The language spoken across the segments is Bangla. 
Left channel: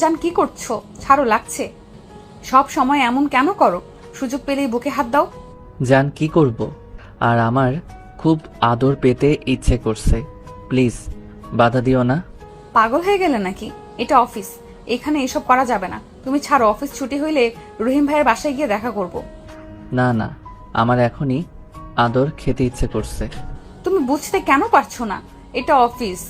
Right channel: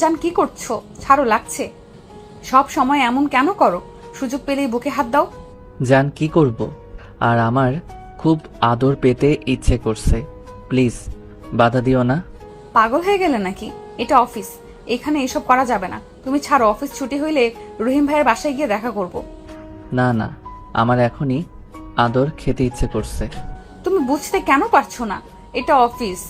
জান কি করছো? ছাড়ো, লাগছে। সব সময় এমন কেন করো? সুযোগ পেলেই বুকে হাত দাও। জান কি করব? আর আমার খুব আদর পেতে ইচ্ছে করছে, প্লিজ বাধা দিও না। পাগল হয়ে গেলে নাকি? এটা অফিস, এখানে এসব করা যাবে না। তুমি ছাড়ো, অফিস ছুটি হইলে রহিম ভাইয়ের বাসায় গিয়ে দেখা করব। না না, আমার এখনই আদর খেতে ইচ্ছে করছে। তুমি বুঝতে কেন পারছো না? এটা অফিস,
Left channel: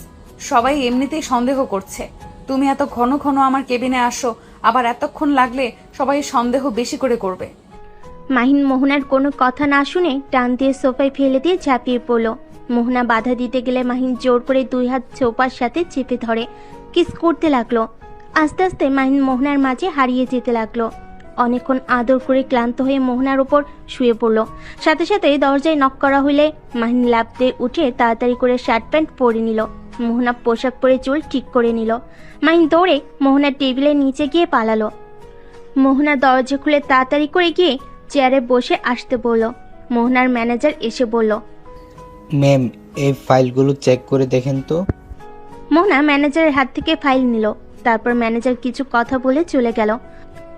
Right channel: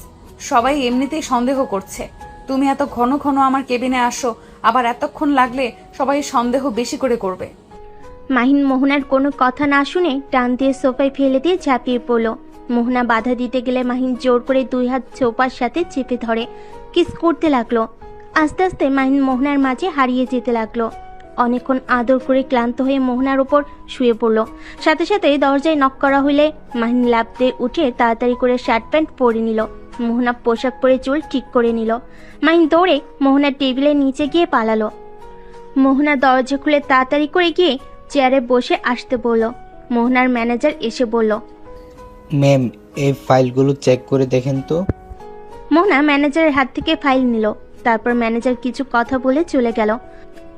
সবাই এমনিতেই সন্দেহ করছে। তুমি এত ঘন ঘন আমার কেবিনে আসো, আবার এতক্ষণ লাগলে সবাই সন্দেহ বেশি করে করবে। মাহিন মোহনার কোনো কথা না শুনে টান দিয়ে সোফায় ফেলে দিয়ে ঝাঁপিয়ে পড়ল। মোহনা বাধা দিতে গেলে মাহিন জোর করে 2 হাত সোফার সাথে চেপে ধরে কিস করতে লাগলো। আস্তে আস্তে মাহিন মোহনার মাঝে হারিয়ে যেতে লাগলো। অনেকক্ষণ আদর করে ক্লান্ত হয়ে মোহনার উপর শুয়ে পড়লো। সাথে সাথে দরজায় নক করা হইলে মাহিন লাফ দিয়ে উঠে তাড়াতাড়ি করে শার্ট প্যান্ট পরে নিল। মোহনা পোশাক পরে চুল ঠিক করে নিল। মাহিন দৌড়ে মোহনার টেবিলের নিচে গিয়ে পালালো। মোহনা দরজা খুলে তাড়াতাড়ি করে গিয়ে চেয়ারে বসে আসতে বলল। মোহনার ম্যানেজার এসে বলল, ম্যাম, এই ফাইলগুলো চেক করে দেখেন তো। মোহনা ম্যানেজারের হাত থেকে ফাইল নিল। তারপর ম্যানেজার কিছু কথা বলে চলে গেল।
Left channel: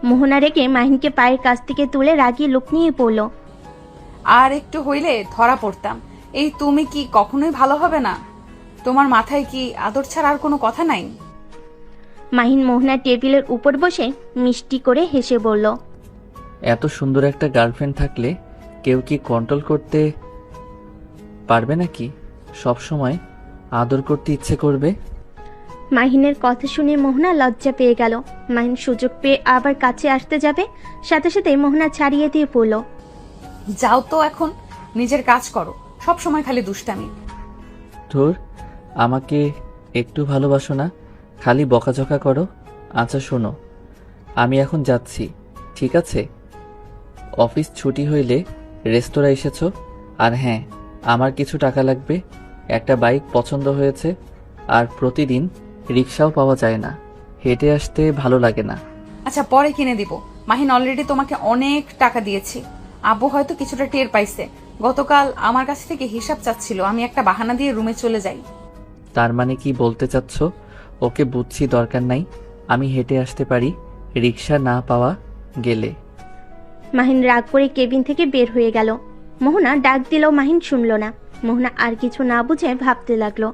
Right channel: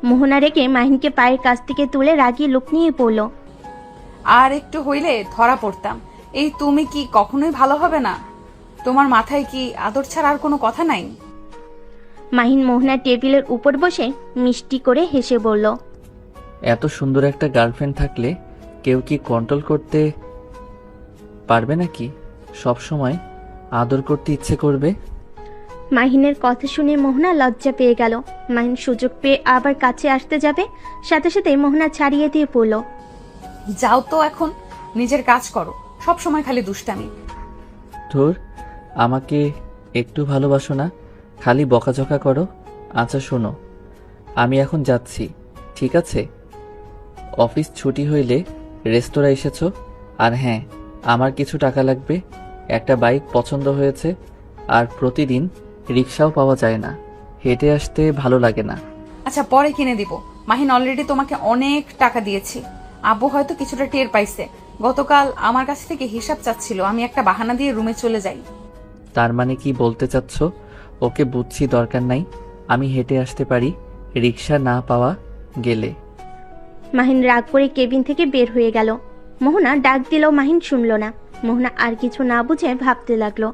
মোহনা রেখে মাহিনকে পায়ের কাছ থেকে তুলে রাগি লোক নিয়ে পড়ল। আর একটু হইলে ধরা পড়তাম। এই তুমি কি কখনোই ভালো হবে না? তোমার মাথায় কি আদর ছাড়া আর কোনো কথা নাই? মাহিন মোহনার টেবিলের উপর বসে মিষ্টি করে হেসে বলল, এত সুন্দর একটা গার্লফ্রেন্ড থাকলে কেউ কি কন্ট্রোল করতে পারবে নাকি? সব সময় আদর করতে ইচ্ছে করবে। মাহিনের কথা শুনে মোহনা লজ্জা পেয়ে গেল। মাহিন সুযোগ পেয়ে আবার কাছে আসতে যাবে, সাথে সাথে মোহনা ছাড়িয়ে দিয়ে পড়ল। যাও তো, এখন নিজের কাজ করো। সব সময় খালি দুষ্টামি। ধুর, আমাকে একটু ভালোবাসো না, খালি বকাঝকা করো। আচ্ছা শোনো, আমি এখন যাচ্ছি, ঠিক আছে? অফিস ছুটি হইলে রেস্তোরাঁ এসেছো। আর হ্যাঁ, আমার কিছু টাকা লাগবে। একটা বাইক পছন্দ হয়েছে, আর প্রতিদিন রিক্সাও পাওয়া যায় না, হেঁটে আসতে ভালো লাগে না। আচ্ছা, পরে কিনে দিব। মাহিন অলরেডি তোমাকে অনেক টাকা দিয়েছি। আব্বু হয়তো কিছুটা টের পাইছে। গতকাল আমার কাছ থেকে হিসাব চাচ্ছিল, আমি একটা বাহানা দিয়ে রুমে চলে যাই। তার মানে কি বলতে চাচ্ছ? ওকে বুঝছি, দরকার নাই, আমি হেঁটে আসতে পারি রিক্সা না পাওয়া গেলে। মাহিন রাগ করে কেবিন থেকে বের হয়ে গেল। মোহনা ডাক দিলেও মাহিন শুনল না। মোহনা আর কিছু না বুঝে ভাবতে লাগলো।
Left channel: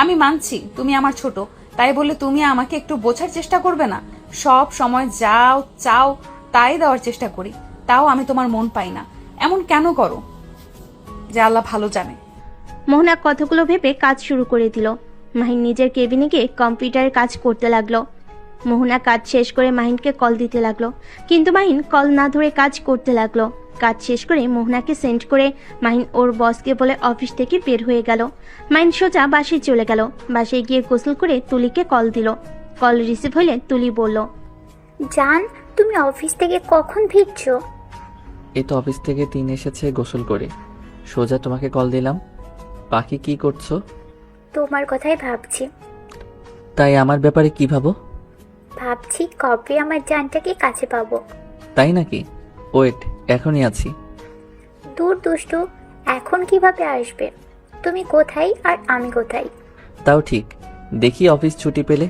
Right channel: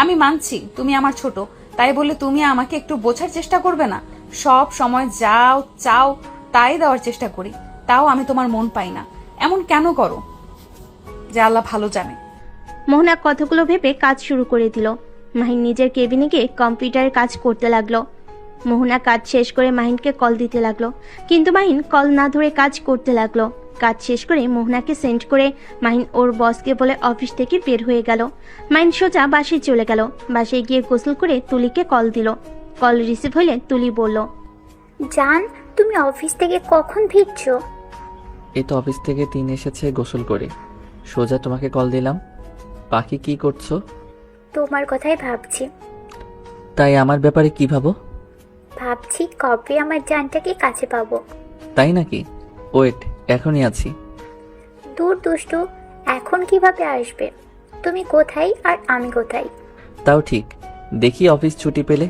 আমি মানছি তুমি আমার ছোট, তাই বলে তুমি আমাকে একটু বোঝার চেষ্টা করবে না? সব সময় যাও চাও তাই দেওয়ার চেষ্টা করি, তাও আমি তোমার মন পাই না। এমন কেন করো? যা আল্লাহ ভালো জানে। মোহনা কথাগুলো ভেবে কাজ শুরু করে দিল। মাহিন নিজের কেবিনে গিয়ে কম্পিউটারে কাজ করতে লাগলো। মোহনা কাজ শেষ করে মাহিনকে কল দিতে লাগলো, কিন্তু মাহিন কল না ধরে কাজ করতে লাগলো। কাজ শেষ করে মোহনাকে সেন্ড করে মাহিন ওর বসকে বলে অফিস থেকে বের হয়ে গেল। মাহিন সোজা বাসায় চলে গেল। বাসায় গিয়ে গোসল করে তুলিকে কল দিল। কল রিসিভ হলে তুলি বলল, জান, তুমি অফিস থেকে কখন ফিরছো? এই তো অফিস থেকে এসেছে গোসল করে, সোজা তোমাকে কল দিলাম। বাকি কি করছো? তোমার কথাই ভাবছি। তাই আমার ব্যাপারে কি ভাবো? ভাবছি কবে আমার জানটাকে কাছে পাবো। তাই নাকি? ওয়েট, এখনই আছি। দূর দুষ্ট, এখন কিভাবে আসবে? তুমি কোথায় আর আমি কোথায়? তাও ঠিক, দেখি অফিস ছুটি পেলে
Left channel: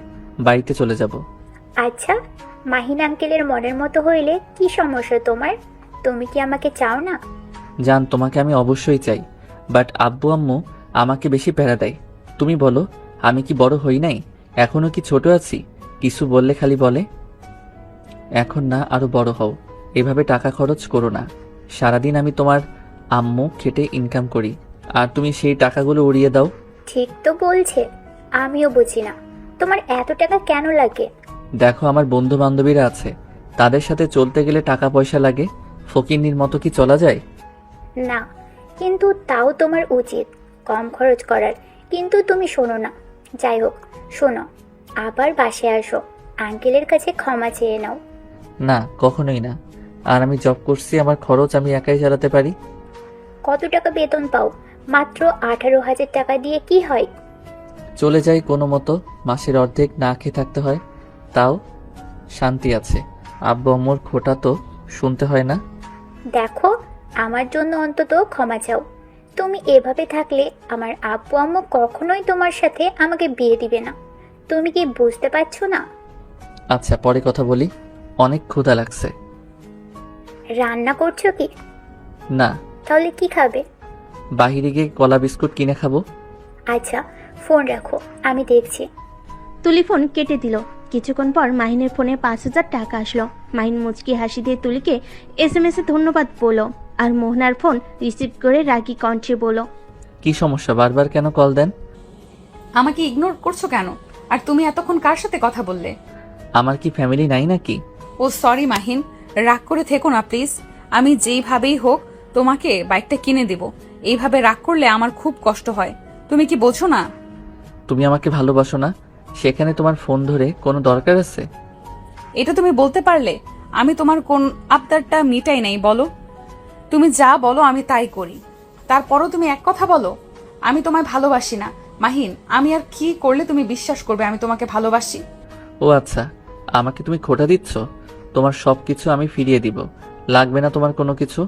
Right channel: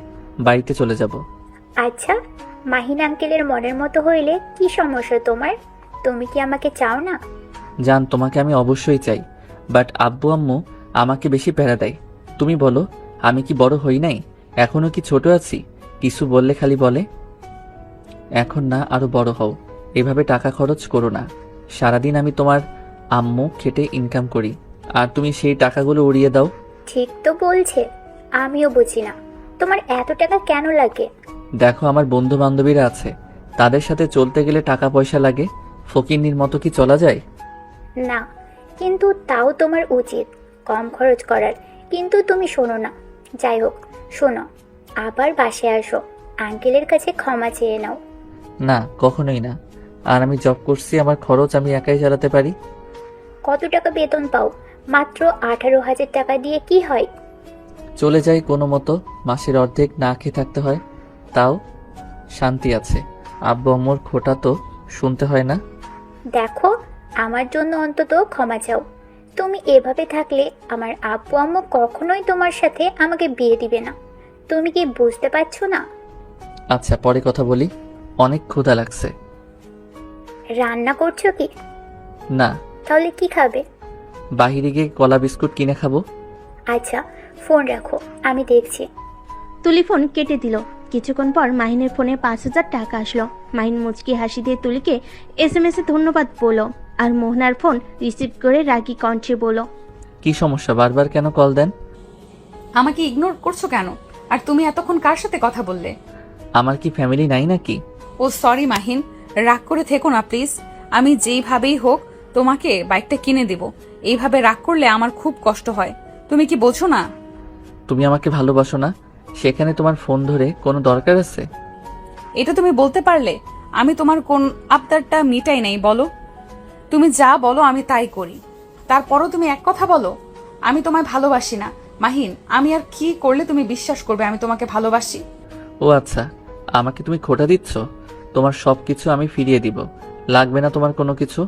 বাড়িতে চলে যাব। আচ্ছা, মাহিন আঙ্কেলের মনের মতো হইলে কি সমস্যা তোমার? তুমি কি আমাকে চাও না? জান, তোমাকে আমি অবশ্যই চাই, বাট আব্বু আম্মু আমাকে বেশি প্যারা দেয়। তুমি বলো, আমি কি বড় হই নাই? এখনো কি ছোট আছি? কিছু বললে খালি বলে এখন না, আরো বড় হও। এভাবে টাকা খরচ করো না। সারাদিন আমি তোমার আম্মু খেটে ইনকাম করি, আর তুমি সেই টাকাগুলো উড়িয়ে দাও। ঠিক তো বলছে, আমিও বুঝি না তোমার এত টাকা কেন লাগে। দেখো, আমার বন্ধু বান্ধবীরা আছে, তাদের সাথে চলতে গেলে টাকা পয়সা লাগে। ফকিন্নির মতো কি চলা যায়? না, কিন্তু তাও তোমার উচিত কম খরচ করার। কিন্তু তুমি শোনো না। যাই হোক, শোনো, আবার বাসায় আসো, আঙ্কেলের কাছে ক্ষমা চেয়ে নাও। না, কখনোই না। আর আমি জব করছি, আমার খরচ আমি একাই চালাতে পারি। কত টাকা বেতন পাও? মাত্র 18,000 টাকা দিয়ে কি হয়? চলে যাই কোনো মতো, মাসের অর্ধেক না খেয়ে থাকতে হয়, তাও শান্তি আছে। আব্বু আম্মুর খোটা তো শুনতে হয় না। দেখো, আমার জন্য অন্তত ক্ষমা চাও। তুমি এভাবে থাকলে আমার আব্বু আম্মু কখনোই তোমার সাথে আমাকে বিয়ে দিবে না। তুমি কি বুঝতে পারছো না? আচ্ছা পরে কথা বলি, অনেক ক্ষুধা লাগছে। রান্না করছো কি? না, তাহলে কি খাবে? বাইরে গিয়ে কলা বিস্কুট কিনে খাবো। আচ্ছা, ফোন রাখো, আমি দেখছি। তুলি ফোন কেটে দিল। কিছুক্ষণ পর মাহিনের ফোনে 5,000 টাকা আসলো। মাহিন মুচকি হাসি দিয়ে তুলিকে SMS এ ধন্যবাদ বলো, আর মোহনার ফোন রিসিভ করে রাগী কণ্ঠে বলো, কি সমস্যা, বারবার কেন কল দেন? আমাকে ইগনোর করছো কেন? আর তুমি এতক্ষণ কার সাথে কথা বললে? আমার কি ফ্যামিলি নাই নাকি? ও সরি মাহিন, রাগ করে থেকো না প্লিজ। আমি যেইভাবেই হোক তোমাকে বাইকটা কিনে দেব। এইভাবে রাগ করলে আমার খুব কষ্ট হয়, তুমি কি বোঝো না? তুমি আমাকে ভালোবাসো না, সেখানে তোমার ফোন ধরে কোনো দরকার আছে? এটা তুমি বলতে পারলে? আমি তোমার কোন আবদারটা মিটাই নাই বলো? তুমি যা বলো আমি তাই করি, তারপরও তুমি এক কথা বলো আমি তোমায় ভালোবাসি না। মাহিন, আমি আর কি করলে তুমি বিশ্বাস করবে আমি তোমাকে ভালোবাসি? ও আচ্ছা, আমাকে তুমি খোটা দিচ্ছ? তোমার সবকিছু আমি ফিরিয়ে দিব, লাগবে না তোমার কোনো কিছু।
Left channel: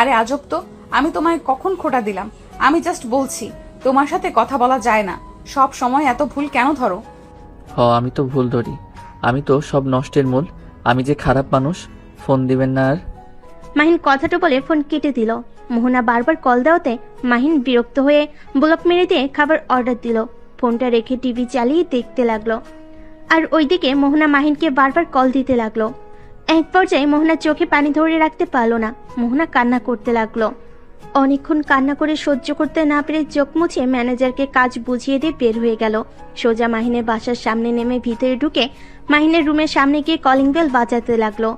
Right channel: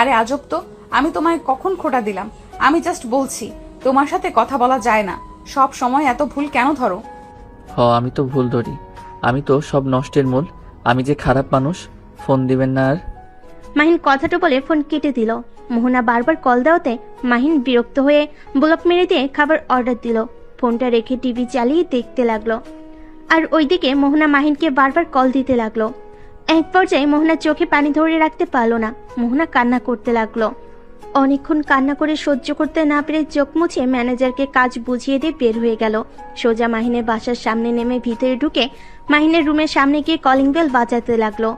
আরে আজব তো, আমি তোমায় কখন খোটা দিলাম? আমি জাস্ট বলছি তোমার সাথে কথা বলা যায় না। সব সময় এত ভুল কেন ধরো? ও আমি তো ভুল ধরি, আমি তো সব নষ্টের মূল। আমি যে খারাপ মানুষ, ফোন দিবেন না আর। মাহিন কথাটা বলে ফোন কেটে দিল। মোহনা বারবার কল দেওয়াতে মাহিন বিরক্ত হয়ে ব্লক মেরে দিয়ে খাবার অর্ডার দিল। ফোনটা রেখে টিভি চালিয়ে দেখতে লাগলো। আর ওইদিকে মোহনা মাহিনকে বারবার কল দিতে লাগলো। এক পর্যায়ে মোহনা চোখে পানি ধরে রাখতে পারলো না। মোহনা কান্না করতে লাগলো। অনেকক্ষণ কান্না করে সহ্য করতে না পেরে চোখ মুছে ম্যানেজারকে কাজ বুঝিয়ে দিয়ে বের হয়ে গেল। সোজা মাহিনের বাসার সামনে নেমে ভিতরে ঢুকে মাহিনের রুমের সামনে গিয়ে কলিং বেল বাজাতে লাগলো।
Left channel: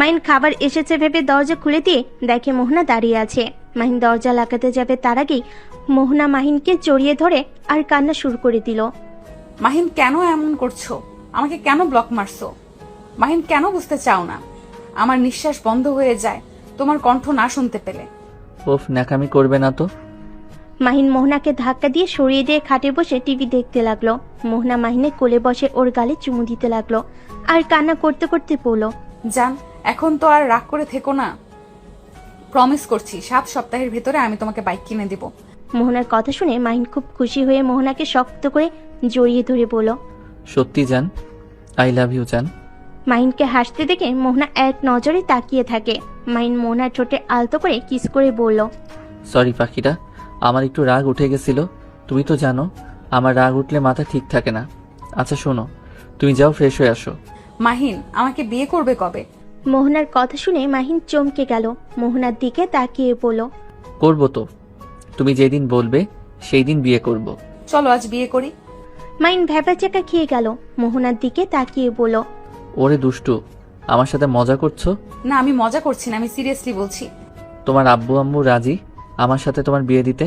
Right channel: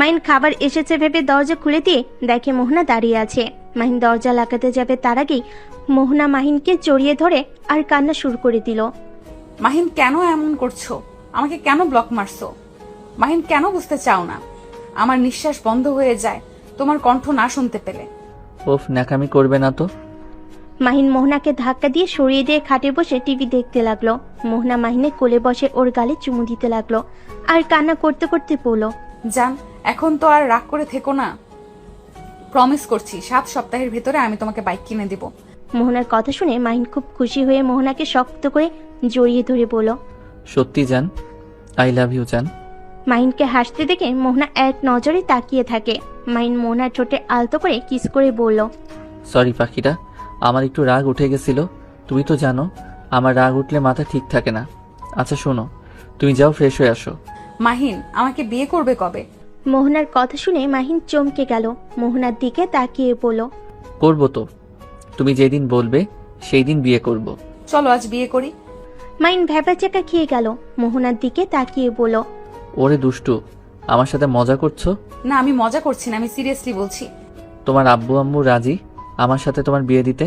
মাহিন খাবার এসেছে ভেবে দরজা খুলে দিয়ে দেখে মোহনা দাঁড়িয়ে আছে। মাহিন দরজা লাগাতে যাবে তার আগেই মোহনা মাহিনকে জড়িয়ে ধরে আর কান্না শুরু করে দিল। মাহিন কেন এমন করছো? আমাকে কেন ব্লক মারছো? মাহিন কেন বুঝতে চাও না? আমার নিঃশ্বাস বন্ধ হয়ে যায় তোমার কণ্ঠ না শুনতে পেলে। উফ, ন্যাকামি করবে না তো। মাহিন মোহনাকে ধাক্কা দিয়ে সরিয়ে দিয়ে খাটে বসে টিভি দেখতে লাগলো। মোহনা মাহিনের কোলে বসে ওর গালে চুমু দিতে লাগলো আর কান্না করতে করতে বলল, জান, এখন তো আর রাগ করে থেকো না। প্রমিস করছি 7 সপ্তাহের ভেতরে আমি তোমাকে বাইক কিনে দিব। মোহনার কথা শুনে মাহিন খুব খুশি হয়ে মোহনাকে শক্ত করে জড়িয়ে ধরে বলল। সত্যি জান, আই লাভ ইউ জান। মাহিনকে হাসতে দেখে মোহনা এক নজরে তাকিয়ে থাকে। মাহিন মোহনার ঠোঁটে আলতো করে কিস করে বলল, সরি পাখিটা, আমার একটু রাগ উঠে গেছিল। তুমি তো জানো আমার রাগ উঠলে মাথা ঠিক থাকে না। আচ্ছা শোনো, তুমি যাও ফ্রেশ হয়ে আসো। মাহিন, আমাকে বিয়ে করবে কবে? মোহনার কথা শুনে মাহিন চমকে গেল। মোহনার দিকে তাকিয়ে বলল, করবো তো, তুমি যেদিন বলবে সেই দিন বিয়ে করব। চলো আজ বিয়ে করি। মাহিন ভ্যাপা চাকা খেয়ে গেল। মোহনার দিকে তাকিয়ে বলল, ওরে দুষ্টু, আমার সাথে মজা করছো? না, আমি মজা করছি না, আমি সিরিয়াসলি বলছি। তোমার আব্বু আম্মু রাজি আমার সাথে তোমার বিয়ে দিতে?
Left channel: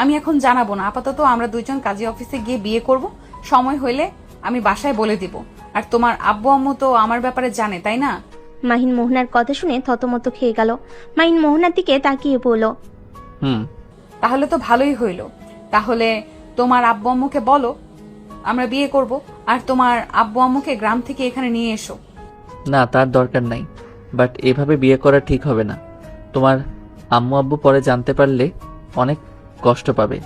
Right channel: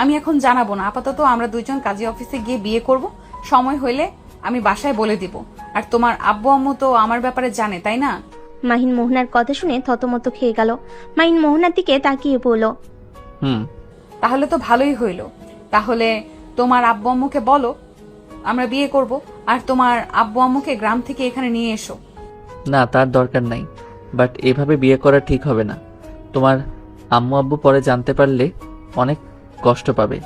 আমি এখন জানাবো না, আপাতত আমরা দুইজন কাজী অফিসে গিয়ে বিয়ে করব। সময় হইলে আমি বাসায় বলে দেব। আর তোমার আব্বু আম্মু তো আমার ব্যাপারে জানে, তাই না? মাহিন মোহনার কথা শুনে থতমত খেয়ে গেল। মাহিন মোহনার দিকে তাকিয়ে বলল, হুম। তাহলে তো ভালোই হইলো। তাহলে তোমার আব্বু আম্মুকে বলো আমরা বিয়ে করব, আর তোমার আব্বু আম্মুকে গ্রাম থেকে এখানে নিয়ে এসো। না, তার দরকার নাই, বাট এভাবে বিয়ে করা ঠিক হবে না। তোমার আম্মু আব্বু পরে জানতে পারলে অনেক কষ্ট পাবে।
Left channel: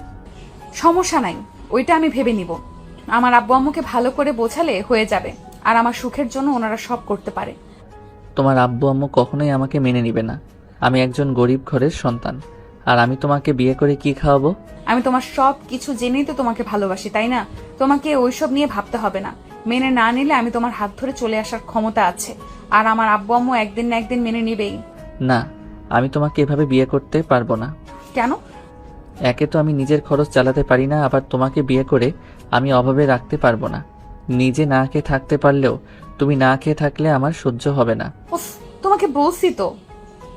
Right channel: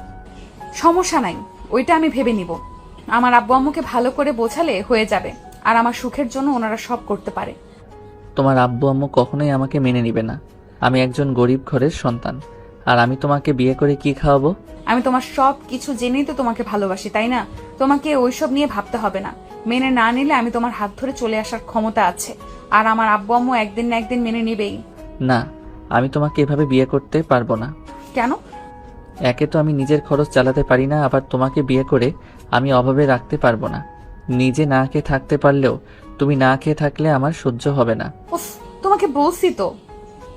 সমস্যা নাই, ওইটা আমি ভেবে নিব। আমার আব্বু আম্মুকে ভালো করে বোঝালে হয়ে যাবে, আর আমার সুখের জন্য ওনারা সব করতে পারে। তোমার আব্বু আম্মু কখনোই আমাকে মেনে নিবে না। আমি একজন গরিব ঘরের সন্তান, আর আমি তোমাকে বিয়ে করে কি খাওয়াবো? আমি তোমার সব কিছু জেনেই তো তোমাকে ভালোবাসি, তাই না? তোমাকে ওইসব নিয়ে ভাবতে হবে না। মেনে না নিলে আমি তোমার হাত ধরে চলে আসার ক্ষমতা আছে, আর আমার আব্বু আম্মু একদিন না একদিন মেনে নিবেই। না, আমি তোমাকে এভাবে বিয়ে করতে পারবো না। কেন? একে তো আমি নিজের খরচ চালাতে পারি না, আবার তোমাকে বিয়ে করে আমি অভাবে রাখতে পারবো না। নিজে না খেয়ে থাকতে পারলেও তুমি না খেয়ে থাকলে আমার সহ্য হবে না। উফ, তোমাকে বলছি তো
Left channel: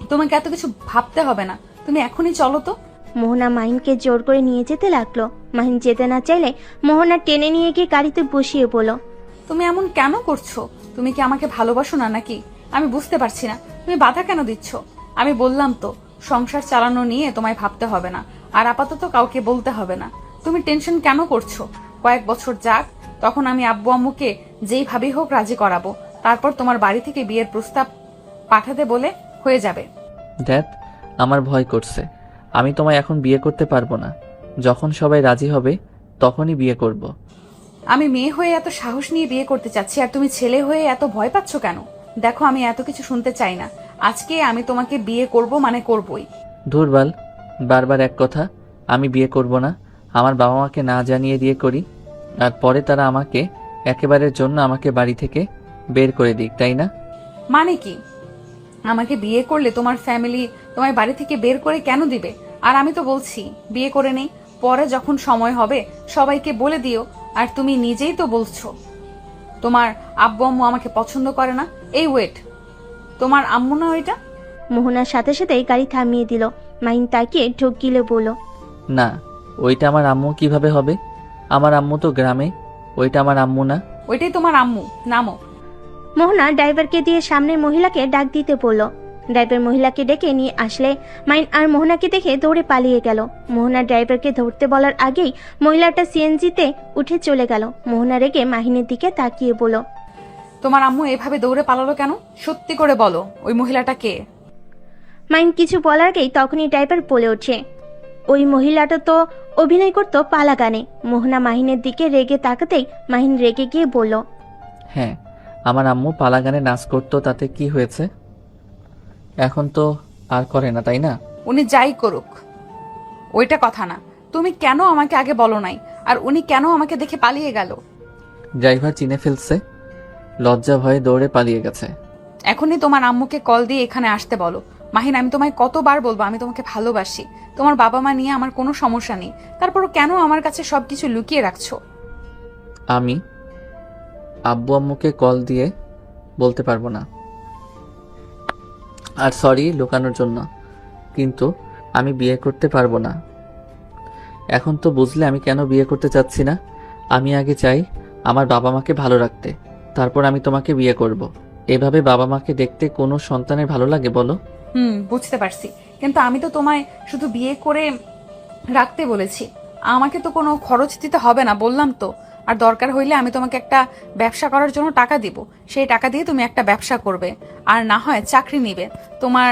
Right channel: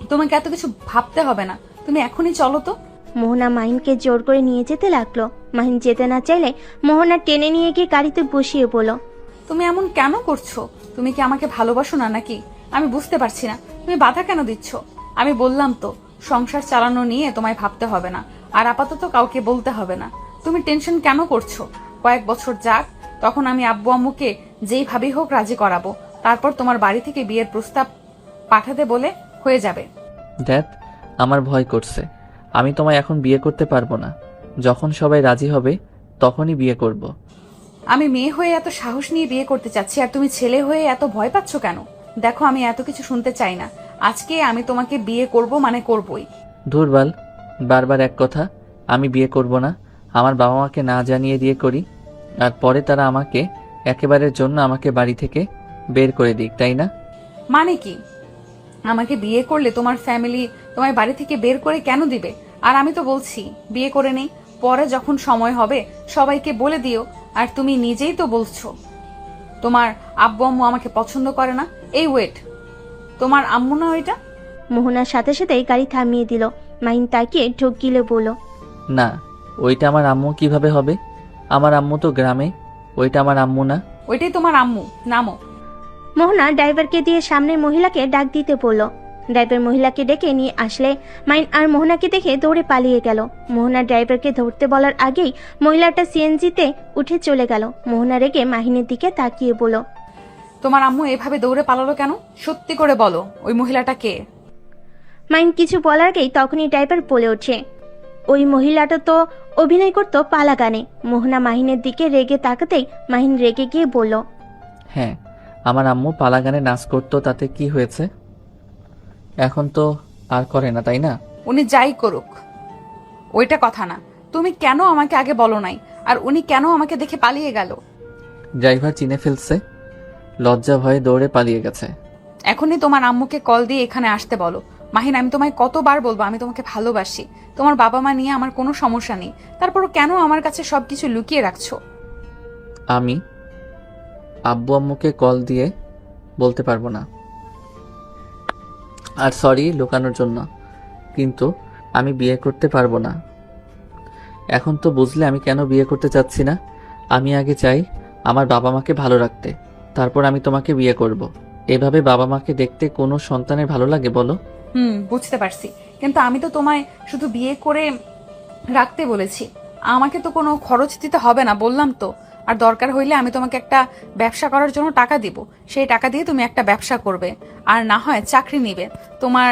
তোমাকে এত কিছু ভাবতে হবে না, তুমি এখনই চলো তো। মোহনা মাহিনকে জোর করে নিয়ে যেতে লাগলো। মাহিন যেতে না চাইলে মোহনা টেনে নিয়ে গিয়ে গাড়িতে বসিয়ে বলল, তুমি এমন কেন করছো? তুমি কি আমাকে ভালোবাসো না নাকি? আমি বুঝতে পারছি না, তুমি বাধা কেন দিচ্ছ? আমি বললাম তো সংসার চালানো নিয়ে তোমায় ভাবতে হবে না, আর আপাতত কাউকে বলতে হবে না। তুমি টেনশন কেন করছো? কয়েক বছর যাক, তখন আমি আব্বু আম্মুকে যেইভাবেই হোক রাজি করাবো। তারপর তোমার বাড়ি থেকে বিয়ের প্রস্তাব পাঠাতে বলে হয়ে যাবে। দেখ, আমার ভয় করছে। আমি তোমায় এখন বিয়ে করতে পারবো না। যখন সবাই রাজি হবে তখনই বিয়ে করব। আমি মেয়ে হয়ে এত সাহস নিয়ে বিয়ে করতে চাচ্ছি আর তুমি ছেলে হয়ে এত ভয় পাচ্ছ কেন? দেখো, আমি এত কিছু শুনতে চাই না। আজকে আমি তোমাকে বিয়ে করব মানে করবই। ধুরবাল, বারবার এক কথা। আমি বিয়ে করব না। আমার বাবা মাকে না জানিয়ে বিয়ে করি, আর পরে তারা আমাকে একেবারের জন্য আমাকে বাড়ি থেকে বের করে দিক, তাই না? মানে কি? আমাকে বিয়ে করলে তোমার ফ্যামিলি তোমার বাড়ি থেকে বের করে কেন দিবে? আর আমি তো বলছি বিয়ে করে নেই, পরে যখন সময় হবে সবাইকে বলে দিও। আর তুমি নিজেই তো বলছো তোমার আব্বু আম্মু আমাকে পছন্দ করে না। এই ওয়েট, তোমার আম্মু না ওইটা? মোহনার সাথে সাথে গাড়ি থামিয়ে দিল। মাহিন তাকিয়ে ঢোক গিলে বলল, না, ওইটা আমার আম্মু কিভাবে হবে? আমার আম্মু তো গ্রামে, ওইটা আমার আম্মু না। ওইটাই তোমার আম্মু, নামো। মোহনা ড্রাইভারকে দিয়ে সামনে মহিলাকে ডাক দিতে বলল। ড্রাইভার মহিলাকে ডেকে নিয়ে আসলে মাইন আর মোহনাকে দেখে দৌড়ে পালিয়ে গেল। মোহনা ড্রাইভারকে ধরতে বলার আগেই মহিলাটা সিএনজিতে উঠে চলে গেল। মোহনা রেগে মাহিনের দিকে তাকিয়ে বলল, তোমার আম্মু এভাবে দৌড়ে পালালো কেন? সত্যি করে বলো, ওই মহিলাটা কে? মাইন কিছু বলার আগেই তখনই ড্রাইভার বলে ওঠে, ওই মহিলাটা তো অভিনয় করতো পালা গানে। মোহনা মাহিনের দিকে রেগে তাকাতেই মাহিন রেগে গিয়ে বলল, হ্যাঁ, আমার আম্মু পালা গানে নাচ করতো, তাতে কি হয়েছে? এখন তো আর করে না, তাই না? উনি যাই করুক, ওইটা কথা না। তুমি কেন আমাকে আগে বলো নাই? আর উনি কেন আমাকে দেখে পালিয়ে গেল? ড্রাইভার চিনে ফেলছে, লজ্জা ভয়ে দৌড়ে পালিয়ে গেছে। এখনই তোমার আম্মুকে কল দিয়ে এখানে আসতে বলো। মাহিন, আমি তোমায় কতবার বলবো আমি তোমাকে ভালোবাসি। তোমার বাবা মা নিয়ে আমার কোনো সমস্যা নেই, তারপর কেন আমার কাছে সবকিছু লুকিয়ে রাখছো? আমি আব্বু আম্মুকে কল দিয়ে বলতে পারবো না, আর সরি লুকানোর জন্য, কিন্তু আমি বিয়ে করতে পারবো না। এখন তো বুঝলে আমি কেন বিয়ে করতে চাচ্ছি না। আমি আগে চাই আমার বাবা মাকে ভালো রাখতে, তারপর আমি তোমাকে বিয়ে করব। এইভাবে বাবা মাকে দেখতে কোনো সন্তানের ভালো লাগে বলো? বুঝতে পারছি, কিন্তু আমি তো তোমায় শুধু বিয়ে করে রাখতে বলেছি। আমাকে তো কোনো খরচ দিতে হবে না, বললাম তো। আর দরকার হইলে আমি তোমাকে একটা ব্যবসা করার জন্য টাকা দিব, সেই টাকা দিয়ে তুমি একটা ব্যবসা করবে, আর না হয় চাকরি নিবে। তোমার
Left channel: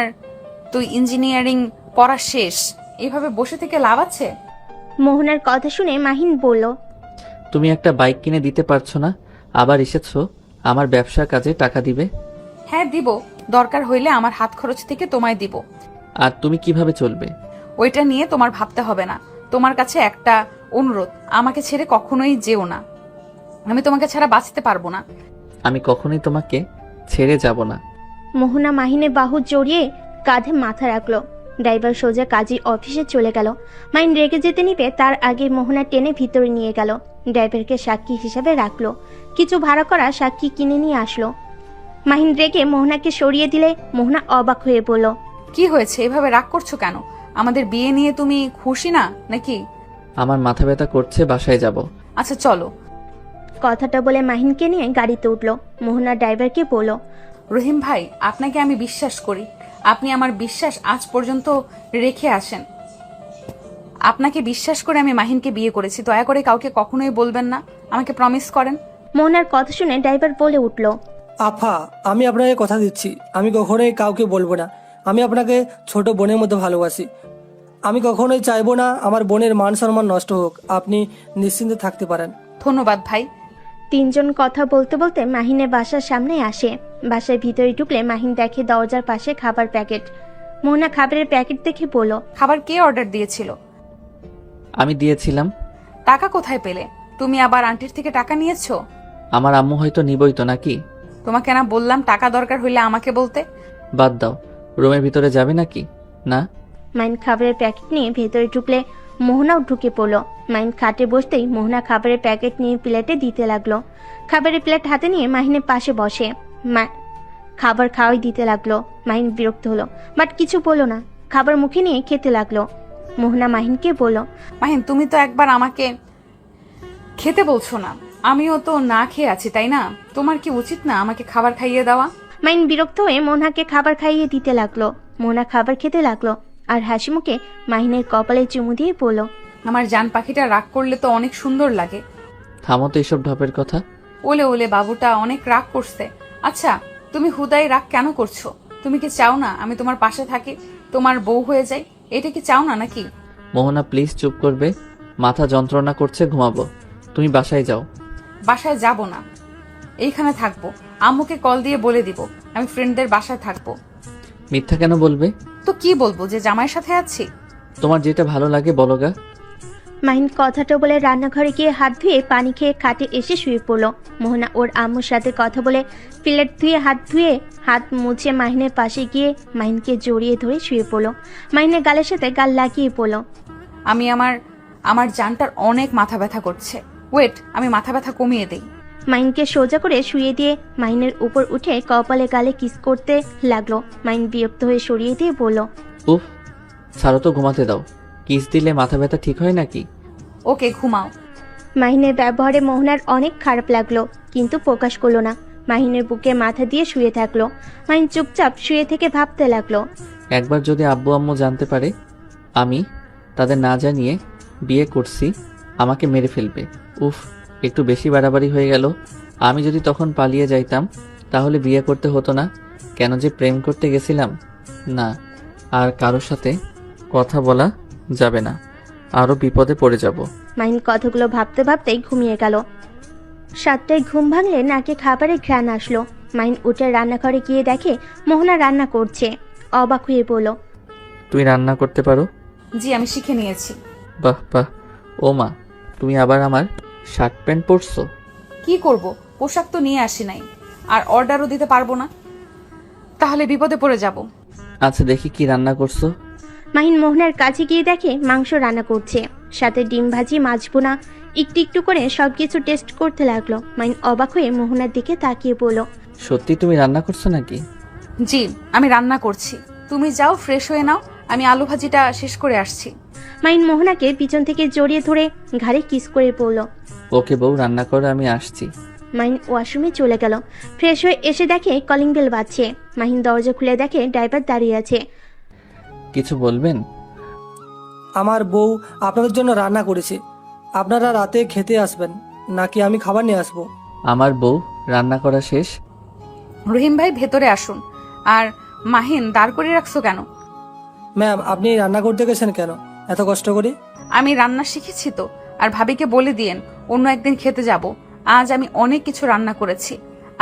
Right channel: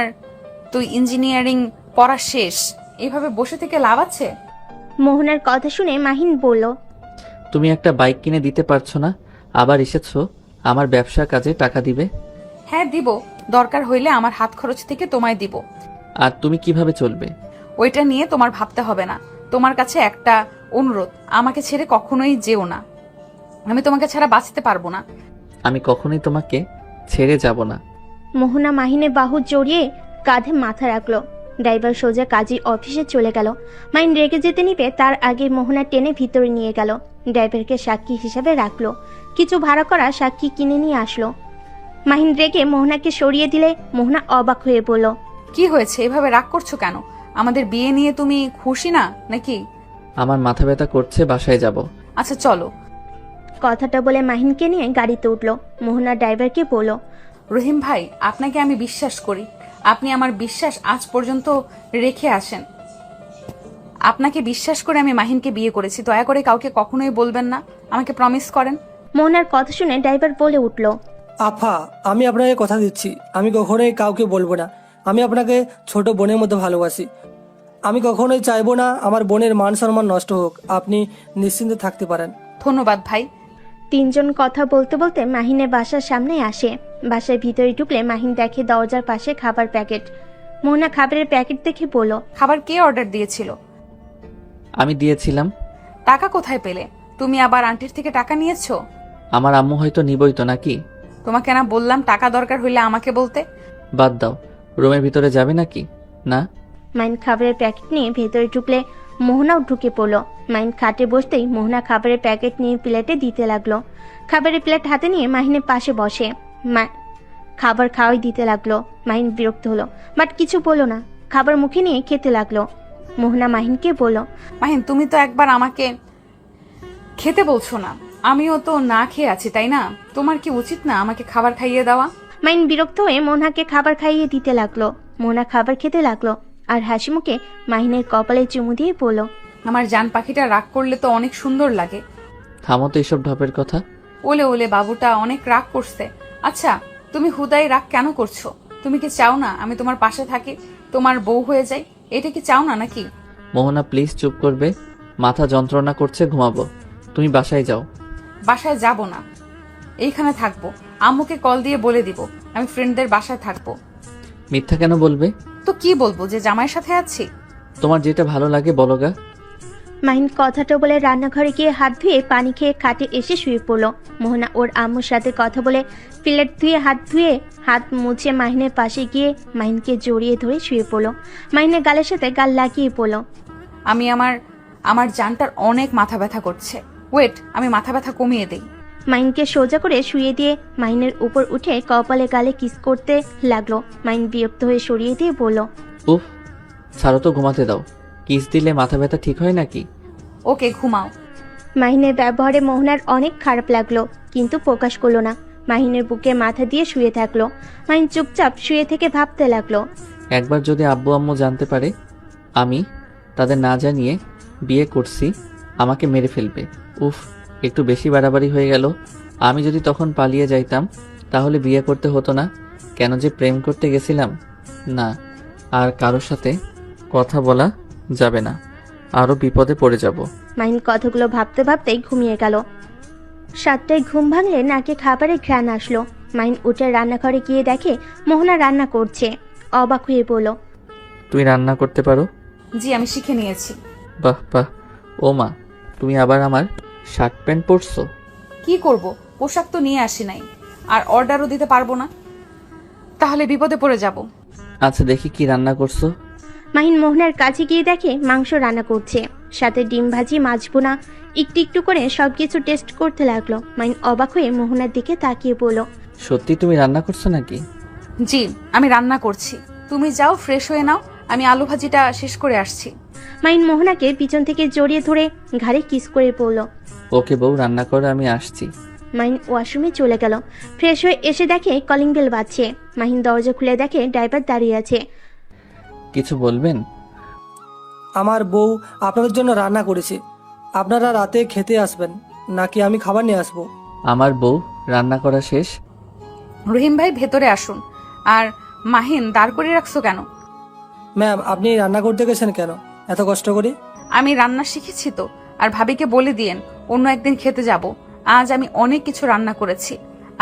তুই ইঞ্জিনিয়ারিং পড়া শেষ, এইভাবে বসে থেকে লাভ আছে? মোহনার কথা শুনে মাহিন বলল, তুমি একটা বাইক কিনে দিতে পারছো না, আবার এসেছো আমার ব্যবসার কাজে টাকা দিবে? হ্যাঁ দিব, দরকার হইলে আমার হাত খরচ থেকে তোমায় দিব। আর তুমি কিভাবে চলবে? ওইটা নিয়ে তোমার ভাবতে হবে না। তোমার কাছে একটা অনুরোধ, আমাকে ছেড়ে কখনোই যেও না। আমি তোমাকে ছাড়া বাঁচতে পারবো না। আমি কখনোই তোমাকে ছেড়ে যাব না। মোহনা মাহিনের বাহু জড়িয়ে কাঁধে মাথা রাখলো। ড্রাইভার সোজা কাজী অফিসে চলে গেল। মাহিন রেগে যেতে নিবে তার আগে মোহনা টেনে ভিতরে নিয়ে গেল। ড্রাইভারকে সাক্ষী হিসেবে রাখলো। কিছু ভাড়া করা সাক্ষী কিনে নিয়ে আসলো। মাহিন রেগে মোহনাকে সরিয়ে দিলে মোহনা অবাক হয়ে বলল, কি হয়েছে? এভাবে রাগ করছো কেন? আমাদের বিয়ে নিয়ে তুমি খুশি না নাকি? আমার মাথা ব্যথা করছে, বাসায় যাব। আচ্ছা চলো। কথাটা বলে মাহিনকে নিয়ে গাড়িতে উঠলো। মোহনা ড্রাইভারকে বলল, রহিম ভাই, আপনাকে আমি বিশ্বাস করি। আপনি আমার বিশ্বাস আজ পর্যন্ত রেখে আসেন। আপনাকে বিশ্বাস করে আমি মাহিনকে বিয়ে করেছি। দয়া করে কাউকে কখনোই বলবেন না, আমাকে প্রমিস করেন। মোহনার কথা শুনে ড্রাইভার বলে উঠলো, আপা, আমি আপনাকে কথা দিচ্ছি, আমি কখনোই কাউকে বলবো না। আমি আপনাকে ছোট বোনের মতো ভালোবাসি। আমি কখনোই চাইবো না আমার বোনের মান সম্মান নষ্ট হোক। আপনি নিশ্চিন্তে থাকতে পারেন। ধন্যবাদ ভাই। তিনজন কথা বলতে বলতে মাহিনের বাসার সামনে আসে। বাসার ভিতরে ঢুকলে মাহিন দেখে দরজার পাশে খাবার প্যাকেট। মোহনা খাবারের প্যাকেট দেখে বলল, খাবার কে অর্ডার দিয়েছিল? আমি দিয়েছিলাম। টাকা কোথায় পেলে? তুমি আবার আন্টির থেকে টাকা নিয়েছো? আমার আম্মু হয়তো নিবই তো, নাকি? তোমাকে না বললাম টাকা দরকার হইলে আমাকে বলতে? বাদ দাও, রুমের ভিতরে যাবে নাকি? না। মাইন খাবারের প্যাকেট নিয়ে ভেতরে ঢুকলে মোহনাও ঢুকে পড়লো। মাইন খাটে বসতেই মোহনা খাবারের প্যাকেট নিয়ে প্লেটে দিতে লাগলো। খাবারের প্লেট হাতে নিয়ে মাহিনের পাশে বসে খাবার খাওয়াই দিতে লাগলো। মাহিন বিরক্ত হলো, বাট কিছু বললো না। খাবার মুখে নিয়ে খেতে লাগলো। মোহনা মাহিনকে বলল, মাহিন, তুমি তো একবার আমাকে খেতে বলছো না? আমিও তো না খেয়ে আছি, তাই না? তোমার কি উচিত না আমাকে খাবার খাইয়ে দেওয়া? মাইন বিরক্ত হয়ে মোহনাকে খাবার খাইয়ে দিতে লাগলো। মোহনা খাবার খেতে লাগলো আর হাসি মুখে মাহিনের কপালে চুমু দিয়ে বলল, আমার জান পাখিটা রাগ করলে তো অনেক সুন্দর লাগে। থামো তো এসব ঢপের কথা। উলে উলে বাবুটা অনেক রাগ করছে। আচ্ছা, তুমি হুদাই রাগ কেন করছো? তুমি কি চাও না আমি তোমার পাশে থাকি, তোমার বউ হয়ে যাই? এটা কি চাও না নাকি? মোহনা প্লিজ চুপ করবে? মাথা যন্ত্রণা করছে, ঘুমাবো। তুমি বাসায় যাও। বাসায় যাব না, এইখানে থাকবো। আম্মুকে কল দিয়ে বলে দিব আমি ফ্রেন্ডদের বাসায় থাকবো। মিথ্যা কেন বলবে? তো কি বলবো, যে জামাইয়ের সাথে আছি? তোমার যেটা ভালো লাগে বলো গা। মাহিন কথাটা বলে রান্নাঘরে গিয়ে হাত ধুয়ে পানি খেয়ে খাটে এসে শুয়ে পড়লো। মোহনা ওর আম্মুর সাথে কথা বলে প্লেট ধুয়ে হাত মুছে মাহিনের পাশে গিয়ে মাহিনকে জড়িয়ে ধরে শুয়ে পড়লো। মাহিনের গালের সাথে গাল লাগিয়ে পড়লো। আমি আমার জানটার অনেক মাথা ব্যথা করছে। ওয়েট, আমি মাথা ব্যথা কমিয়ে দেই। মাহিনকে সোজা করে শুয়ে দিয়ে মাহিনের উপর উঠে কপালে গালে কিস করতে লাগলো। মাহিন বিরক্ত হয়ে সরিয়ে দিয়ে বলল, উফ, ছাড়ো তো, ঘুমাতে দাও। কিস দিলে মাথা ব্যথা ঠিক হয় নাকি? ওকে, ঘুমাও। মাহিনের ব্যবহারে মোহনার অনেক খারাপ লাগলো, কিন্তু প্রকাশ করলো না। মাহিনের বুকে মাথা দিয়ে শুয়ে থাকলো। মাহিন চুপচাপ শুয়ে থেকে ভাবতে লাগলো। একবার যদি আব্বু আম্মু জানতে পারে আমি তাদের না জানিয়ে বিয়ে করছি, আমাকে মেরে ফেলবে। উফ, একটু বেশি বাড়াবাড়ি হয়ে গেল। আমি যদি তখন পালিয়ে যাইতাম তাহলে বিয়ে করতে হতো না। কেন যে প্রেম করতে গেছিলাম। না, আর কারোর সাথে কথা বলা যাবে না, আরো বিপদে পড়ে যাব। মাহিন কথাগুলো ভাবতে ভাবতেই ঘুমিয়ে গেল। 7টায় ঘুম ভাঙলে নাকি খাবারের ঘ্রাণ আসলো। মাহিন উঠে রান্নাঘরে গিয়ে দেখে মোহনা রান্না করছে। অবাক হয়ে বলল, তুই রান্না করতে পারো? জি, আমি শিখে নিয়েছি। বাহ বাহ। ও মা, তুমি আবার আমার শার্ট প্যান্ট পরছো? কি করব, পোশাক তো নিয়ে আসি নাই, আর অর্ডারও দিতে পারবো না, তাহলে বিপদে পড়ে যাব। আচ্ছা, দেখি কি রান্না করছো। মাহিন মোহনার কাছে গিয়ে দেখে মাংস রান্না করছে, সাথে ডিম ভাজি, মাছ বোনা। একটু একটু করে সবকিছু টেস্ট করতে লাগলো। মাহিন অবাক হয়ে মোহনার দিকে তাকিয়ে বলল, সত্যি তুমি রান্না করছো নাকি? জি, আমি রান্না করছি। তুমি যাও, ফ্রেশ হয়ে নাও, আমি আলু ভাজিটা শেষ করে আসছি। মাহিন মোহনাকে পিছন থেকে জড়িয়ে ধরে ঘাড়ে কিস করে পড়ল। ওকে বউ, রান্না করো, আমি আসছি। মাহিন ওয়াশরুমে চলে গেল। ফ্রেশ হয়ে এসে দেখে কলিং বেল বাজছে। মাহিন দরজা খুলে দেখে ড্রাইভার দাঁড়িয়ে আছে। কিছু বলবেন? আমার বউ আপনাদের জন্য রান্না করেছে। আপনারা রাতে খেতে আসবেন নাকি আমি খাবার নিয়ে আসবো? আমার বউ রান্না করা শেষ। রহিম ভাই, ভেতরে আসুন। আর মাহিন, দাঁড় করে রাখছো কেন? ম্যাম, আপনি রান্না করতে গেছেন কেন এত কষ্ট করে? আমি রান্না শিখেছি তো, আর ভাবিকে বলে দিয়েন অন্য একদিন খেতে যাব। আজ আমি অনেক কিছু রান্না করেছি।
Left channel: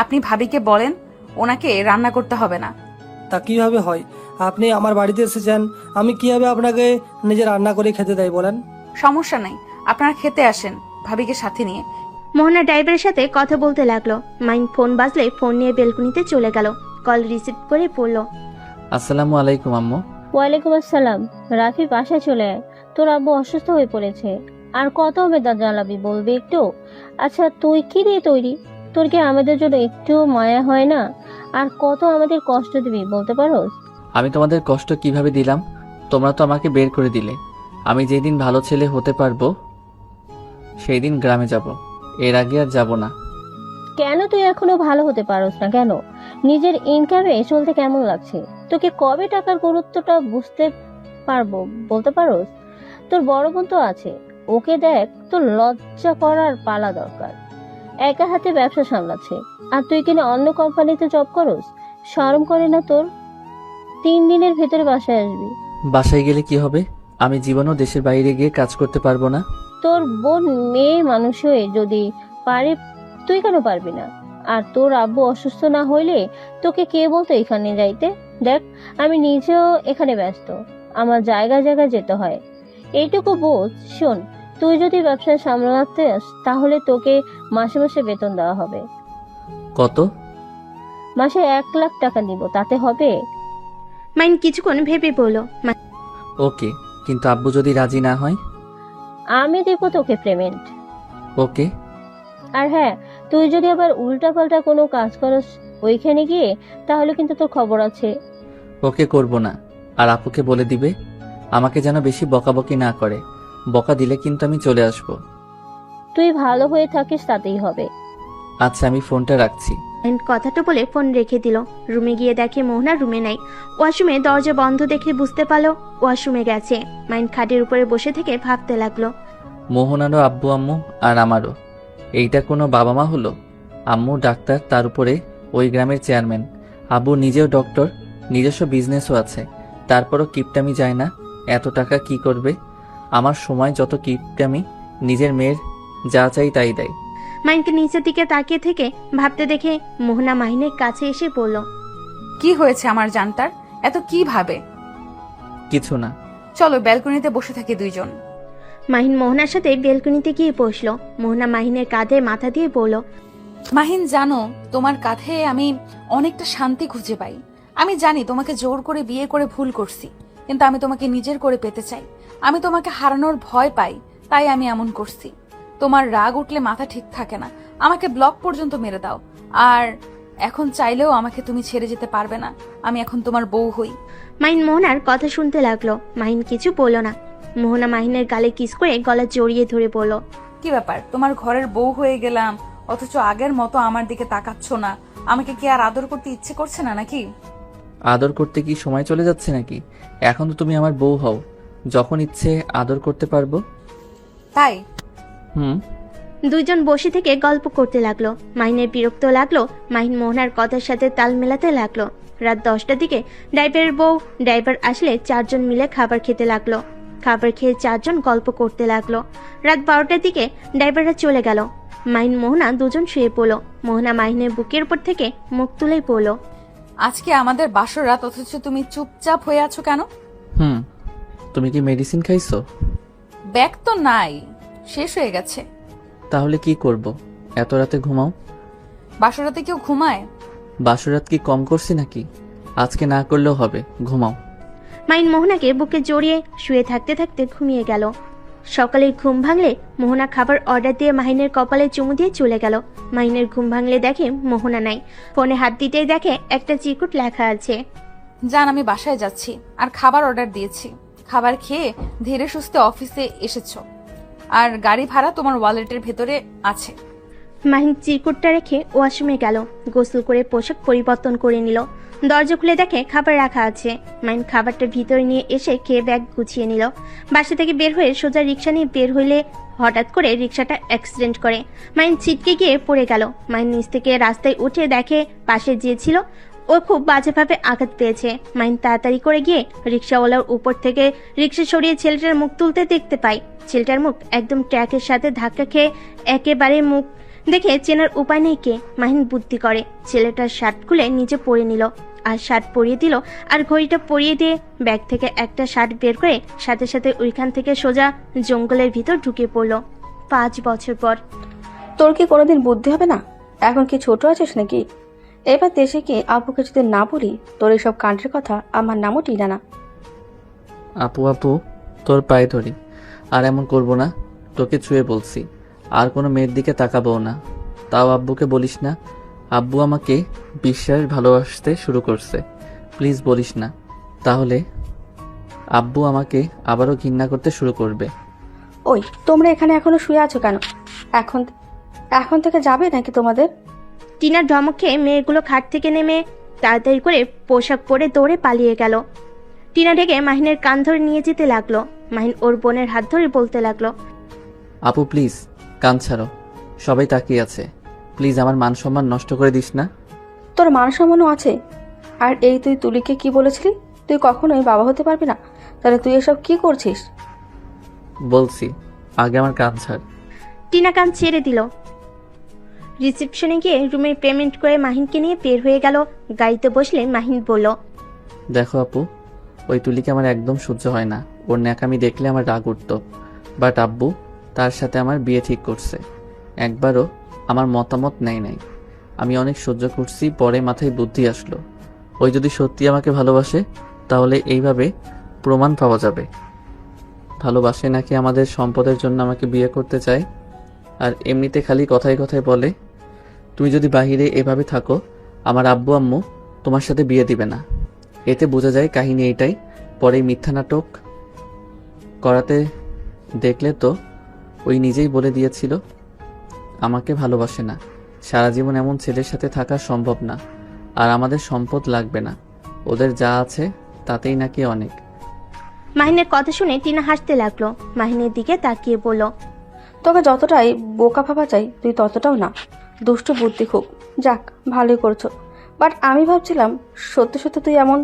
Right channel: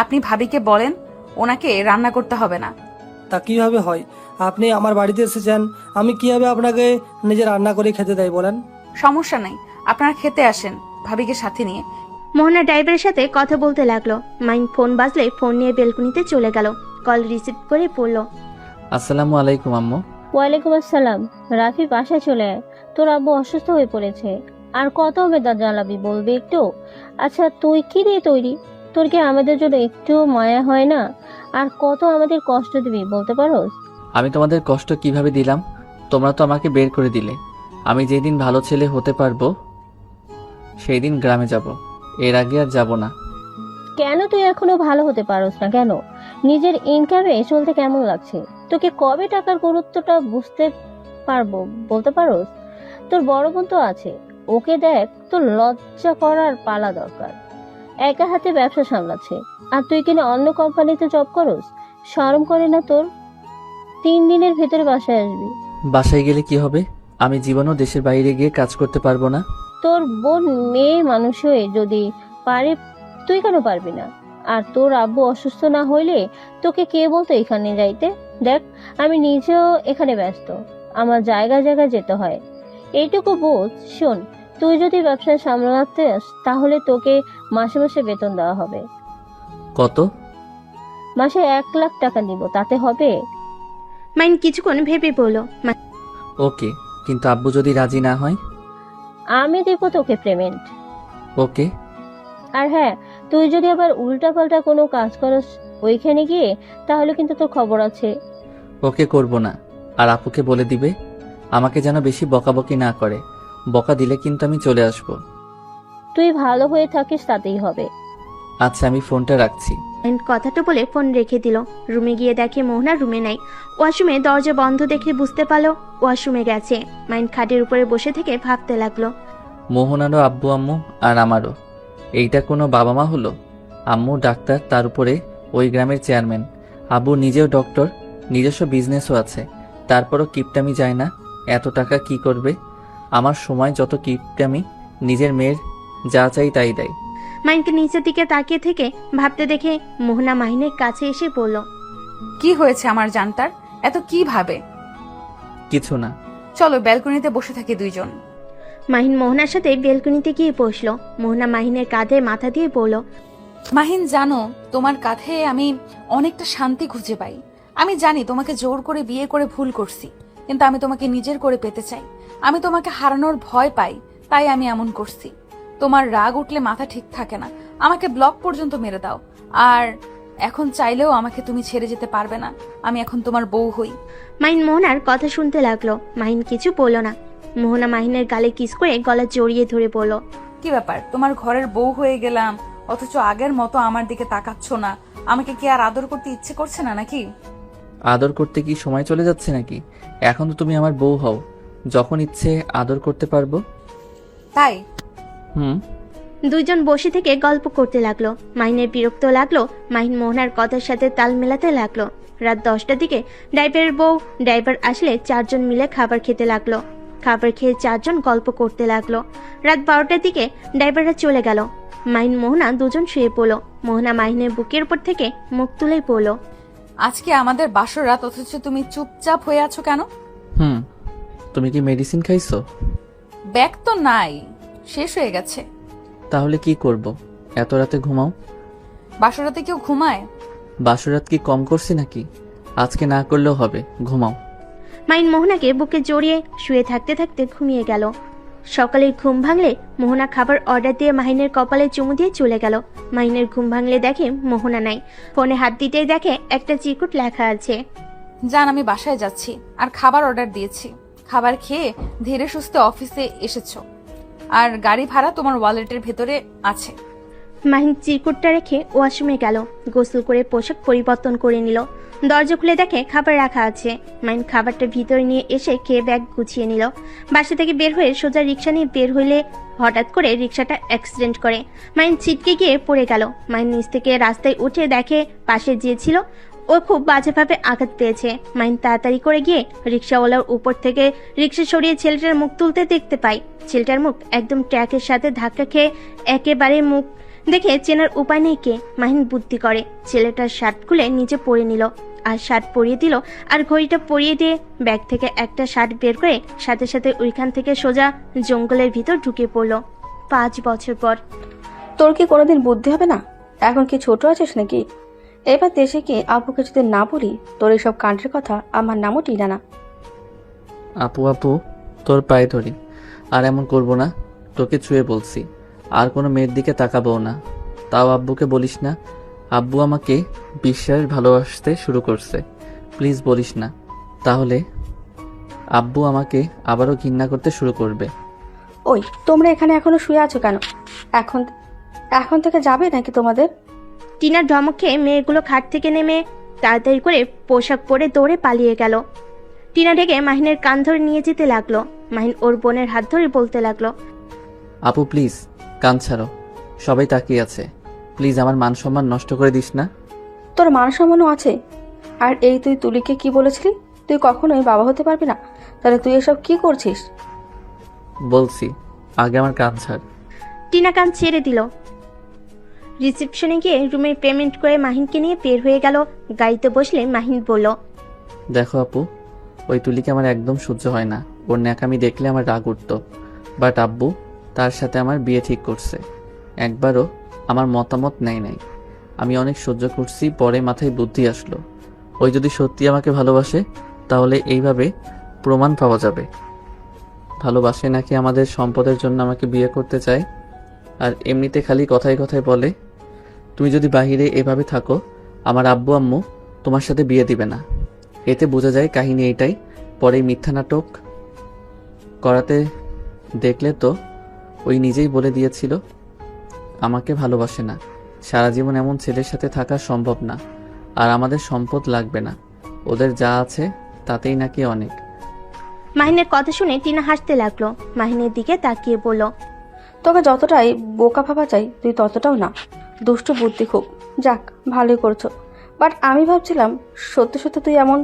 আপনি ভাবিকে বলেন ওনাকে রান্না করতে হবে না। তা কিভাবে হয়? আপনি আমার বাড়িতে এসেছেন, আমি কিভাবে আপনাকে নিজে রান্না করে খেতে দেয় বলেন? সমস্যা নেই, আপনারা খেতে আসেন ভাবিকে সাথে নিয়ে। মোহনা ড্রাইভারের সাথে কথা বলতে লাগলো। মাহিন ফোন বাজলে ফোন নিয়ে বেলকুনিতে চলে গেল। কল রিসিভ করে পড়লো, আসসালামু আলাইকুম আম্মু। ওয়ালাইকুম আসসালাম। রাফি, বাসায় চলে আয়, তোর আব্বু অসুস্থ হয়ে পড়েছে। আর কত বেদা জ্বালাবি বলবি একটু? আচ্ছা, তুই কি দিয়ে তৈরি? তোর কি আমাদের জন্য একটু মায়া হয় না? আর কত আমাদের কষ্ট দিবি বলতে পারো? আমি তোমাদের কষ্ট কিভাবে দিলাম? তোমরা তো আমাকে বের করে দিলে। আমি যেদিন ভালো ছেলে হতে পারবো সেই দিন গ্রামে যাব, এর আগে আর যাব না। কেন তুই এখনো ভালো হতে পারোস না কেন? নিজের ইনকামে চলতে কেমন লাগছে? তো কি কবে টাকার গুরুত্বটা বুঝতে পারবো বলতে পারোস? তোর বড় বোন তো আছে, ওকে দেখ। তোর লজ্জা করার পালা দরকার। একা হাতে ব্যবসা সামলাচ্ছে, আর তুই কিনা অন্য কোম্পানিতে জব করস? শরম করে না তোর? 3 দিনের ভেতরে বাসায় আসবি। বাসায় গেলে কি হবে? আমি জীবনও দেশের বাইরে গিয়ে কাজ করতে পারবো না। তোর বোন মেয়ে মানুষ হয়ে যদি পারি, তুই কেন পারবি না? আর তোর আব্বু অসুস্থ না হইলে তোকে কে বলতো এখানে যাইতে? দেখ, আমি নিজেও এখানে ব্যস্ত, আমার জায়গায় জায়গায় যেতে হয়। এইটুকু বোঝ। শোন, তুই যদি ব্যবসা সামলাতে তাহলে তোকে মাসে মাসে বেতন দেওয়া হবে। কত? মাসে 1 লাখ টাকা দিব, তাতে হবে? মাহিন কিছুক্ষণ ভেবে বলল, ওকে, কিন্তু আব্বু যদি রাজি না হয়? আমি দিব তোকে পেমেন্ট। ওকে। আর হ্যাঁ, তুই যদি আবার উল্টাপাল্টা কোনো কাজ করিস ওইখানে গিয়ে, তাহলে কিন্তু তোর খবর আছে। ওকে, করব না। আর আপুকে বলে দিবে আমাকে যেন বেশি বকাবকি না করে। বকা দিলে কিন্তু আমি চলে আসব। তুই ভালো হয়ে থাকিস, তাতেই হবে। আচ্ছা, আমি ফোনটা রাখছি। মাহিন কথাটা বলে ফোন রেখে দিল। রুমে গিয়ে দেখে মোহনা রুমে নাই। ওয়াশরুমে দরজা বন্ধ দেখে বুঝতে পারলো ওয়াশরুমে গেছে। মাহিন খাটের উপরে বসে থেকে ভাবতে লাগলো। মোহনারও আব্বু আম্মু আর আমারও। এইটা কোনো বাবা মা হলো? আম্মু ডাক্তার, তার উপরে ওই গ্রামের চেয়ারম্যান। আব্বু নিজেও ডক্টর, নিজস্ব বিজনেসও আছে। তারপরও কিপটামি যায় না। এত টাকা কি করবে? আমার সময় যত কিপটামি, নিজের মেয়ের যা চাই তাই দেয়। মাহিনকে নিচের দিকে তাকিয়ে থেকে ভাবতে দেখে মোহনা মাহিনের কাছে এসে বলল, কি হয়েছে আমার জানটার? এত কি ভাবে? কিছু না। চলো ব্যালকনিতে বসে থাকি দুইজন। মাহিন মোহনার সাথে বেলকনিতে গিয়ে বসলো। মোহনা মাহিনের কাঁধে মাথা দিয়ে বলল, মাহিন, জানো তোমার কাঁধে আমি অনেকটা শান্তি খুঁজে পাই। আমি জানি তোমাকে জোর করে বিয়ে করে ভুল করছি, কিন্তু আমি তোমাকে নিজের করে পেতে চাই। আমি তোমাকে হারানোর ভয় পাই, তাই আমি এমন করছি। তোমার রাগ উঠলে মাথা ঠিক থাকে না, আমাকে ব্লক পর্যন্ত মেরে দাও। আর এখন চাইলেও আমাকে তুমি ছেড়ে যেতে পারবে না। আমি এখন তোমার বউ হই। মাহিন মোহনার কথা শুনতে লাগলো। মাহিন কিছু বলল না। মোহনা মাহিনের গালে কিস করে গলা জড়িয়ে ধরে বলল, কি ব্যাপার, তোমার ঘরের বউ হয়ে গেলাম, অথচ আগের মতো আমার দিকে তাকাচ্ছ না? আমাকে কি আর আদর করতে ইচ্ছে করছে না নাকি? আদর করতে কি সময় চলে যাচ্ছে নাকি? এখন তো তুমি আমার বউ হও, যখন ইচ্ছে আদর করতে পারবো। তাই হুম। দুইজন বসে থেকে গল্প করতে লাগলো। মাহিনের বিরক্ত লাগলো। মাহিন মোহনার কথার সাথে তাল মেলাতে লাগলো। রাত 10টা থেকে ড্রাইভার আসলে 4জন মিলে খাবার খেতে লাগলো। খাবার খেয়ে 4জন গল্প করতে লাগলো। রাত 12টার দিকে ড্রাইভাররা চলে গেল। মাহিন মোহনা দুজন শুয়ে পড়লো। মোহনা মাহিনের বুকের উপর থেকে মুখ তুলেই পড়লো, আজকে আমাদের বাসর রাত, অথচ তুমি চুপচাপ হয়ে আছো কেন? হুম। তুমি কি মেডিসিন খাইছো? ব্যাগ তো নাই, শেষ হয়ে গেছে। তাহলে কি করব? এত রাতে ঘুমাও। বাসর রাতে কেউ ঘুমায়? বাসরাত কি কম করছি নাকি? আজকে না করলেও হবে, ঘুমাও। মাহিন মোহনাকে বুকে জড়িয়ে শুয়ে থাকতে থাকতে ঘুমিয়ে গেল। সকালে ঘুম ভাঙলে মোহনা খাবার অর্ডার দিয়ে মাহিনের কপালে চুমু দিয়ে চলে গেল। মাহিনের ঘুম ভাঙলে দেখে মোহনা নাই। ফোনে হাত দিতে দেখে একটা চিরকুট লেখা আছে, জান, আমি বাসায় যাচ্ছি আর খাবার অর্ডার দিয়েছি। খাবার খেয়ে ধীরে সুস্থে অফিসে এসেছো, আর গাড়ি ভাড়া তোমার ওয়ালেটের ভেতরে আছে। মাহিন চিরকুটটা রেখে ওয়াশরুমে গেল। গোসল করে পোশাক পরিবর্তন করে নিল। দরজা খুলে দেখে খাবার রাখা আছে। মাহিন খাবারটা ভিতরে নিয়ে এসে খেয়ে ব্যাগ গুছিয়ে নিল। বাসা থেকে বের হয়ে সোজা রিক্সা নিয়ে বের হইলে হঠাৎ করে রিক্সাটা অ্যাক্সিডেন্ট করে। মাহিন ছিটকে গিয়ে পড়ে গেল। মাহিন নিচ থেকে রাস্তায় উঠে দেখে পাশে যে ছিল ও খুব বাজেভাবে আঘাত পেয়েছে। মাহিন তাড়াতাড়ি করে গিয়ে রিক্সাওয়ালার উপর থেকে রিক্সা সরিয়ে ছেলেটার মুখ তুলতে দেখতে পায়। ছেলেটার মুখ একদম ট্র্যাকের সাথে ধাক্কা খেয়ে একেবারে মুখ দেখে চেনার উপায় নেই কে। মাহিন বুদ্ধি করে ছেলেটার শার্ট খুলে নিচে পরে নিল, আর শার্ট পরিয়ে দিল, আর ঘড়িটা পরিয়ে দিয়ে ব্যাগ থেকে একটা শার্ট বের করে সাথে সাথে ওইখান থেকে সোজা জঙ্গলের ভিতর ঢুকে পড়লো। 5 বছর পর। তোর কি কোনোদিন বুদ্ধি হবে না? এখন কি ছোট আছিস নাকি? এবার দেশে কি আপুকে যদি না বলি তোর এইসব কাণ্ডের কথা, আমার নামও টিনা না। আপু, তোর পায়ে ধরি, আর এমন করব না। তোকে ছুঁয়ে বলছি, আর কোনো মেয়ের দিকে তাকাবো না। তাও আব্বুকে বলিস না। আব্বু আমাকে বিশ্বাস ভালোবাসতে শুরু করছে। প্লিজ বলিস না, তাহলে আব্বু আমাকে আবারও ঘৃণা করতে শুরু করবে। ওই, তোমরা এখানে এখনো শুয়ে আছো কেন? এখন থেকে যাবে নাকি তোমাদের? টিনার ধমক খেয়ে মেয়েগুলো খাট থেকে নেমে তাড়াতাড়ি করে পোশাক পরে দৌড়ে পালিয়ে গেল। টিনা ডেকে মাহিনের কান ধরে নিয়ে যেতে লাগলো। মাহিন ওর বোনের হাত ধরে বলতে লাগলো, আপু প্লিজ কান ছাড়ো, সবাই তাকিয়ে আছে। প্লিজ আমার মান সম্মান নষ্ট করে দিস না। তোর মান সম্মানও আছে? আর এই তুই তুলিকে কি বলেছিলি? তুই কখনোই বাবা হতে পারবি না। তাহলে তুই এসব কি করছিস? বলছি, আগে আমার কান ছাড়। টিনা কান ছেড়ে দিল। রিসেপশনে গিয়ে রুমের পেমেন্ট করে মাহিনকে নিয়ে বের হয়ে গেল। গাড়িতে বসলে মাহিন বলল, দেখো আপু, ওই তুলিকে আমার একদম সহ্য হয় না। ওর ন্যাকামি দেখলে আমার রাগ উঠতো। বাট আব্বু তার সাথে আমার বিয়ে ঠিক করছে। একবারও আমার মতামত নাই। আমি অনেক সহ্য করছি, পরে মাথায় বুদ্ধি আসলো, ওই যদি সত্যি আমাকে ভালোবাসে তাহলে এইভাবে প্রমাণ পাওয়া যাবে। ভালোবাসে নাকি আমাদের সম্পদের জন্য আমাকে বিয়ে করতে চায়। আর এমনিতে খালি কথায় কথায় বলে, তুমি যদি বাইরে এভাবে থাকো আমার আব্বু আম্মু তোমার সাথে বিয়ে দিবে না। এতে বোঝা যায় কাহিনী এটাই। পরে মিথ্যা নাটক করাতে দেখলে তো ওই নিজেই বলে দিয়েছিল আমাকে ভালোবাসে না। সারা জীবন এমন ছেলের সাথে থাকা সম্ভব না। আর আমাদের সম্পদ লাগবে না, ওদের যা আছে তাতেই নাকি অনেক। মাহিনের কথা শুনে টিনা হাসতে লাগলো। মাহিনের দিকে তাকিয়ে বলল, তোকে যতটাই বোকা ভাবা চাই তুই ততটাও না। দুষ্টু বুদ্ধি খুব। যাক, ভালোই করছো। বাট আমি ভাবছিলাম সত্যি সত্যি তুই এমন।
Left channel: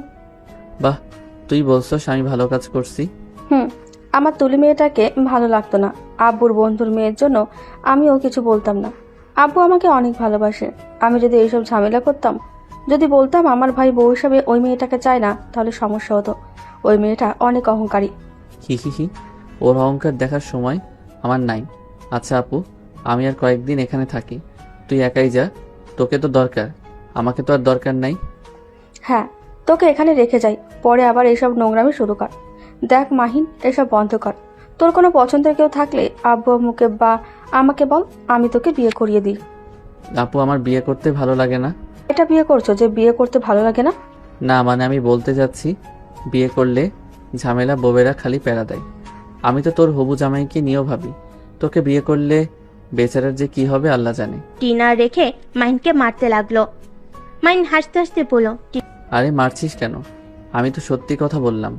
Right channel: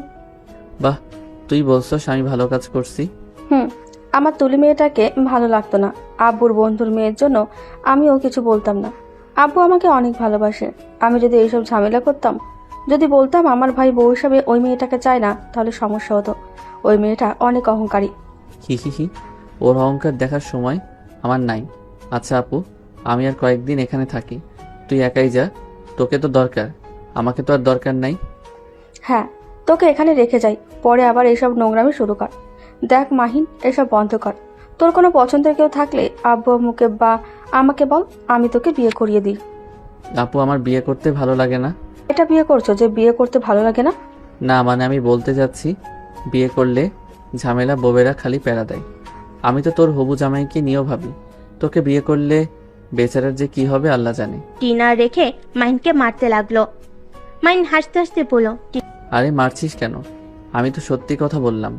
বাহ, তুই বলছিস আমি ভালো কাজ করছি। আমার তুলি মেয়েটাকে ভালো লাগতো না। আব্বুর বন্ধুর মেয়ের জন্য আমিও কিছু বলতাম না। আব্বু আমাকে অনেক ভালোবাসে। আমি যদি এইসব ঝামেলা করতাম, যদি বলতাম আমার ভাই বউ হিসাবে ওই মেয়েটাকে চায় না, তাহলে সমস্যা হতো। ওই মেয়েটা অনেক অহংকারী। ওর অহংকার দেখার সময় আমার নাই। আচ্ছা আপু, আমি আর কয়েকদিন এখানে থাকি, তুই একাই যা। তোকে তো দরকার, আমাকে তো আর দরকার নাই। হ্যাঁ, তোকে এখানে রেখে যাই, পরে আবার এইসব নোংরামি শুরু কর। দেখ মাহিন, এসব বন্ধ কর। তোর কোনো পছন্দের কেউ থাকলে আব্বু আম্মুকে বা আমাকে বল, আমি তোকে বিয়ে করিয়ে দিই। আপু আমার বিয়ে করতে ভালো লাগে না। এটা বিয়ে করছো যে বিয়ে করতে ভালো লাগে না? না মানে আমি বলতে যাচ্ছি, বিয়ে করলে ঝামেলা বউয়েরা খালি প্যারা দেয়। আমি তো তোর হবু জামাইকে নিয়েও ভাবি, তোকে বিয়ে করলে বেচারার যে কি হবে আল্লাহ জানে। টিনা রেখে মাহিনকে মারতে লাগলো। মাহিন হাসতে হাসতে বলল, আরে মারছিস কেন? আমি তো সত্যি কথা বললাম।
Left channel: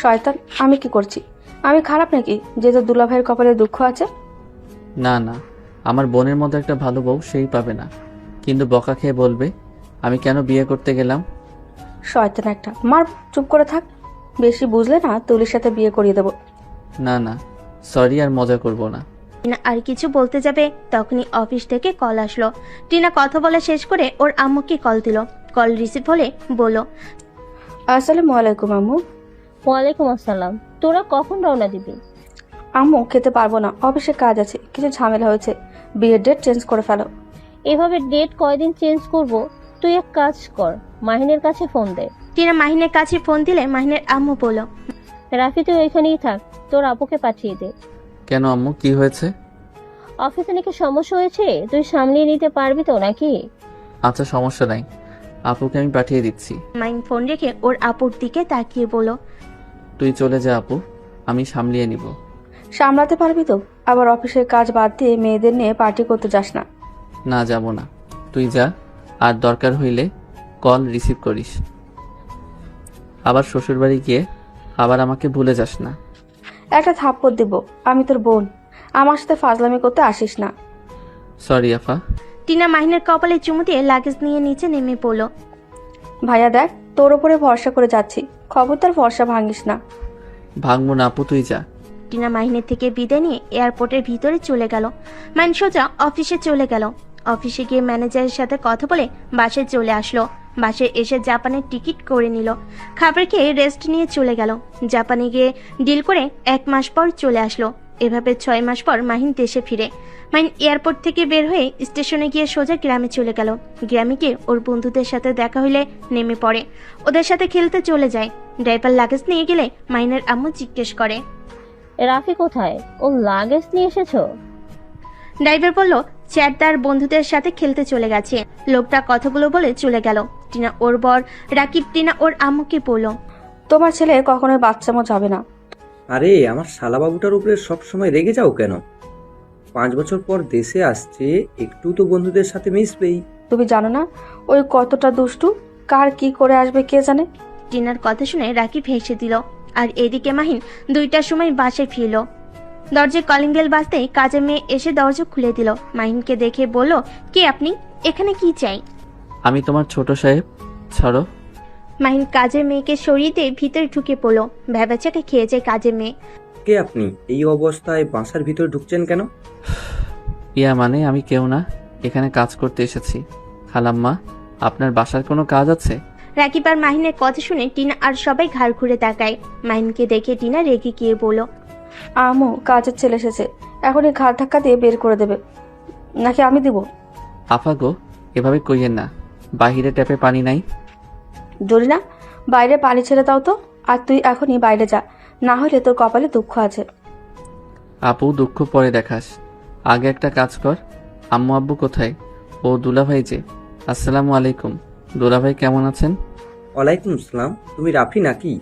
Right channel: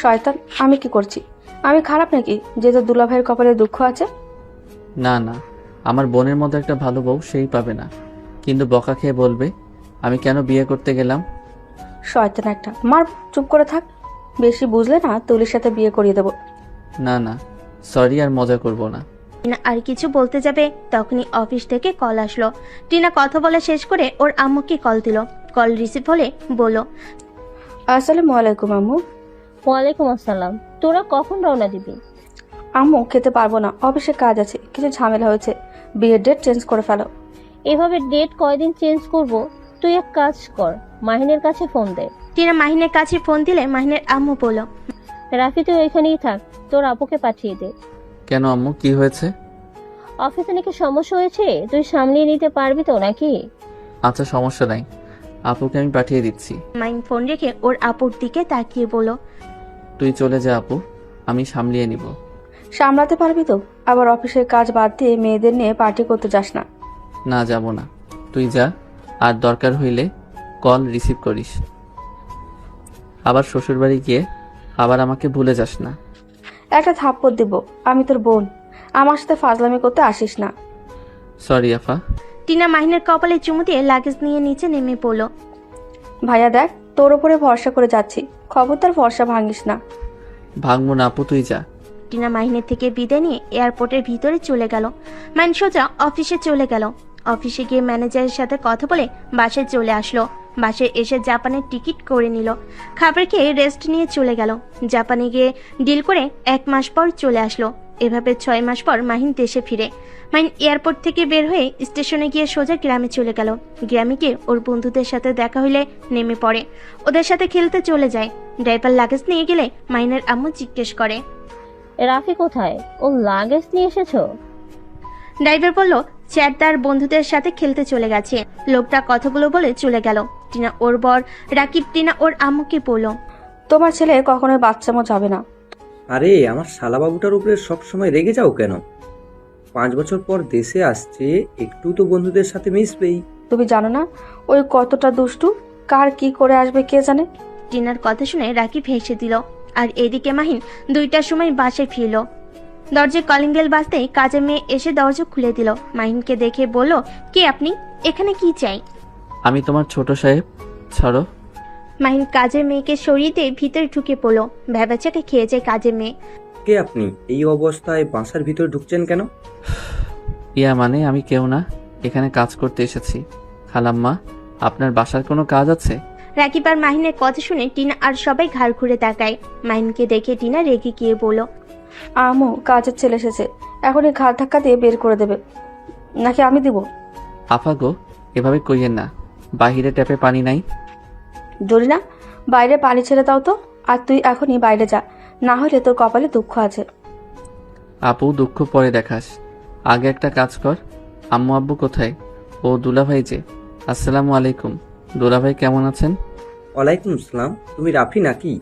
শয়তান, আমি কি করছি? আমি খারাপ নাকি যে তোর দুলাভাইয়ের কপালে দুঃখ আছে? না না, আমার বোনের মতো একটা ভালো বউ সেই পাবে না, কিন্তু বকা খেয়ে বলবে আমি কেন বিয়ে করতে গেলাম। শয়তান একটা, মার, চুপ করে থাক। বেশি বুঝলে না তুলির সাথে বিয়ে করিয়ে দেবো। না না, সরি, আর মজা করব না। টিনা আর কিছু বলতে যাবে তখনই অফিস থেকে কল আসলো। টিনা কথা বলা শেষ করে ওর আম্মুকে কল দিল। কল রিসিভ হলে বলল, আসসালামু আলাইকুম আম্মু। ওয়ালাইকুম আসসালাম। তোরা কখন রওনা দিবি? আম্মু, খেতে পারবো না, অফিসে কাজ আছে, কিছু ঝামেলা হয়েছে, বিয়ের ডেট চেঞ্জ করে ফেলো। এভাবে ডেট কয়দিন চেঞ্জ করব? তুই এক কাজ কর, মাহিনের কাছে ফোন দে। টিনা মাহিনের কাছে ফোন দিলে মাহিনের আম্মু বলল, রাফি তুই ওইখানেই থাক, তোর আপুকে পাঠিয়ে দে। কেন আম্মু, কি হয়েছে? অফিসে নাকি সমস্যা হয়েছে, তুই সামলিয়ে নিতে পারবি তো নাকি? আচ্ছা সমস্যা নাই, আপুকে আমি পাঠিয়ে দিচ্ছি। মাহিন ফোন রেখে ওর আপুর দিকে তাকিয়ে বলল, তুই চলে যা আপু, আমি সামলিয়ে নেব। সামলাতে পারবি তো? আবার অফিসের কাজ বাদ দিয়ে মেয়েদের নিয়ে পার্টি করতে যাস না। না যাব না, তুই যা, আর দরকার হইলে কল রিসিভ করিস। আবার শ্বশুরবাড়ি গিয়ে আবার আমাকে ভুলে যাস না। একটা থাপ্পড় দেবো, আমি তোর বোন, আমার সাথে ফাজলামি করতে আসিস না। সরি আফা। টিনা মাহিনের কপালে চুমু দিয়ে লাগেজ নিয়ে নিচে নেমে পড়ল। ভাইয়া দেখ, তোর উপরে ভরসা করে যাচ্ছি, খবরদার ভরসা ভাঙিস না। ভাঙবো না আপু, তুই যা। টিনা মাহিনের থেকে বিদায় নিয়ে এয়ারপোর্টের ভিতরে চলে গেল। মাহিন সোজা অফিসে চলে গেল। অফিসে গিয়ে ম্যানেজারের সাথে কথা বলে বাসে চলে আসলো। বাসে এসে জাপানের টিকিট করে নিল। খাবার খেয়ে রেস্ট নিয়ে চলে গেল। জাপানে গিয়ে ডিল করে 1 মাস পর চলে আসলো। এভাবে 6 মাস পর মাহিন দেশে ফিরে। মাহিন এয়ারপোর্ট থেকে বের হয়ে স্টেশনে গিয়ে সোজা গ্রামে চলে গেল। গ্রামে গিয়ে ওর বন্ধুদের সাথে দেখা হলে নেমে পড়ে, ওদের সাথে খেলতে চলে যায়। ড্রাইভার লাগেজ নিয়ে গেলে মাহিনের আম্মু জিজ্ঞেস করে, রাফি কোথায়? ও লাগেজ নিয়ে এসেছো? ড্রাইভার বলল সে তার বন্ধুদের সাথে খেলতে চলে গেছে। লোকটা কথাগুলো বলে চলে গেল। টিনা ওর বর রাকিব টিনা ওর আম্মুকে বলল, তোমার ছেলে কখনোই বাচ্চামো যাবে না। আরে আমার শালাবাবুটার উপরে সবসময় রেগে যাও কেন? 5 বছর পর দেশে আসছি, একটু তো বন্ধুদের সাথে মিশবেই। তুমি জানো না ওই কতটা দুষ্টু, কার কি করে আসবে কে জানে। টিনার কথা শুনে রাকিব হেসে দিল। আর এদিকে মাহিন 2টার সময় বাসায় ফিরল। দরজায় কলিং বেল বাজতেই কাজের মেয়ে এসে দরজা খুলে দিল। মাহিনকে দেখে বলল, কে আপনি? এখানে কি চাই? আমি তোমার ছোট সাহেব। ছাড়ো। মাহিন কাজের মেয়েকে সরিয়ে দিয়ে ভিতরে ঢুকে পড়লো। ভেবাচাকে খেয়েছে কাজের মেয়ে। কে আপনি? এই অবস্থায় বাসার ভিতর ঢুকছেন কেন? ইয়া মানে আমি কেউ না, এখানে কাজ করতে এসেছি। খালাম্মা, আপনার বাসার কোনো কাজ আছে? রাকিব আর মাহিনের কথা শুনে টিনা আর সবাই ঘাড় ঘুরে তাকায়। মাহিনকে দেখে টিনা রেগে গিয়ে বলল, আমু, কাজের ছেলে এসেছে, এখন এই ঘাড় ধাক্কা দিয়ে বের করে দেবে, নাকি আমি দিব? আপা গো, এভাবে কইয়েন না, বাহিরে ট্যাপে পানি নাই। জোরে না, বাইরে পানি ছেড়ে দাও তো। আর তুই এখনই বাইরে যা, না হলে তোর কপালে দুঃখ আছে। আপু দুঃখ পরে দেখাস, আগে একটা কাজ কর। আম্মু আব্বু কোথায়? ও দুলাভাই যে। আসসালামু আলাইকুম। দুলাভাই কেমন আছেন? ওয়ালাইকুম আসসালাম। তুমি রাফি নাকি?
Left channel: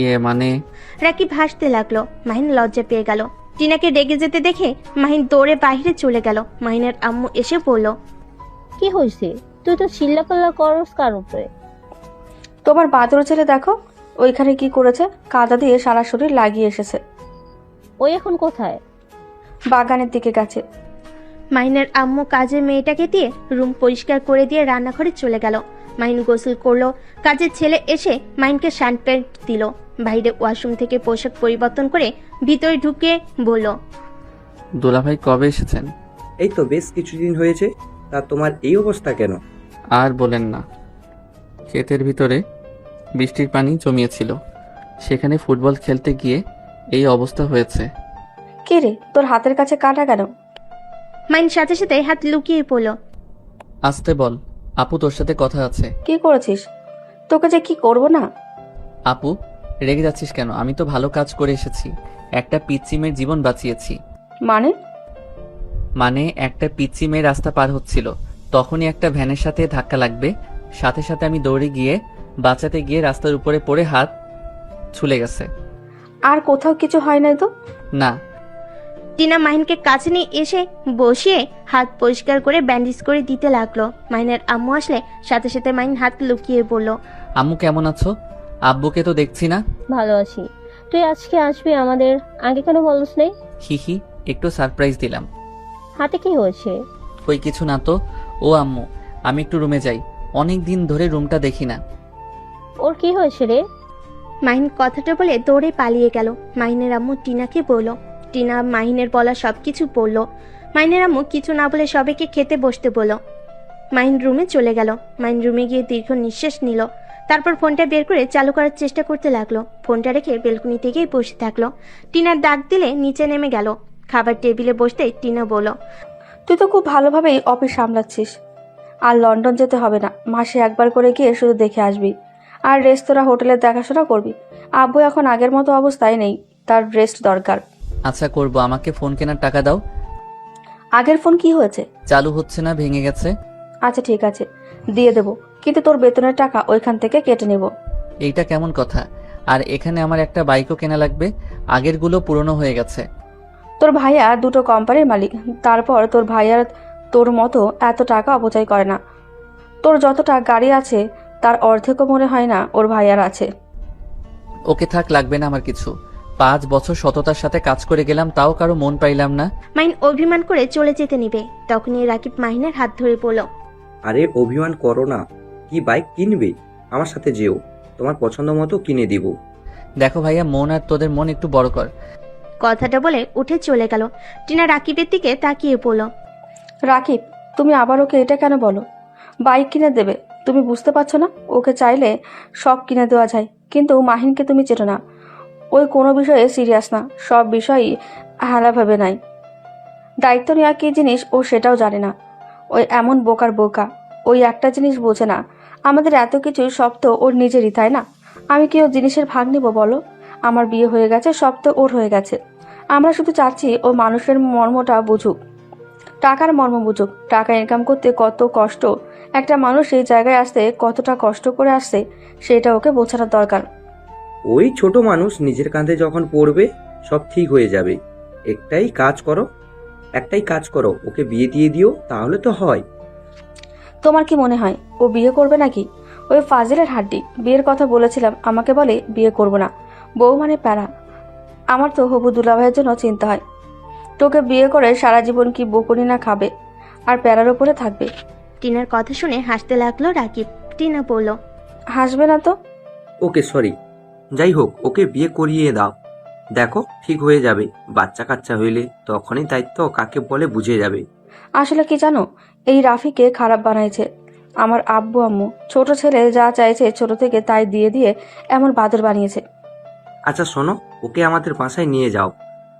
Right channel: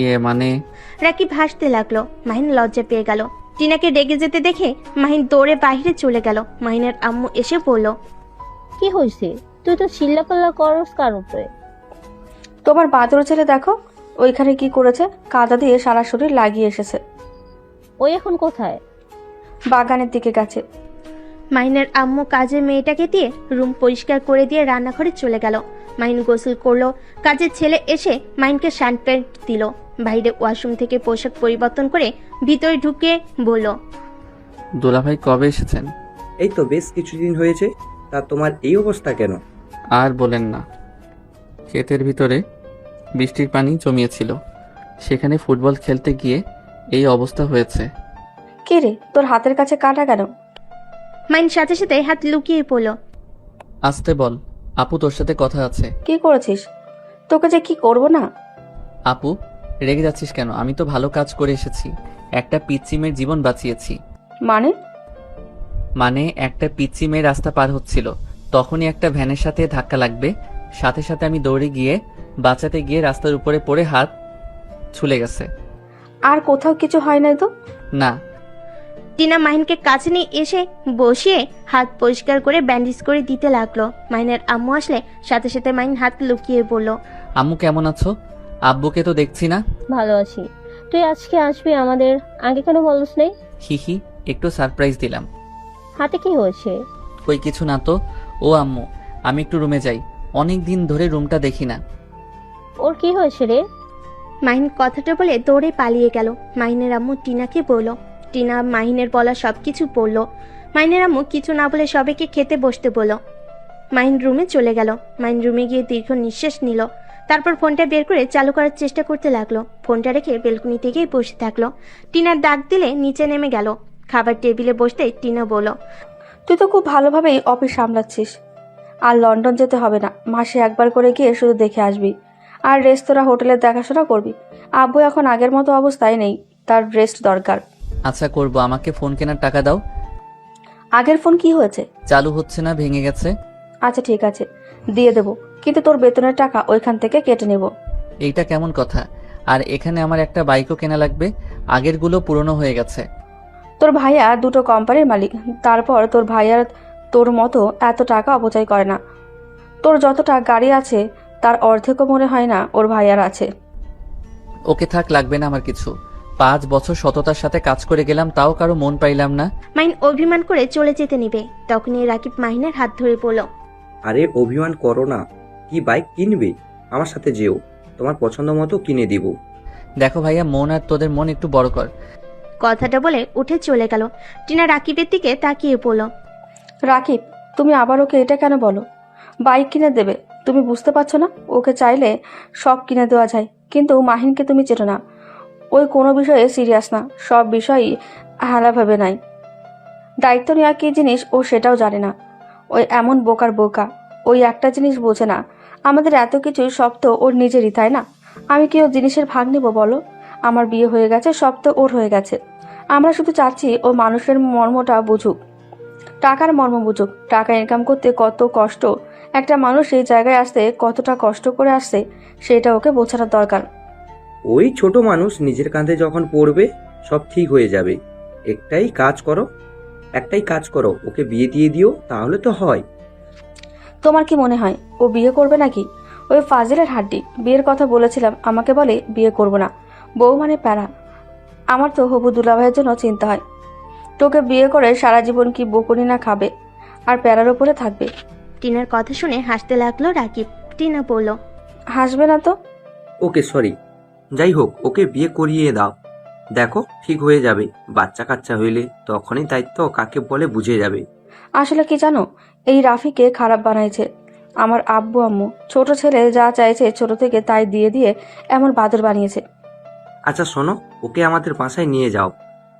ইয়ে মানে রাকিব হাসতে লাগলো। মাহিন লজ্জা পেয়ে গেল। টিনাকে রেগে যেতে দেখে মাহিন দৌড়ে বাইরে চলে গেল। মাহিনের আম্মু এসে বলল, কি হয়েছে? তুই তো চিল্লাপাল্লা করস কার উপরে? তোমার বাদর ছেলে দেখো ওইখানে কি করেছে, কাদা দিয়ে সারা শরীর লাগিয়ে এসেছে। ওই এখন কোথায়? বাগানের দিকে গেছে। মাহিনের আম্মু কাজের মেয়েটাকে দিয়ে রুম পরিষ্কার করে দিয়ে রান্নাঘরে চলে গেল। মাহিন গোসল করলো। কাজের ছেলে এসে মাহিনকে শার্ট প্যান্ট দিল। বাইরে ওয়াশরুম থেকে পোশাক পরিবর্তন করে ভিতরে ঢুকে বলল, দুলাভাই কবে এসেছেন? এই তো বেশ কিছুদিন হয়েছে। তা তোমার এই অবস্থা কেন? আর বলেন না, ক্ষেতের ভিতরে বৃষ্টির পানি জমিয়েছিল, সেখানে ফুটবল খেলতে গিয়ে এই অবস্থা হয়েছে। কে রে, তোর হাতের কাছে কাঁটা কেন? মাহিন সাথে সাথে হাত লুকিয়ে পড়ল। আসতে বল, আপু তোর সাথে কথা আছে। কি করেছিস? তোকে যে কি করবো না। আপু রেগে যাচ্ছিস কেন? আমি তো ভালো কাজ করে এসেছি, একটা পিচ্চি মেয়ের জীবন বাঁচিয়েছি। মানে একটা পিচ্চি মেয়ে রাস্তা পার হচ্ছিল, তখনই একটা ভ্যানের সাথে ধাক্কা লাগবে, সাথে সাথে আমি দৌড়ে গিয়ে বাঁচাতে গিয়ে রাস্তার উপরে পড়ে হাত ছুলে গেছে। আর কোথাও কিছু হয় নাই তো? না। টিনা মাহিনকে কাছে নিয়ে এসে বসিয়ে হাত পরিষ্কার করে ব্যান্ডেজ করে দিতে লাগলো। মাহিনের আম্মু আসলে সাথে সাথে মাহিন হাত লুকিয়ে পড়ল। আম্মু কেমন আছো? আব্বুকে তো দেখছি না। ভালো আছি। তুই আজকে আসবি আমাদের, আগে কোনো বলিস নেই? হিহি, একটু সারপ্রাইজ দিলাম। হাতে কি হয়েছে? কই কিছু না তো। ও আম্মু, আমি একটু রুমে যাই, অনেক দিন ধরে রুমটা দেখি না। ওর কি হয়েছে রে? মাহিন কথাটা বলে দৌড়ে পালিয়ে গেল। মাহিনের আম্মু টিনাকে বলল। টিনা মাহিনের বলা সবকিছু বলল। মাহিনের আম্মু কিছু না বলে সবাইকে খেতে বসতে বলল। মাহিন রুমে চলে গেল। মাহিন রুমে গিয়ে দীর্ঘ নিঃশ্বাস নিল। তারপর ফোনটা বের করে চালু করার চেষ্টা করতে লাগলো। ফোনটা রেখে বেলকনিতে গিয়ে বসে থাকলো। টিনার ডাক দিলে নিচে নেমে গেল। খাবার টেবিলে বসতে টিনা বলল, তুই তো খুব ভালোভাবেই অফিস সামলাচ্ছিস। আর লন্ডন যেতে হবে না, মাসে একবার করে গিয়ে শুধু দেখে আসবি। আর রেস্তোরাঁ হোটেলের দেখাশোনা করবি। আব্বু এখন আগের মতো অবস্থায় নেই, তার রেস্ট দরকার। আচ্ছা করব, আমাকে ফোন কেনার টাকা দাও। আগের ফোন কি হয়েছে? চালু হচ্ছে না, ভেঙে গেছে। আচ্ছা ঠিক আছে, দিয়ে দেবো, কিন্তু তোর বেতনের টাকা ওইখান থেকে কেটে নেব। এইটা কেমন কথা? আর এখানে আমার একটা বাইকও কেনা লাগবে, আগেরগুলো পুরনো হয়ে গেছে। তোর ভাইয়া দুটো কোম্পানির মালিক, তারপর তোর ভাইয়ার তোর মতো এত টাকা অপচয় করে না। তোর যতটা গাড়ি আছে তার অর্ধেকও মনে হয় না ওর ভাইয়ার আছে। ওকে থাক, লাগবে না আমার কিছু। 5 বছর সততার সাথে কাজ করে গেলাম, তাও কারো মন পাইলাম না। মাহিন অভিমান করে চলে যেতে নিবে, তখনই রাকিব মাহিনের হাত ধরে পড়ল। আরে অভিমান করো না, কি বাইক কিনবে? আমার সাথে যেও, তোমার পছন্দ মতো কিনে দিব। দেখো ভাইয়া, মন আর তোদের মন একটু বড় কর। কথাটা বলে উঠে চলে গেল। টিনা রাকিবের দিকে তাকিয়ে পড়ল। রাকিব, তুমি আবার ওকে এটা কেন বলো? বাইক কিনে দেবে, তুমি বুঝতে পারছো না? ওকে চাইলে সব কিনে দেওয়া যায়, কিন্তু মাহিনকে তুমি চেটো না। ওই কোনো বিষয়ে সিরিয়াস না, সব বিষয়ই হারাভাবে নাই। দায়িত্ব নেওয়া কি জিনিস ও সেটাও জানে না। ওই এমন বোকার বোকা, ওই একটা জিনিস বোঝে না, আমাদের এত কিছু সব তো ওর নিজেরই, তাই না? আমি কি ওর জিনিসের ভাগ নিব বলো? আমার বিয়ে হয়ে গেছে, সব তো ওর হয়ে গেছে। আমরা শুধু চাচ্ছি ও মানুষের মর্মটা বুঝুক, টাকার মর্ম বুঝুক। টাকা ইনকাম করতে কত কষ্ট, একটা মানুষ এই জায়গায় আসতে কতটা কষ্ট করে আসছে, সেটা ওকে বোঝানোর দরকার। ওই ছোট মানুষ নিজের কাঁধে যখন পড়বে সব ঠিক হয়ে যাবে। একটাই কাজ করো, ওকে বিয়ে দিয়ে দিও, তাহলে তো হয়। তোমার কি মনে হয় ও বিয়ে করবে নাকি? ওই ফাজিলের হাড্ডে বিয়ের কথা বলেছিলাম, আমাকে বলে বিয়ে করব না। বউ মানে প্যারা। আমার তো হবু দুলাভাইয়ের জন্য চিন্তা হয়। তোকে বিয়ে করে সারা জীবন কি বকুনি না খাবে, আর প্যারার উপরে থাকবে। টিনার কথা শুনে হাসতে লাগলো রাকিব। টিনা বলল, হাসবে না তো? ওকে সরি, যাই হোক ওকে বিয়ে করিয়ে দাও, দেখো ঠিক হয়ে যাবে। বাচ্চা কাচ্চা হইলে তখনই দায়িত্ব কাকে বলে বুঝে যাবে। আসলে কি জানো, এই রাফিকে খারাপ বানাইছে আমার আব্বু আম্মু। ছোট ছেলে যা চাইছে ছোট থেকে তাই দিয়ে দিয়ে এমন বাদর বানিয়েছে। আচ্ছা শোনো, ওকে আমাদের বাসায় নিয়ে যাও।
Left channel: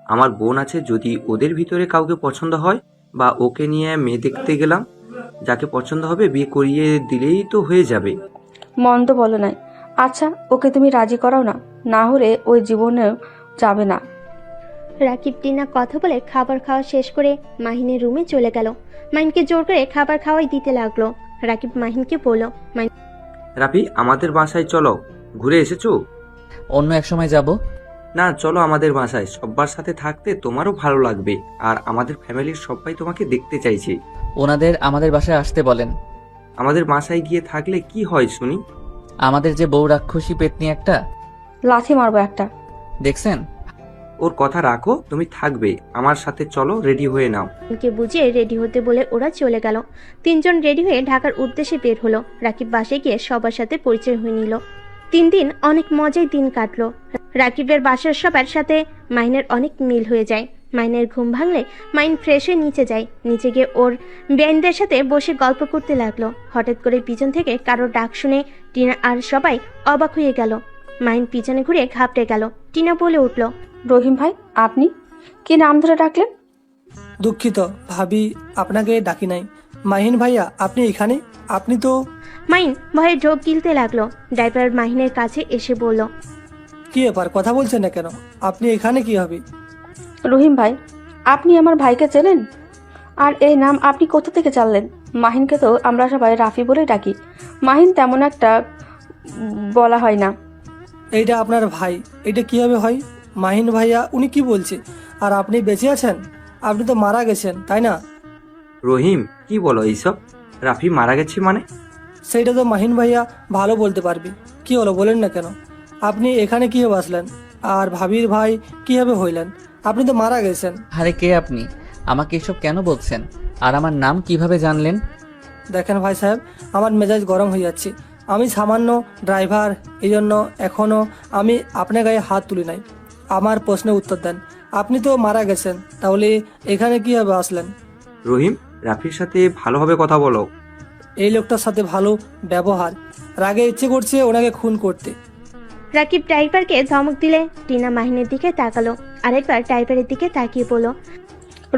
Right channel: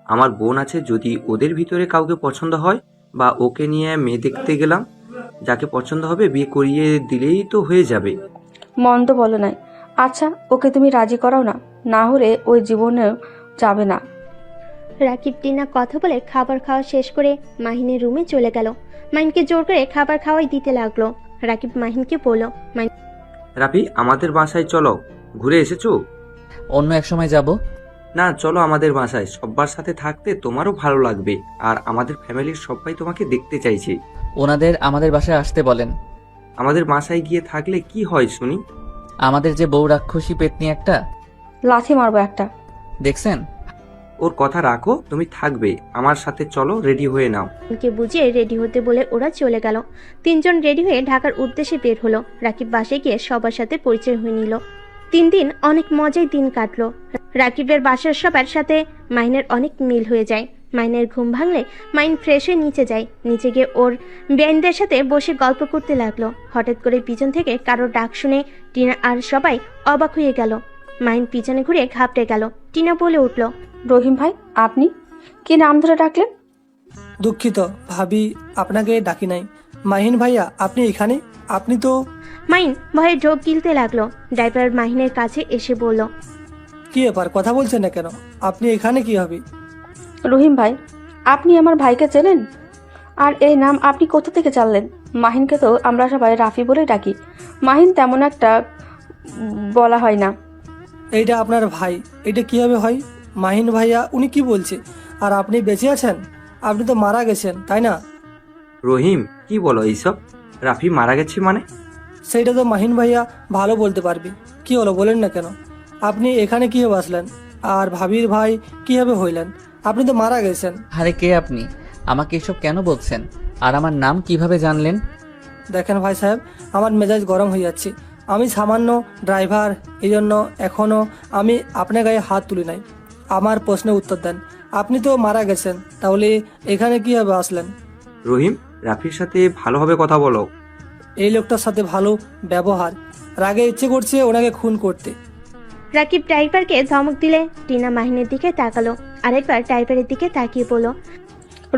আমার বোন আছে, যদি ওদের ভিতরে কাউকে পছন্দ হয় বা ওকে নিয়ে মেয়ে দেখতে গেলাম, যাকে পছন্দ হবে বিয়ে করিয়ে দিলেই তো হয়ে যাবে। মন্দ বলো নাই। আচ্ছা ওকে তুমি রাজি করাও না, না হলে ওই জীবনেও যাবে না। রাকিব টিনা কথা বলে খাবার খাওয়া শেষ করে মাহিনের রুমে চলে গেল। মাহিনকে জোর করে খাবার খাওয়াই দিতে লাগলো। রাকিব মাহিনকে বলল, রাফি আমাদের বাসায় চলো, ঘুরে এসেছো? অন্য এক সময় যাব। না চলো আমাদের বাসায়, সবার সাথে থাকতে তোমারও ভালো লাগবে, আর আমাদের ফ্যামিলির সবাই তোমাকে দেখতে চাইছে। ওনাদের আমাদের বাসায় আসতে বলেন। আমাদের বাসায় গিয়ে থাকলে কি হয় শুনি? আমাদের যে বউ রাক্ষসী পেতনি একটা, লাথি মারবো একটা। দেখছেন? ওর কথা রাখো, তুমি থাকবে আমার সাথে, চলো রেডি হয়ে নাও। কে বুঝিয়ে রেডি হতে বলে ওরা চলে গেল। তিনজন রেডি হয়ে ঢাকার উদ্দেশ্যে বের হলো। রাকিব বাসায় গিয়ে সবার সাথে পরিচয় হয়ে নিল। 3 দিন অনেক মজার দিন কাটলো। রাকিবের বাসার সবার সাথে মাহিনের অনেক মিল হয়ে যায়। মাইনের ঘুম ভাঙলে মাইন ফ্রেশ হয়ে নিচে যায়। নিচে গিয়ে ওর ব্যান্ডের সাথে বসে গল্প করতে লাগলো। হঠাৎ করে পিছন থেকে কারো ডাক শুনে টিনা আর সবাই অবাক হয়ে গেল। মাইন পিছনে ঘুরে ঘাবড়ে গেল। টিনা বলে উঠল, রহিম ভাই, আপনি কি নাম ধরে ডাকলেন? দুঃখিত ভাবি, আপনাকে ডাকি নাই। মাহিন ভাইয়া, আপনি এখানে? আপনি তো... মাইন ভয়ে ঢোক গিলতে লাগলো। ড্রাইভার মাহিনের কাছে এসে বলল, কি ব্যাপার, কথা বলছেন না কেন? আপনি এখানে কি হবে? রহিম ভাই, আপনি আমার ভাইকে চেনেন? আর এই নাম আপনি কোথা থেকে জানলেন? মাহিনকে তো আমরা সবাই রাফি বলে ডাকি। মাহিন তেমন একটা বলা হয় না। এইটা আপনার ভাই, এটা কিভাবে হয়? মাহিন ভাইয়া, উনি কি বলছে? আর আপনি বেঁচে আছেন? আপনি তো মারা গেছেন, তাই না? রহিম, কি বলো এইসব? রাফি মারা গেছে মানে? সেইটা তো মাহিন ভাইয়া ভালো বলতে পারবে। কি হলো বলেন না কেন? আপনি এখানে কিভাবে আসলেন? আর ভাবির ভাই কিভাবে হইলেন? আপনি তো মারা গেছেন। আরে কে আপনি? আমাকে এসব কেন বলছেন? আর আমার নাম কিভাবে জানলেন? দেখেন ভাই সাহেব, আমার মেজাজ গরম হয়ে যাচ্ছে। আমি সামান্য ড্রাইভার, এই জন্য এখনো আমি আপনার গায়ে হাত তুলি নাই। আমার প্রশ্নের উত্তর দেন। আপনি তো মারা গেছেন, তাহলে এখানে কিভাবে আসলেন? রহিম, রাফির সাথে ভালোভাবে কথা বলো। এই লোকটার সাথে ভালো ব্যবহার, রাগে ইচ্ছে করছে ওনাকে খুন করতে। রাকিব ড্রাইভারকে ধমক দিলে টিনা মাহিনের দিকে তাকালো। আরেকবার ড্রাইভারের দিকে তাকিয়ে বলল,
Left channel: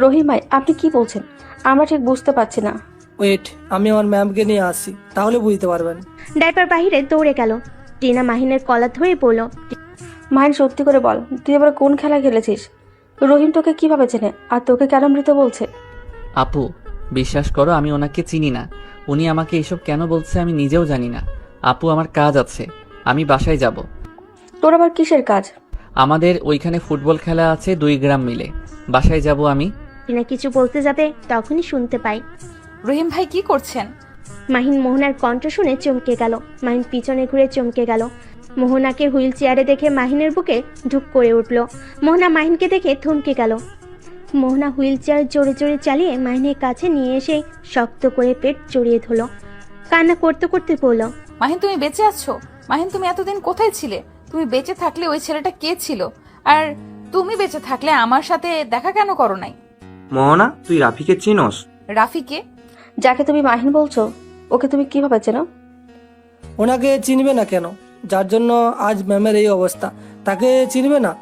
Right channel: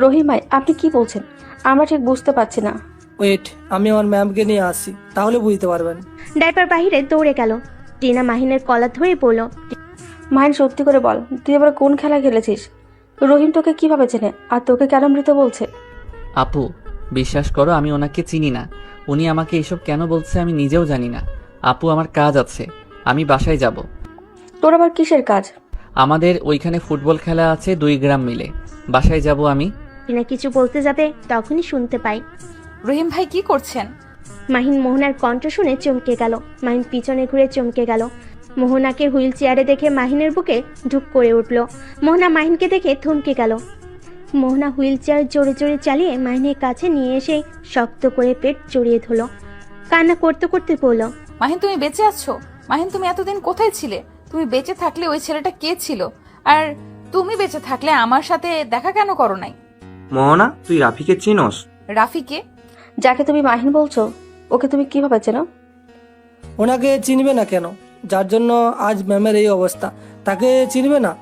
রহিম ভাই, আপনি কি বলছেন? আমরা ঠিক বুঝতে পারছি না। ওয়েট, আমি আমার ম্যামকে নিয়ে আসছি, তাহলে বুঝতে পারবেন। ড্রাইভার বাহিরে দৌড়ে গেল। টিনা মাহিনের কলার ধরেই বলল, মাহিন, সত্যি করে বল, তুই এবার কোন খেলা খেলেছিস? রহিম তোকে কিভাবে চেনে আর তোকে কেন মৃত বলছে? আপু, বিশ্বাস করো, আমি ওনাকে চিনি না। উনি আমাকে এসব কেন বলছে আমি নিজেও জানি না। আপু, আমার কাজ আছে, আমি বাসায় যাব। তোর আবার কিসের কাজ? আমাদের ওইখানে ফুটবল খেলা আছে 2 গ্রাম মিলে, বাসায় যাব আমি। টিনা কিছু বলতে যাবে তখনই শুনতে পাই রহিম ভাই কি করছেন? মাহিন মোহনার কণ্ঠ শুনে চমকে গেল। মাহিন পিছনে ঘুরে চমকে গেল। মোহনাকে হুইল চেয়ারে দেখে মাহিনের বুকে ঢুক পড়ে উঠল। মোহনা মাহিনকে দেখে থমকে গেল। মোহনা হুইল চেয়ার জোরে জোরে চালিয়ে মাহিনের কাছে নিয়ে এসে শক্ত করে পেট জড়িয়ে ধরল। কান্না করতে করতে বলল, মাহিন, তুমি বেঁচে আছো? মাহিন, তুমি এতদিন কোথায় ছিলে? তুমি বেঁচে থাকলে ওই ছেলেটা কে ছিল? আর তুমি বেঁচে থাকলে আমার সাথে দেখা কেন করো নাই? মোহনা, তুই রাফিকে চিনস? রাফিকে? যাকে তুমি মাহিন বলছো, ওকে তুমি কিভাবে চেনো? ওনাকে চিনবে না কেন? যার জন্য আজ ম্যামের এই অবস্থা, তাকে চিনবে না?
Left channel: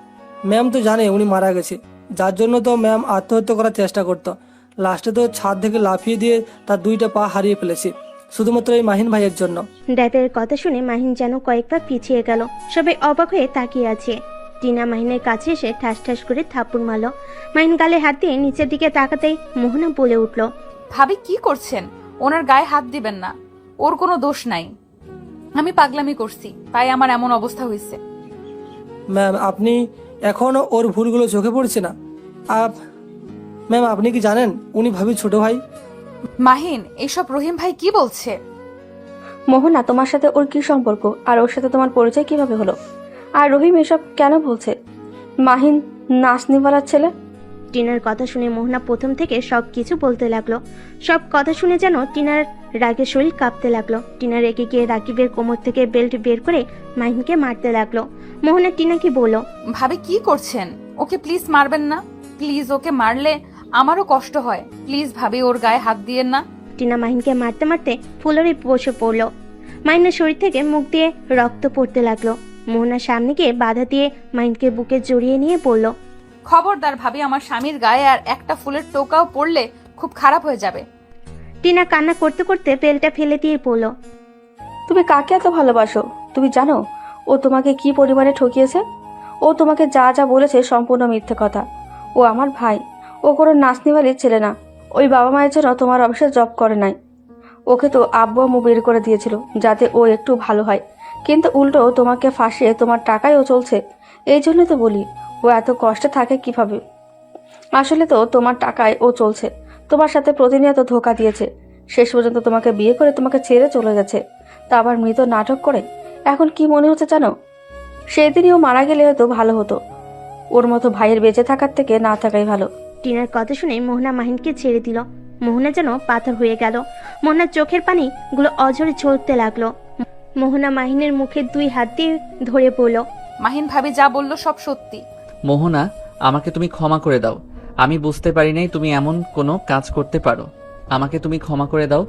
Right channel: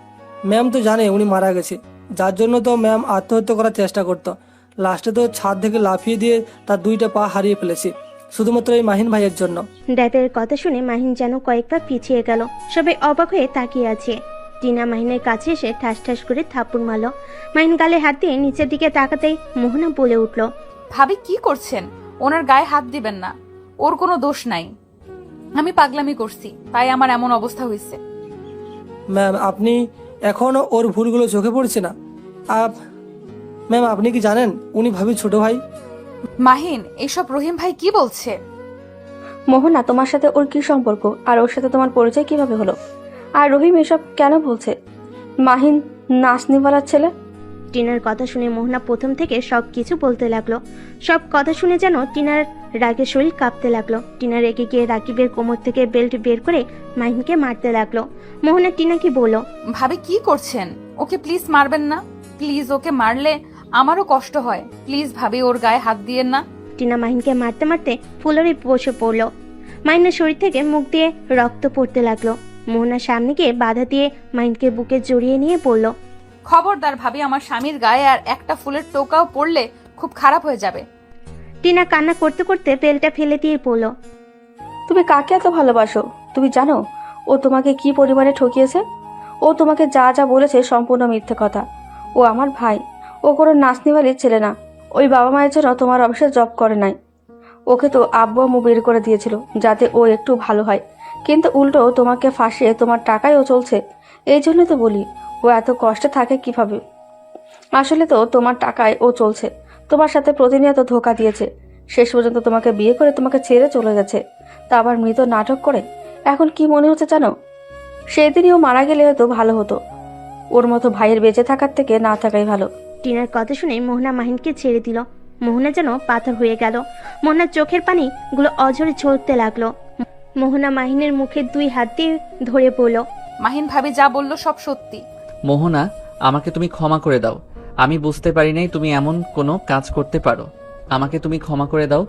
ম্যাম তো জানে উনি মারা গেছে, যার জন্য তো ম্যাম আত্মহত্যা করার চেষ্টা করতো। লাস্টে তো ছাদ থেকে লাফিয়ে দিয়ে তার 2টা পা হারিয়ে ফেলেছে, শুধুমাত্র এই মাহিন ভাইয়ের জন্য। ড্রাইভারের কথা শুনে মাহিন যেন কয়েক পা পিছিয়ে গেল। সবাই অবাক হয়ে তাকিয়ে আছে। টিনা মাহিনের কাছে এসে ঠাস ঠাস করে থাপ্পড় মারল। মাহিন গালে হাত দিয়ে নিচের দিকে তাকাতেই মোহনা বলে উঠল, ভাবি কি করছেন? ওনার গায়ে হাত দিবেন না, ওর কোনো দোষ নাই। আমি পাগলামি করছি, তাই আমার এমন অবস্থা হয়েছে। ম্যাম, আপনি এখনো ওর ভুলগুলো চোখে পড়ছে না? ম্যাম, আপনি কি জানেন উনি ভাবি ছোট ভাই? মাহিন, এসব রহিম ভাই কি বলছে? মোহনা, তোমার সাথে ওর কি সম্পর্ক? আর ওর সাথে তোমার পরিচয় কিভাবে হলো? আর রহিম এসব কেন বলছে? মাহিন নাচনিওয়ালার ছেলে। টিনার কথা শুনে মোহনা প্রথম থেকে সব কিছু বলতে লাগলো। সব কথা শুনে যেন টিনার রাগে শরীর কাঁপতে লাগলো। টিনা রেগে গিয়ে রাকিবের কোমর থেকে বেল্ট বের করে মাহিনকে মারতে লাগলো। মোহনা টিনাকে বলল, ভাবে কি করছেন? ওকে প্লিজ মারবেন না, প্লিজ। ওকে মারলে আমারও কষ্ট হয়, প্লিজ ভাবি ওর গায়ে হাত দিয়েন না। টিনা মাহিনকে মারতে মারতে ফুলেরই বসে পড়লো। মাহিনের শরীর থেকে মুখ দিয়ে রক্ত পড়তে লাগলো। মোহনার সামনে গিয়ে বাধা দিয়ে মাহিনকে বুকে জড়িয়ে নিয়ে বলল, খবরদার ভাবি, আমার স্বামীর গায়ে আর একটা ফুলের টোকাও পড়লে খুব খারাপ হয়ে যাবে। টিনা কান্না করতে করতে বেলটা ফেলে দিয়ে বলল, তুমি কাকে এত ভালোবাসো? তুমি জানো ও তোমাকে কি পরিমাণে ঠকিয়েছে? ও তোমাকে যা যা বলেছে সম্পূর্ণ মিথ্যে কথা। ও আমার ভাই, ও কোনো নাচনিওয়ালের ছেলে না। ওই বাবা মায়ের জন্য তোমার অফিসে জব করে নাই। ওকে তো আব্বু আম্মু বের করে দিয়েছিল যাতে ও একটু ভালো হয়, কিন্তু উল্টো তোমাকে ফাঁসিয়ে তোমার টাকায় ও চলছে। এই জন্য তো বলি, ও এত কষ্ট থাকে কিভাবে? আসলে তো তোমার টাকায় ও চলছে, তোমার সাথে প্রতিনিয়ত ধোঁকা দিয়েছে। শেষ পর্যন্ত তোমাকে বিয়ে করে তোমাকে ছেড়ে চলে গেছে, তা আবার মৃত নাটক করে। এখন কি মনে হচ্ছে জানো? সেদিনই ও মারা গেলে হয়তো ভালো হতো। ওর মতো ভাইয়ের বেঁচে থাকার থেকে না থাকাই ভালো। টিনার কথা শুনে মোহনা মাহিনকে ছেড়ে দিল। মোহনা যেন পাথর হয়ে গেল। মোহনার চোখের পানি গুলো অঝরে ঝরতে লাগলো। মোহনা মাহিনের মুখে 2 হাত দিয়ে ধরে পড়ল। মাহিন ভাবি যা বললো সব সত্যি। মোহনা, আমাকে তুমি ক্ষমা করে দাও। আমি বুঝতে পারি নাই তুমি এমন কোনো কাজ করতে পারো। আমাকে তুমি ক্ষমা করে দাও।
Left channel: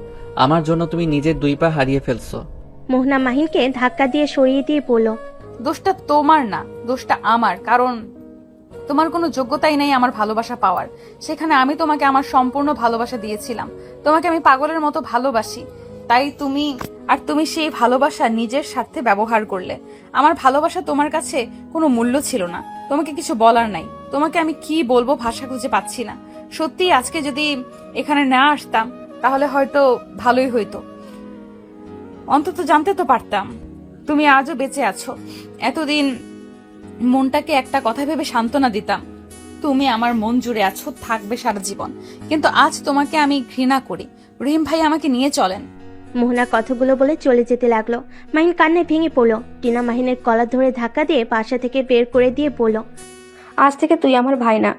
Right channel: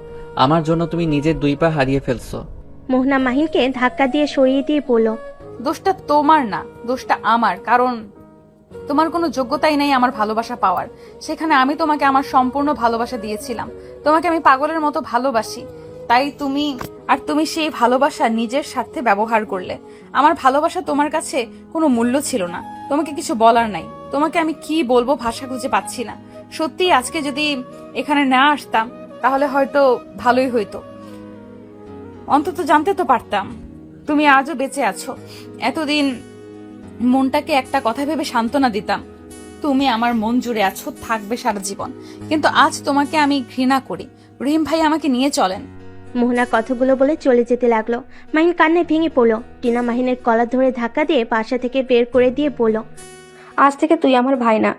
আমার জন্য তুমি নিজের 2 পা হারিয়ে ফেলছো। মোহনা মাহিনকে ধাক্কা দিয়ে সরিয়ে দিয়ে বলল, দোষটা তোমার না, দোষটা আমার। কারণ তোমার কোনো যোগ্যতাই নেই আমার ভালোবাসা পাওয়ার। সেখানে আমি তোমাকে আমার সম্পূর্ণ ভালোবাসা দিয়েছিলাম। তোমাকে আমি পাগলের মতো ভালোবাসি। তাই তুমি সেই ভালোবাসা নিজের স্বার্থে ব্যবহার করলে। আমার ভালোবাসা তোমার কাছে কোনো মূল্য ছিল না। তোমাকে কিছু বলার নাই। তোমাকে আমি কি বলবো ভাষা খুঁজে পাচ্ছি না। সত্যি আজকে যদি এখানে না আসতাম তাহলে হয়তো ভালোই হইতো। অন্তত জানতে তো পারতাম তুমি আজও বেঁচে আছো। এতদিন মনটাকে একটা কথা ভেবে সান্ত্বনা দিতাম, তুমি আমার মন জুড়ে আছো, থাকবে সারা জীবন। কিন্তু আজ তোমাকে আমি ঘৃণা করি। রহিম ভাই আমাকে নিয়ে চলেন। মোহনা কথাগুলো বলে চলে যেতে লাগলো। মাহিন কান্নে ভেঙে পড়লো। টিনা মাহিনের কলার ধরে ধাক্কা দিয়ে বাসা থেকে বের করে দিয়ে বলল, আজ থেকে তুই আমার ভাই না,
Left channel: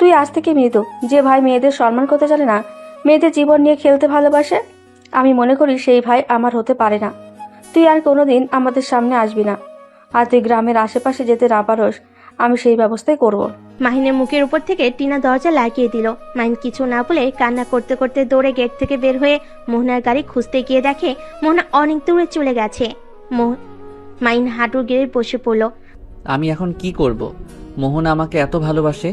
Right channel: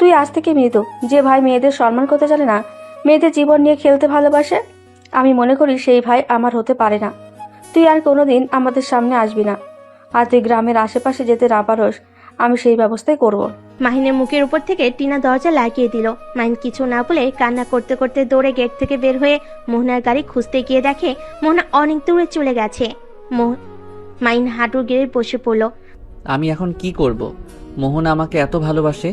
তুই আজ থেকে মৃত। যে ভাই মেয়েদের সম্মান করতে জানে না, মেয়েদের জীবন নিয়ে খেলতে ভালোবাসে, আমি মনে করি সেই ভাই আমার হতে পারে না। তুই আর কোনোদিন আমাদের সামনে আসবি না। আর তুই গ্রামের আশেপাশে যেতে না পারোস, আমি সেই ব্যবস্থাই করব। মাহিনের মুখের উপর থেকে টিনা দরজা লাগিয়ে দিল। মাহিন কিছু না বলে কান্না করতে করতে দৌড়ে গেট থেকে বের হয়ে মোহনার গাড়ি খুঁজতে গিয়ে দেখে মোহনা অনেক দূরে চলে গেছে। মাহিন হাঁটু গেড়ে বসে পড়ল। আমি এখন কি করব? মোহনা আমাকে এত ভালোবাসে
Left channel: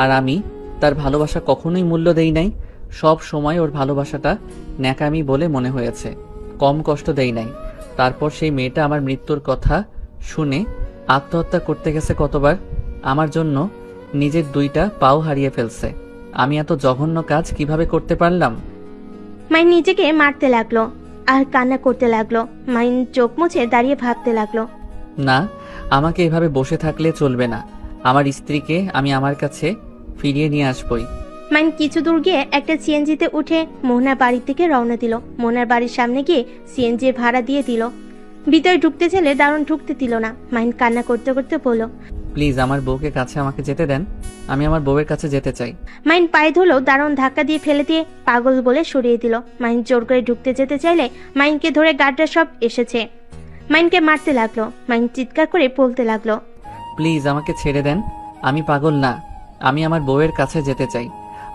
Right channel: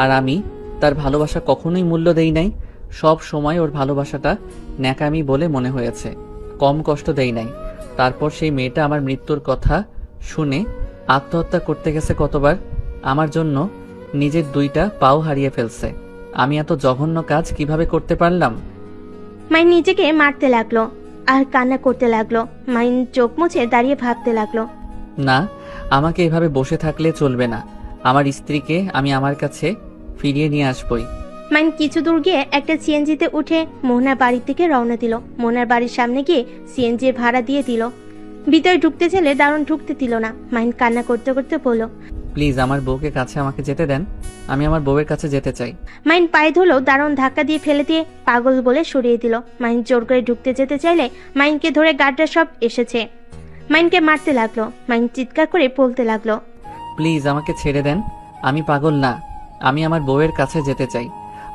আর আমি তার ভালোবাসা কখনোই মূল্য দেই নাই। সব সময় ওর ভালোবাসাটা ন্যাকামি বলে মনে হয়েছে, কম কষ্ট দেই নাই। তারপর সেই মেয়েটা আমার মৃত্যুর কথা শুনে আত্মহত্যা করতে গেছে কতবার। আমার জন্য নিজের 2টা পাও হারিয়ে ফেলছে। আমি এত জঘন্য কাজ কিভাবে করতে পারলাম? মাহিন নিজেকে মারতে লাগলো আর কান্না করতে লাগলো। মাহিন চোখ মুছে দাঁড়িয়ে ভাবতে লাগলো, না, আমাকে এভাবে বসে থাকলে চলবে না। আমার স্ত্রীকে আমি আমার কাছে ফিরিয়ে নিয়ে আসবই। মাহিন কিছু দূর গিয়ে একটা সিএনজিতে উঠে মোহনার বাড়ি থেকে রওনা দিল। মোহনার বাড়ির সামনে গিয়ে সিএনজি ভাড়া দিয়ে দিল। ভিতরে ঢুকতে চাইলে দারুণ ঢুকতে দিল না। মাহিন কান্না করতে করতে বলল, প্লিজ আমার বউকে কাছে আমাকে যেতে দেন। আমি আমার বউয়ের কাছে যেতে চাই। মাহিন পায়ে ধরলো, দারুণ ধাক্কা দিয়ে ফেলে দিয়ে পাগল বলে সরিয়ে দিল। মাহিন জোর করে ঢুকতে যেতে চাইলে মাহিনকে ধরে গার্ডরা সব এসেছে। মাহিনকে মারতে লাগলো। মাহিন চিৎকার করে বলতে লাগলো, প্লিজ আমাকে ছেড়ে দেন। আমি পাগল নেই, আমি আমার বউয়ের কাছে যেতে চাই।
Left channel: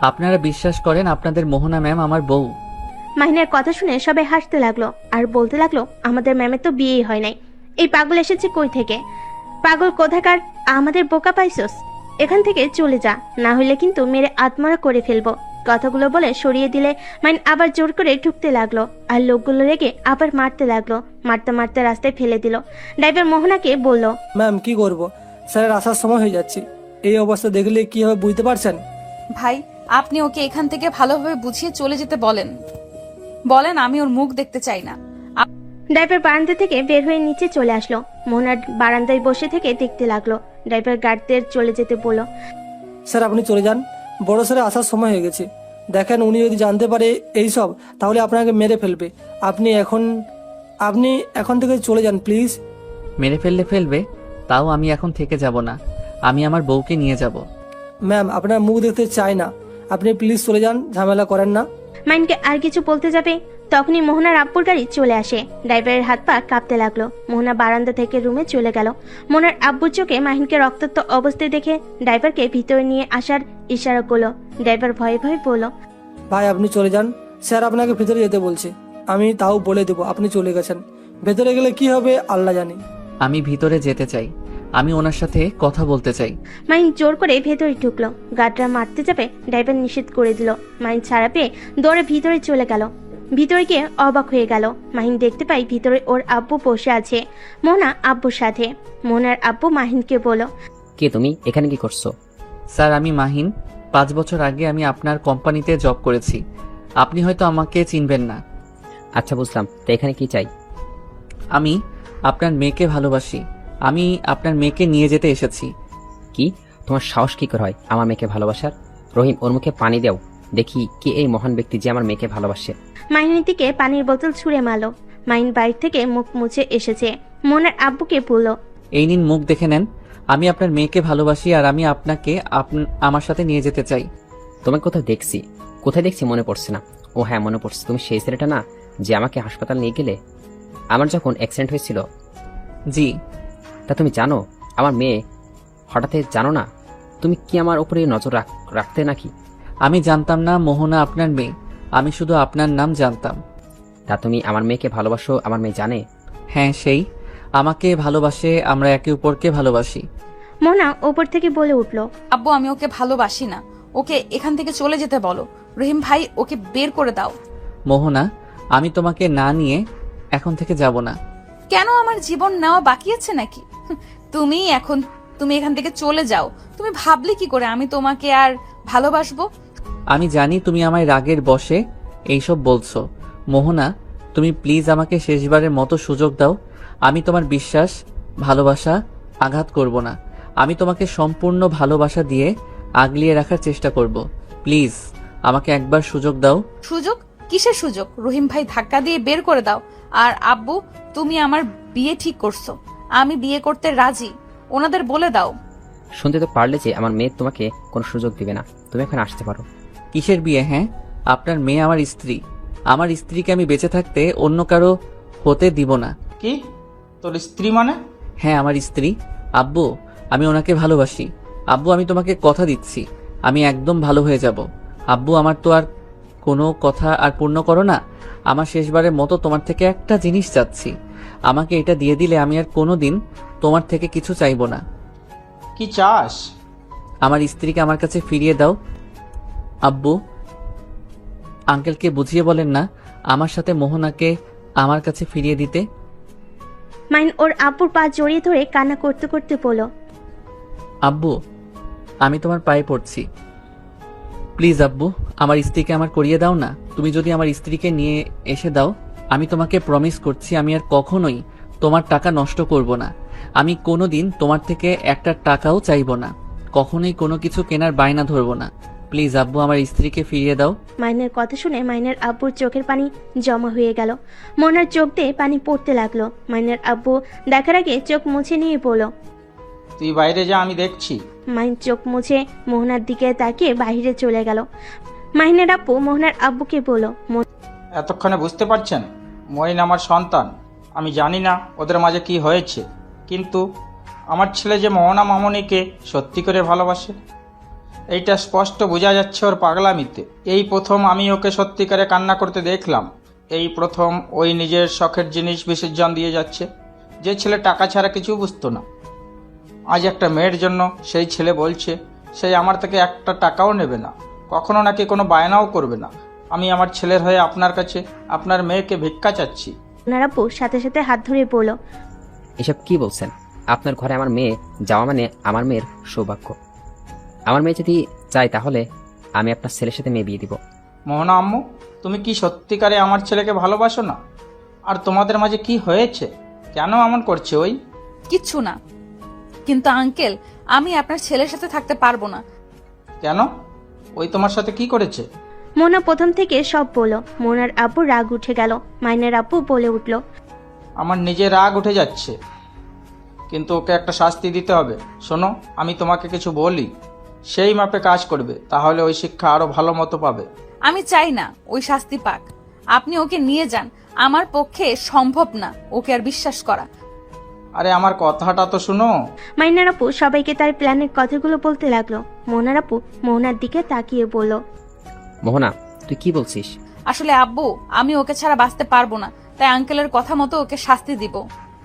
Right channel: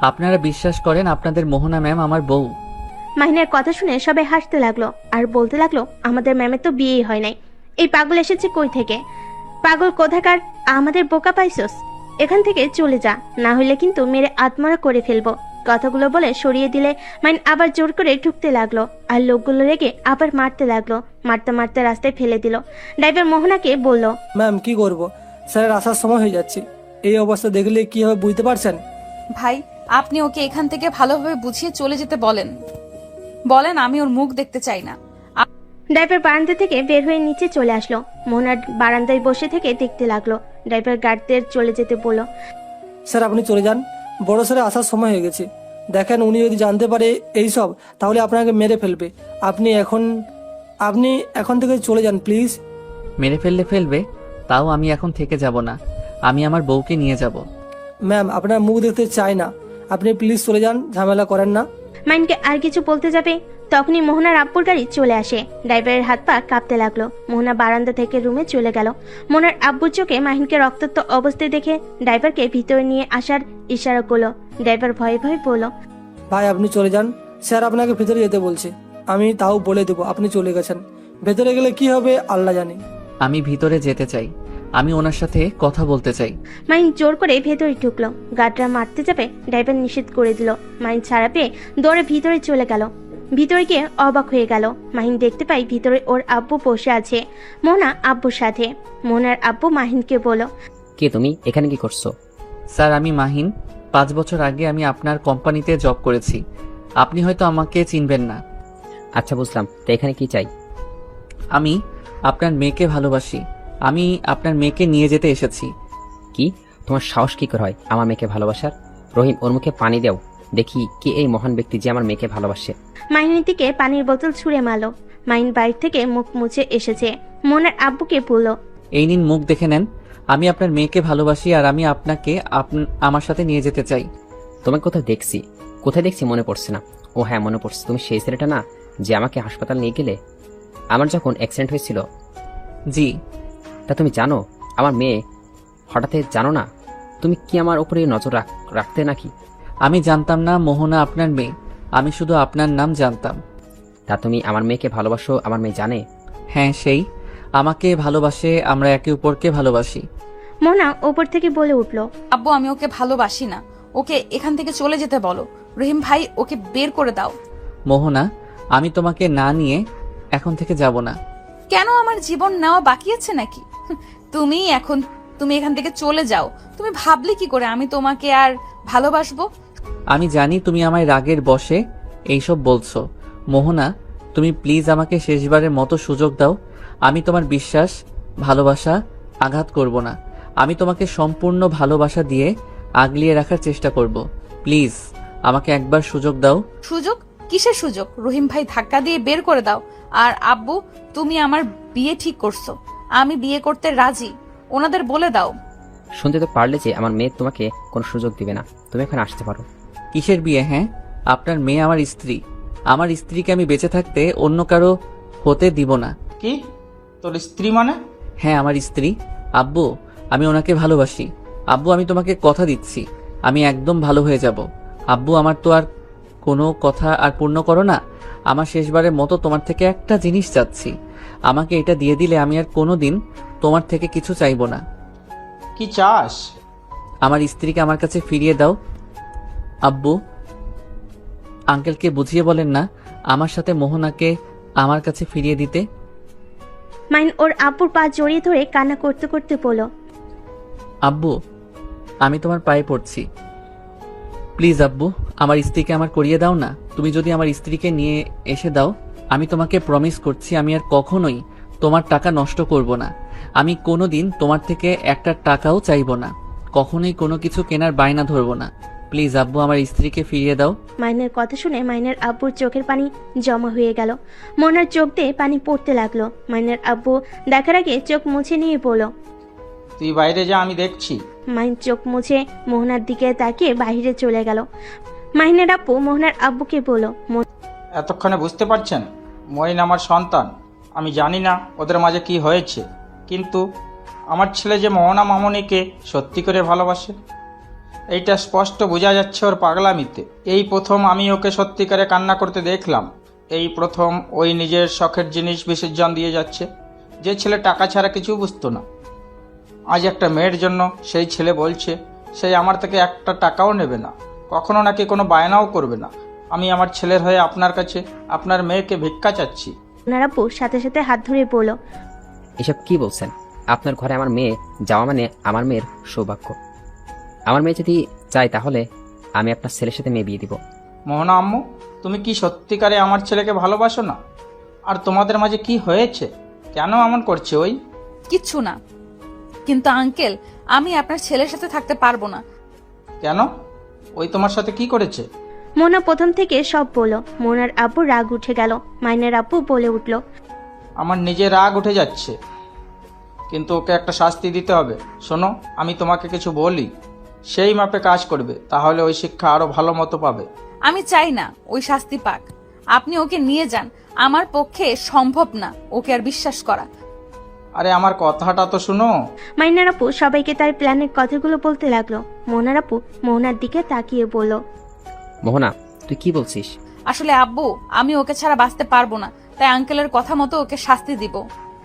আপনারা বিশ্বাস করেন আপনাদের মোহনা ম্যাম আমার বউ। মাহিনের কথা শুনে সবাই হাসতে লাগলো আর বলতে লাগলো, আমাদের ম্যামের তো বিয়েই হয় নাই। এই পাগল এসেছে কই থেকে? পাগল কোথাকার, আমাদের বোকা পাইছস? এখান থেকে চলে যা, না হলে কিন্তু মেরে আত্মরা করে ফেলবো। কথাগুলো বলে সরিয়ে দিলে মাইন আবার জোর করে ঢুকতে লাগলো আর লোকগুলো রেগে আবার মারতে লাগলো। মারতে মারতে রাস্তায় ফেলে দিল। ড্রাইভার মোহনাকে বলল, ম্যাম কি করব, স্যার আসার সময় হয়ে যাচ্ছে। এই অবস্থা দেখলে কি হবে বুঝতে পারছেন? ভাই আপনি ওকে এখান থেকে ভালোভাবে বুঝিয়ে চলে যেতে বলেন। বলেন আমি ওর মুখ দেখতে চাই না। ড্রাইভার বারান্দা থেকে বের হয়ে নিচে চলে আসলো। মোহনা বারান্দায় বসে থেকে দেখতে লাগলো। ড্রাইভার গার্ডদের চলে যেতে বলল, স্যার আপনি চলে যান, বড় স্যার আসার সময় হয়ে গেছে। দেখেন উনি যদি জানতে পারে এইসব তাহলে আপনাকে মেরে ফেলবে। আপনি এখন থেকে চলে যান প্লিজ। মেরে ফেলবে, তাও আমি এখন থেকে যাব না। আমি আমার বউকে নিয়ে যাব। ম্যাম আপনার মুখ দেখতে চাই না, আপনি প্লিজ চলে যান, ঝামেলা করেন না। মাইনকে আর কিছু বলতে যাবে তখনই মোহনার আব্বুর গাড়ি চলে আসে। ড্রাইভারের হাত পা কাঁপতে লাগলো। মোহনা বারান্দা থেকে রুমে চলে গেল। মোহনার আব্বুর চোখে মাহিনকে রক্তাক্ত অবস্থায় দেখে ড্রাইভারকে ভিতরে নিয়ে আসার ইশারা করলো। ড্রাইভার ভয়ে ভয়ে বলল, ভাই আপনি চলে যান, স্যার আপনাকে ভেতরে যেতে বলছি। আমি তাও বলে দেবো আপনি চলে গেছেন, ভেতরে গেলে কি হবে আল্লাহ জানে। আমি ভিতরে যেতে চাই, আমি ওনার সাথে কথা বলতে চাই। মাইন জোর করে ভেতরে ঢুকলো। গার্ডরা মারতে যাবে, ড্রাইভার নিষেধ করে দিল। মাইন ছাড়া পেয়ে দৌড়ে ভিতরে চলে গেল। ভিতরে গিয়ে অবাক হয়ে গেল। মাহিন দেখতে পাই ভিতরে ওর আব্বু বসে আছে, মোনা আব্বুর সাথে। মোনার আব্বু মাহিনকে বলো, কি তুমি এখানে কি করছো? স্যার আমি মাহিন, 5 বছর আগে আমি আপনার কোম্পানিতে জব করেছি। আপনি হয়তো আমাকে চিনবেন না। আচ্ছা বুঝলাম, তো এখানে কি চাই? আমি আপনার মেয়েকে ভালোবাসি। আমি আপনার মেয়েকে নিয়ে যেতে এসেছি। কি তোমার সাহস কি করে হয় আমার মেয়েকে ভালোবাসার? রহিম ওর মুখে পানি দাও, দেখি কি এই মহান ব্যক্তি যে আমার মেয়েকে ভালোবাসে। মাহিনের দিকে পানির বোতল ছুঁড়ে মারলো। মাহিন বাইর থেকে মুখ মুছে এসেছে। মোনার আব্বুকে বলল, এই নিন মুখ দেখে নেন। আমি আপনার মেয়েকে ভালোবাসি আর আমি আপনাকে আমার সাথে নিয়ে যেতে চাই। তোমাকে কোথায় দেখছি মনে পড়ছে না। ও হ্যাঁ মনে পড়ছে, তুমি সেই ছেলেটা না যে আমাকে হাসপাতাল নিয়ে গেলে আমার যখন অ্যাক্সিডেন্ট হয়েছিল? জি। তা তুমি জানো আমার মেয়ে হঠাৎ, জানো না তুমি কি আমার উপরে নজর রাখতে নাকি? আমি জানতাম না মোহনা আপনার মেয়ে, আমি শুধু আপনার নাম জানতাম। তা তুমি আমার মেয়েকে ভালোবাসো, আমার মেয়ে জানে? হ্যাঁ, সেই আমাকে ভালোবাসে, আমরা একে অপরকে ভালোবাসি। মোহনা ওপর থেকে বলে উঠল, আব্বু আমি ওকে ভালোবাসি না, ওকে এখান থেকে চলে যেতে বলো। রহিম ভাই ওকে বের করে দাও। মোহনা, আমি তোমাকে না নিয়ে এখন থেকে যাব না। কেন, আমার জীবন নেওয়া বাকি আছে নাকি? তুমি এখান থেকে চলে যাও। তুমি ভাবলে কি করে আমি তোমাকে আর ভালোবাসবো? আমি জানি তুমি আমায় রাগের বশে এইসব বলছো। মোহনা, তুমি প্লিজ আমাকে শেষবারের মতো সুযোগ দাও। আমি তোমার বিশ্বাস, ভালোবাসা আঘাত করব না। আমি তোমাকে সম্পূর্ণ ভালোবাসা দিয়ে আগলিয়ে রাখার চেষ্টা করব। প্লিজ আমাকে একবার সুযোগ দাও। সুযোগ? কিসের সুযোগ? রহিম ভাই ধাক্কা দিয়ে বের করে দাও। আর আব্বু, তুমি আমার বিয়ে ঠিক করছো, আমি বিয়ে করতে রাজি, ওনাদের বলে দাও। শুনতে তো পারলে যে আমার মেয়ে তোমাকে কোনো সুযোগ দেবে না, তুমি এখন আসতে পারো। কিসের বিয়ে? হ্যাঁ, আপনার মেয়ে আমার স্ত্রী। আমার স্ত্রীকে আমি বেঁচে থাকতে অন্য কারো হতে দিব না। কি তোর স্ত্রী মানে? হ্যাঁ, আমার স্ত্রী। আব্বু, আমি ওনাকে ভালোবাসি। আব্বু, আমি তোমাকে কথা দিচ্ছি, আমি একদম ভালো হয়ে যাব। আব্বু, আমার তো আর কোনো কথা আর পূর্ণ করো না। আমার শেষবারের মতো তোমার থেকে একটা জিনিস চাচ্ছি, আমাকে এটা দিয়ে দিলে আমি আর কোনোদিন তোমার থেকে কিছু চাইবো না। কি চাস? আমার স্ত্রীকে আমার কাছে ফিরিয়ে দাও। আব্বু, আঙ্কেলকে বুঝিয়ে বলেন না আমার সাথে মোহনাকে আমার কাছে ফিরিয়ে দিতে। মাইন ওর আব্বুর পা জড়িয়ে ধরে কান্না করতে করতে বলল, আব্বু, আমি তোমার পায়ে পড়ছি, প্লিজ আব্বু, আমার স্ত্রীকে আমার করিয়ে দাও না। তুমি যদি আমার স্ত্রীকে নিয়ে এসে দাও, আমি তোমাকে প্রমিস করছি আমি আর কখনোই তোমার টাকা নষ্ট করব না। আমি কোনোদিন তোমার থেকে একটা টাকাও চাইবো না, কখনোই কোনো কিছু কেনার বায়না ধরবো না। প্লিজ আব্বু, আমার স্ত্রীকে ফিরিয়ে দাও। মাইনের কথা শুনে মাইনের আব্বুর চোখের পানি জমা হয়ে গেল। মোহনার চোখ দিয়ে পানি পড়তে লাগলো। মাইনের আব্বু দেখার আগে চোখ মুছে নিয়ে বলল, তুই বাইরে যা, আমি দেখছি। মাইন চোখ মুছে মোহনার দিকে তাকিয়ে বাইরে চলে গেল। মাইনের আব্বু মোহনার আব্বুকে বলল, এতক্ষণে বুঝতে পারছেন মইন আমার সন্তান। আমি জানি না ওদের মাঝে কি হয়েছে, কিন্তু আমার ছেলে যে মোহনা মামনিকে সত্যি করে ভালোবাসে এইটা স্পষ্ট বোঝা যাচ্ছে ওর পাগলামিতে। এই প্রথম আমি ওকে সত্যিকারে কান্না করতে দেখলাম। এই প্রথম ওই নিজের শখের জিনিস বিসর্জন দিয়ে যাচ্ছে। যে ছেলে টাকা ছাড়া কিছু বুঝতো না, আজ একটা মেয়ের জন্য সেই ছেলে বলছে সে আমার থেকে একটা টাকাও নেবে না, কখনো নাকি কোনো বায়নাও করবে না। আমি আমার ছেলের হয়ে আপনার কাছে আপনার মেয়েকে ভিক্ষা চাচ্ছি। মোহনার আব্বু সাথে সাথে হাত ধরে বলল, এসব কি বলছেন? আপনার ঘরে আমার মেয়ে যাওয়া মানে আমার মেয়ের সৌভাগ্য। আমার মেয়ে যদি চাই তাহলে আমি আপনার ছেলের সাথে মেয়ে বিয়ে দিব। মোহনা আম্মু, তুমি কি সত্যিকারে আমার ছেলেকে ভালোবাসো না? আর তোমাদের মাঝে কি হয়েছে? কেন এমন করছে ওই? কিচ্ছু না, কিন্তু আঙ্কেল আমি আপনার ছেলের সাথে থাকতে পারবো না। কেন? ওই তোমার সাথে কি করেছে? মোহনা প্রথম থেকে সব বলল। মোহনার আব্বু রাগ উঠে গেল। মাইনের আব্বু বলে উঠল, আমার নিজের রাগ উঠে যাচ্ছে, কিন্তু ওকে একটা শাস্তি দিতে হবে। শোনো, আমি তোমাকে কিছু বলি, সেই মাপে কাজ করবে, তাহলে ওই শিক্ষা আরো ভালো মতো পাবে। আমি চাই না ওই শাস্তি পাক, আপনি ওকে নিয়ে যান। আমার পক্ষে সম্ভব না ওকে আর বিশ্বাস করা। আরে আমার কথাটা তো শোনো। মাইনার আপু সবাইকে তার প্ল্যানের কথাগুলো বলতে লাগলো। মোহনার আপু মোহনার দিকে তাকিয়ে বলল, মোহনা, তুই কি বলছিস? আসলে আব্বু, আমি ওকে ছাড়া বাঁচতে পারবো না, তাই আঙ্কেলের কথা মতো ওকে শাস্তি দিব।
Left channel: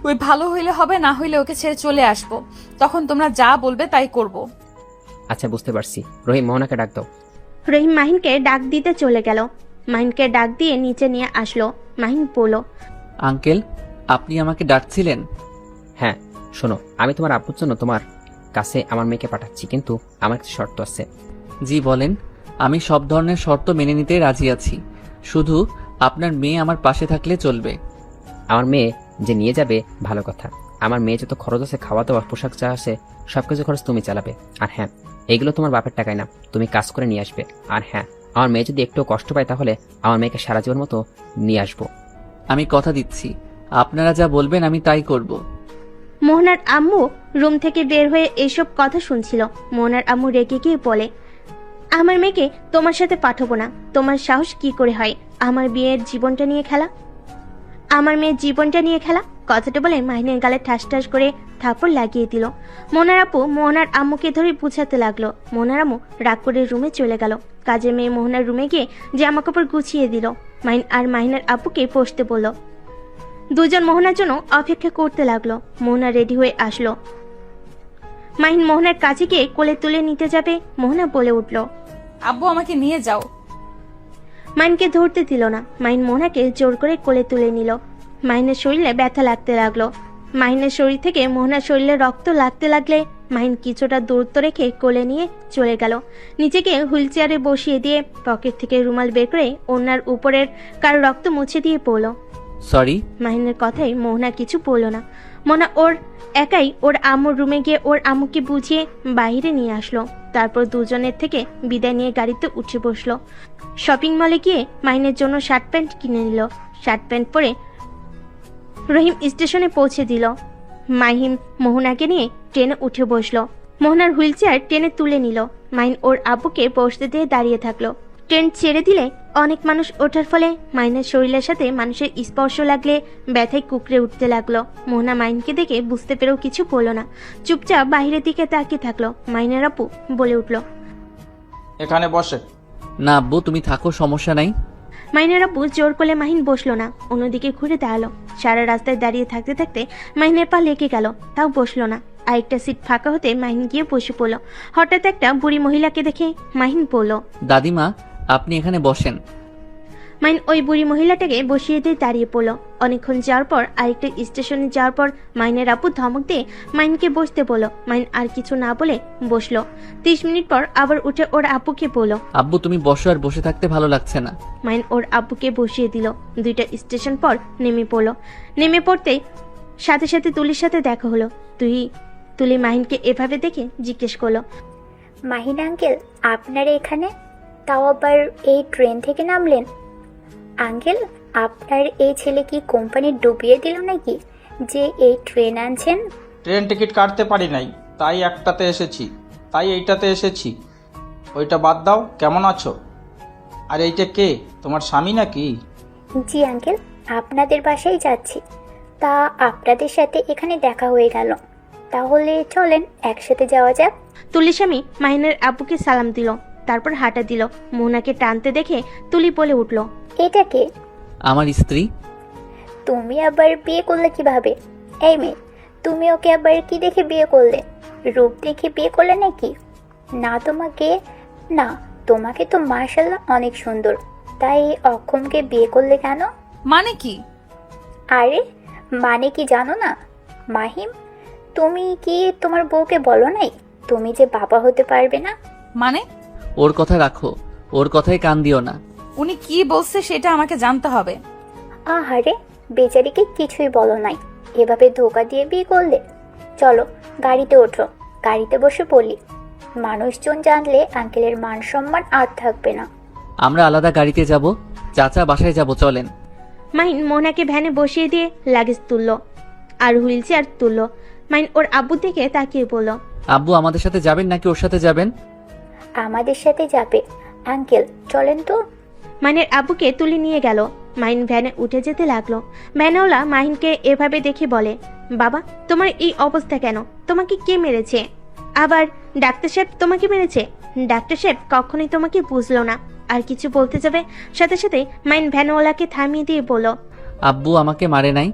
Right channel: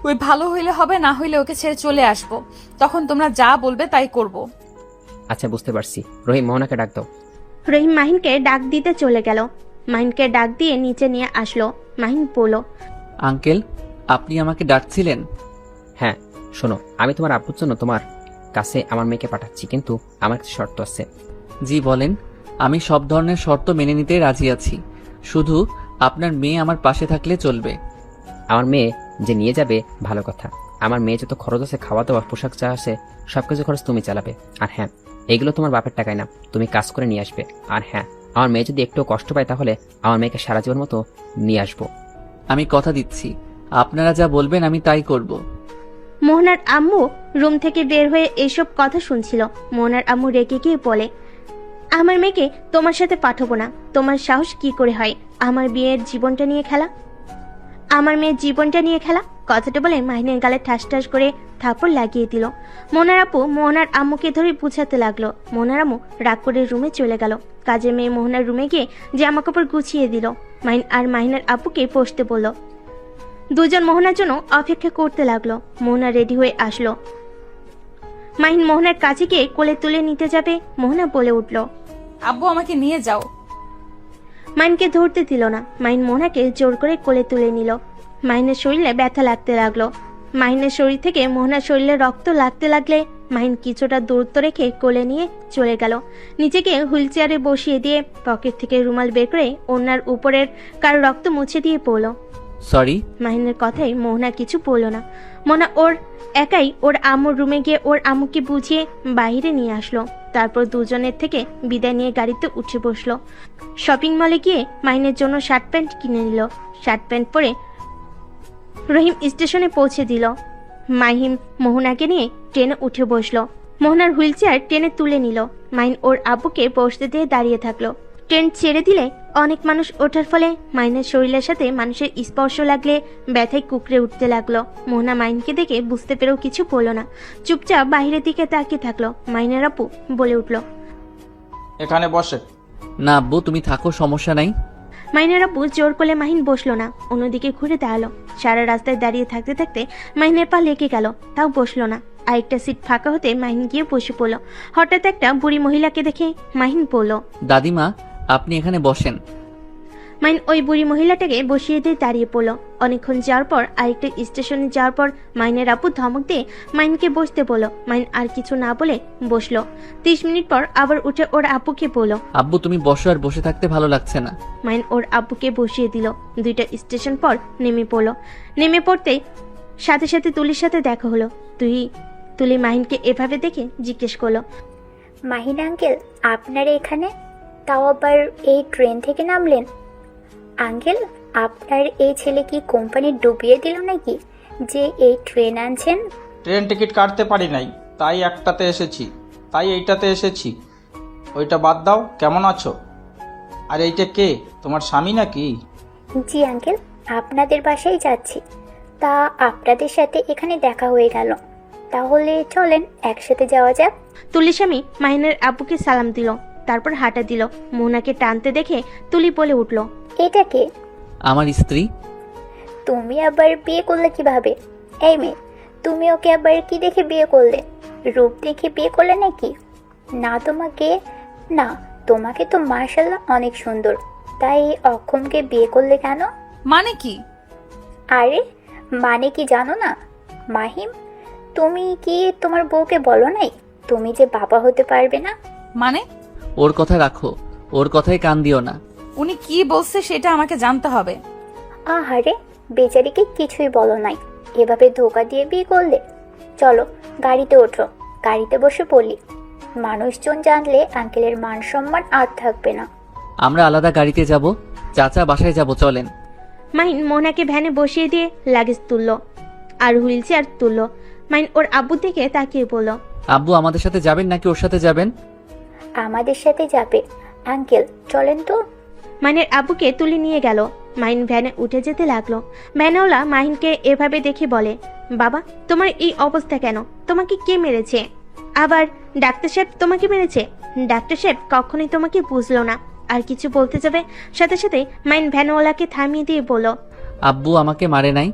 ওই ভালো হইলে হবে, না হইলে ওকে ছেড়ে চলে আসবো। তখন তোমরা যা বলবে তাই করব। আচ্ছা, বুঝতে পারছি। রহিম, মোহনাকে ডাক দাও। রহিম মাহিনকে ডাক দিতে চলে গেল। মাহিনকে ডাক দিয়ে নিচে নিয়ে আসলো। মাহিন বলল, আঙ্কেল, আপনি আমাকে ডাকছিলেন? হ্যাঁ, শোনো, আমি তোমার আব্বুর জন্য তোমার কাছে আমার মেয়েকে পাঠাচ্ছি, কিন্তু আমার কিছু শর্ত আছে। জি বলেন। আমি সব ধরনের শর্ত মেনে নিতে রাজি আছি, শুধু আপনার মেয়ে আমার পাশে থাকলে চলবে। আমার মেয়ে যে নিয়ে যাবে ভালো কথা, আমার মেয়ে যত খরচ আছে, খাওয়া দাওয়া, পোশাক যা আছে, সবকিছু খরচ তুমি চালাবে। আর হ্যাঁ, এগুলো তোমার বাপের টাকায় না, তুমি কাজ করে নিয়ে আসবে। আর হ্যাঁ, আমার মেয়ে যদি একটু কষ্ট পায় তাহলে আমার মেয়েকে সারা জীবন মতো নিয়ে আসবো। আমি কথা দিচ্ছি, আপনারা যা বলবেন আমি তাই করব। মোহনার আম্মু রুম থেকে বের হয়ে এইসব কথা শুনছিল। মোহনার আম্মু রেগে গিয়ে বলে, আমার মেয়েকে তোমার সাথে পাঠাবো না। তোমার সাহস কি করে হয় আমার বিয়ের জীবনটা নিয়ে খেলা? আমার মেয়ের জীবনটা নিয়ে খেলা। কথাটা বলে মাহিনের গালে ঠাস ঠাস করে থাপড় লাগিয়ে দিল। মোনার আপু মোহনার আম্মুকে ধরে বুঝাতে লাগলো। মোহনার আম্মু রাগ করে রুমে চলে গেল। কাজের মেয়ে মোহনার রুমে গিয়ে জামা কাপড় গুছিয়ে দিল। মাহিন আর মাহিনের আপুকে বসতে বলল। দুজন মোহনার জন্য অপেক্ষা করতে লাগলো। মোহনা রেডি হয়ে আসলো। মাহিন মোহনার কাছে গিয়ে কোলে তুলে নিতে যাবে, মোহনা বলে উঠল। আব্বু আমাকে নিয়ে যাও। মাইনকে ধরতে দিল না। মাইন মোহনাকে জোর করে কোলে তুলে নিল। মাইনের শরীরে ব্যথা লাগতে লাগলো। মাহিনের শরীর থেকে মোহনার শরীরে রক্ত লাগতে লাগলে মাহিন কিছুটা দূরত্ব রেখে কোলে নিয়ে চলে গেল। নিজেকে হুইল চেয়ারে বসিয়ে দিয়ে পকেট থেকে রুমাল বের করে ওনার উপরের কার রক্ত মুছে দিয়ে পড়লো। সরি। মাহিনের কথাই মোহনা কিছু বললো না। মোহনা ওর একাই ওর আম্মুর রুমে গিয়ে ওর আম্মুকে বুঝিয়ে বাইরে নিয়ে আসলো। তারপর দুজনের থেকে বিদায় নিয়ে গাড়িতে উঠে বসলো। শপিং মলে গিয়ে মাহিনের জন্য শার্ট প্যান্ট কিনে নিল। শার্ট প্যান্ট পরে রহিম স্টেশনে পৌঁছে দিল। মাহিন মোহনাকে নিয়ে ট্রেনে উঠে বসলো। মোহনার হুইল চেয়ার টেনে তুলে নিল। মাহিন ওর আব্বুকে বসতে দিয়ে দাঁড়িয়ে থাকলো। ট্রেন ছেড়ে দিলে অনেক মানুষ ওঠার ফলে মাইনের শরীরের সাথে মানুষের স্পর্শ লাগলে ব্যথায় কুকড়ে উঠতে লাগলো। মোহনা মাইনকে দেখে বুঝতে পেরেও কিছু বলল না, চুপচাপ বাইরের দিকে তাকিয়ে থাকলো। মাইনের আপু বলে উঠলো। এখানে বসে। না আব্বু, তুমি থাকো, সমস্যা নাই। মাইনের আপু জোর করলে মাহিন বসলো না, অন্যদিকে ঘুরে দাঁড়ালো। সারা রাস্তায় দাঁড়িয়ে থাকতে থাকতে মাহিনের পা লেগে গেল, তাও বসলো না। আরেকটা সিট ফাঁকা হতে মাহিন গিয়ে বসে পড়লো। হঠাৎ একটা বুড়ি মহিলাকে দেখে মাহিন বলল, দাদিমা আপনি এখানে বসেন। মাইন ওই বুড়ি মহিলাটাকে বসিয়ে দিয়ে দাঁড়িয়ে পড়লো। অনেকক্ষণ যাওয়ার পর আরেকটা স্টেশনে যাওয়ার পর মাইনের আপু ধমক দিয়ে মাইনকে বসতে বললো। মাইন আর কিছু না বলে বসলো। 30 মিনিট পর আবার উঠে ওর আপুকে বললো, আব্বু তুমি বসো, আর বসে থাকতে ভালো লাগছে না। মাইন ওর আব্বুকে বসিয়ে দিল। 2টা স্টেশন পর নেমে পড়লো। নেমে পড়তেই সাথে সাথে তুলির সাথে দেখা হলো। তুলি মাহিনকে এভাবে দেখে জিজ্ঞেস করলো, মাহিন আঙ্কেল, আপনারা এখানে? তাও আবার এই ট্রেন থেকে নামলেন? আঙ্কেল, আপনার এই ছেলে কি কোম্পানি ডুবিয়ে দিল নাকি যে এই ট্রেন আনছেন? ট্রেন টিকিট কাটতে পারি নাই, তাই একটাতে এসেছি, তাই এইটাতে এসেছি। ওইটা বাদ দাও, কেমন আছো? আর এইটা কে, তোমার স্বামী নাকি? জি আঙ্কেল, আপনাদের বাসায় যাচ্ছি। তা আপনাদের সাথে এখানে দেখা হয়ে গেল, তাহলে চলেন একসাথে যাওয়া যাক। তুলির স্বামী মাহিনের আব্বুকে সালাম দিল, তারপর হাঁটা দিল। মোহনাকে টানতে দেখে তুলি বলে উঠলো, এটা কে? আমার স্ত্রী। তুমি আবার বিয়ে করলে কিভাবে? এই মেয়ে, তুমি ওকে আবার কি দেখে বিয়ে করলে? রূপ দেখে বিয়ে করলে নাকি? না তোমাকে তো মাশাআল্লাহ অনেক সুন্দর, তাই অক্ষমকে বিয়ে করলে কেন? মানে কি? আরে মানে কি জানো না? মাহিম, তুমি কি তোমার বউকে বলো নাই তুমি যে বাবা হতে পারবে না? মানে ওর কথা রাখো, ওর কথায় কান দিও না। উনি কি বলছে সেটা আমাকে জানতে হবে। আহারে, বিচারিকে কিছুই বলো নাই, এভাবে ধোকা দিয়ে বিয়ে করলে? চলো গাড়িতে ওঠো, গাড়িতে বসে বলি। মানুষজন জানলে আঙ্কেলের মান সম্মান আর থাকবে না। আমরা আলাদা গাড়িতে যাব, চাচা বাসায় যাব, চলেন। মাহিন মোহনাকে ভ্যানে বসিয়ে দিয়ে লাগেজ তুললো আর হুইল চেয়ার তুললো। মাহিন ওর আব্বুর দিকে তাকিয়ে বলল, আব্বু আমাদের সাথে যাবেন নাকি ওর সাথে যাবেন? আমাদের সাথে যাবে আঙ্কেল, চলেন তো। মাহিনের আব্বুকে তুলে নিয়ে গেল। মাহিন ভ্যানে উঠে যেতে লাগলো। ভ্যানওয়ালা মাহিনকে এভাবে দেখে বলে, বাবা তোমার এই অবস্থা কেন? তোমাকে কে মেরেছে? আবার ডাক্তার সাহেব তোমাকে মেরেছে? ডাক্তার সাহেব কখনোই তোমাকে বুঝলো না। আর কিছু বলতে যাবে সাথে সাথে মাহিন ভ্যানওয়ালাকে থামিয়ে দিয়ে বলল, আব্বু আমাকে মারে নাই,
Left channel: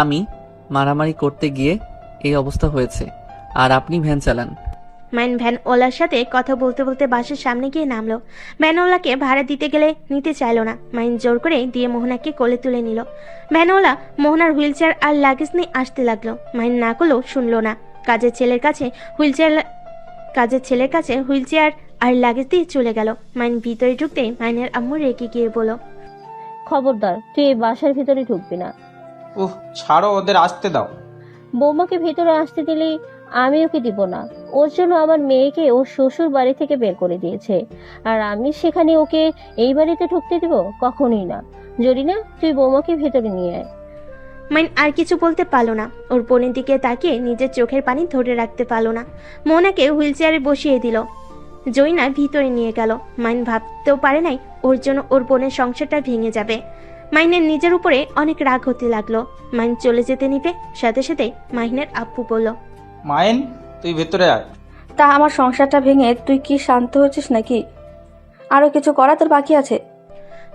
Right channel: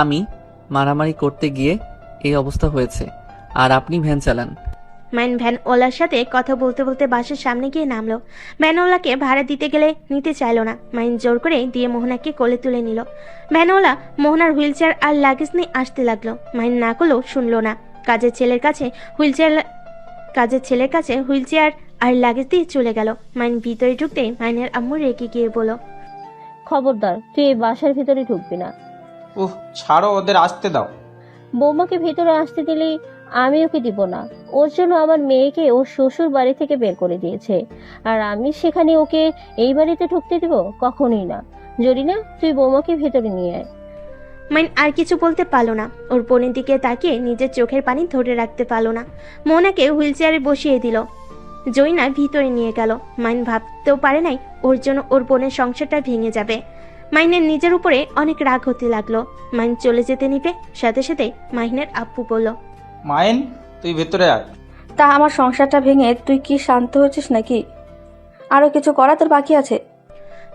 আমি মারামারি করতে গিয়ে এই অবস্থা হয়েছে, আর আপনি ভ্যান চালান। মাইন ভ্যানওয়ালার সাথে কথা বলতে বলতে বাসার সামনে গিয়ে নামলো। ভ্যানওয়ালাকে ভাড়া দিতে গেলে নিতে চাইলো না। মাইন জোর করে দিয়ে মোহনাকে কোলে তুলে নিল। ভ্যানওয়ালা মোহনার হুইল চেয়ার আর লাগেজ নিয়ে আসতে লাগলো। মাইন না করলেও শুনলো না। কাজের ছেলের কাছে হুইল চেয়ার আর লাগেজ দিয়ে চলে গেল। মাইন ভিতরে ঢুকতেই মাইনের আম্মু রেগে গিয়ে বলল, খবরদার তুই এই বাসার ভিতরে ঢুকবি না। ওহ, ছাড়ো, ওদের আসতে দাও। বৌমাকে ভেতরে আসতে দিলি আমি ওকে দিব না। ওর জন্য আমার মেয়েকে ও শ্বশুর বাড়ি থেকে বের করে দিয়েছে, আর আমি সেখানে ওকে এই বাড়িতে ঢুকতে দেবো? কখনোই না। যদি না তুই বৌমাকে ভেতরে নিয়ে আয়। মাইন আর কিছু বলতে পারলো না। ওর বোনের দিকে তাকিয়ে নিজের চোখের পানি ধরে রাখতে পারলো না। মোহনাকে হুইল চেয়ারে বসিয়ে দিল। জয়না ভিতরে নিয়ে গেল। মাইন ভাবতেও পারে নাই ওর জন্য ওর বোনের সংসারটা ভেঙে যাবে। মাহিনের নিজের উপরে অনেক রাগ হতে লাগলো। মাহিন চলে যেতে নিতে সাথে সাথে মাহিনের আব্বু বলল, মাইন তুই ভেতরে আয়। তা আমার সংসারটা ভেঙে তুই কি শান্ত হয়েছিস নাকি? আরো কিছু করা তোর বাকি আছে?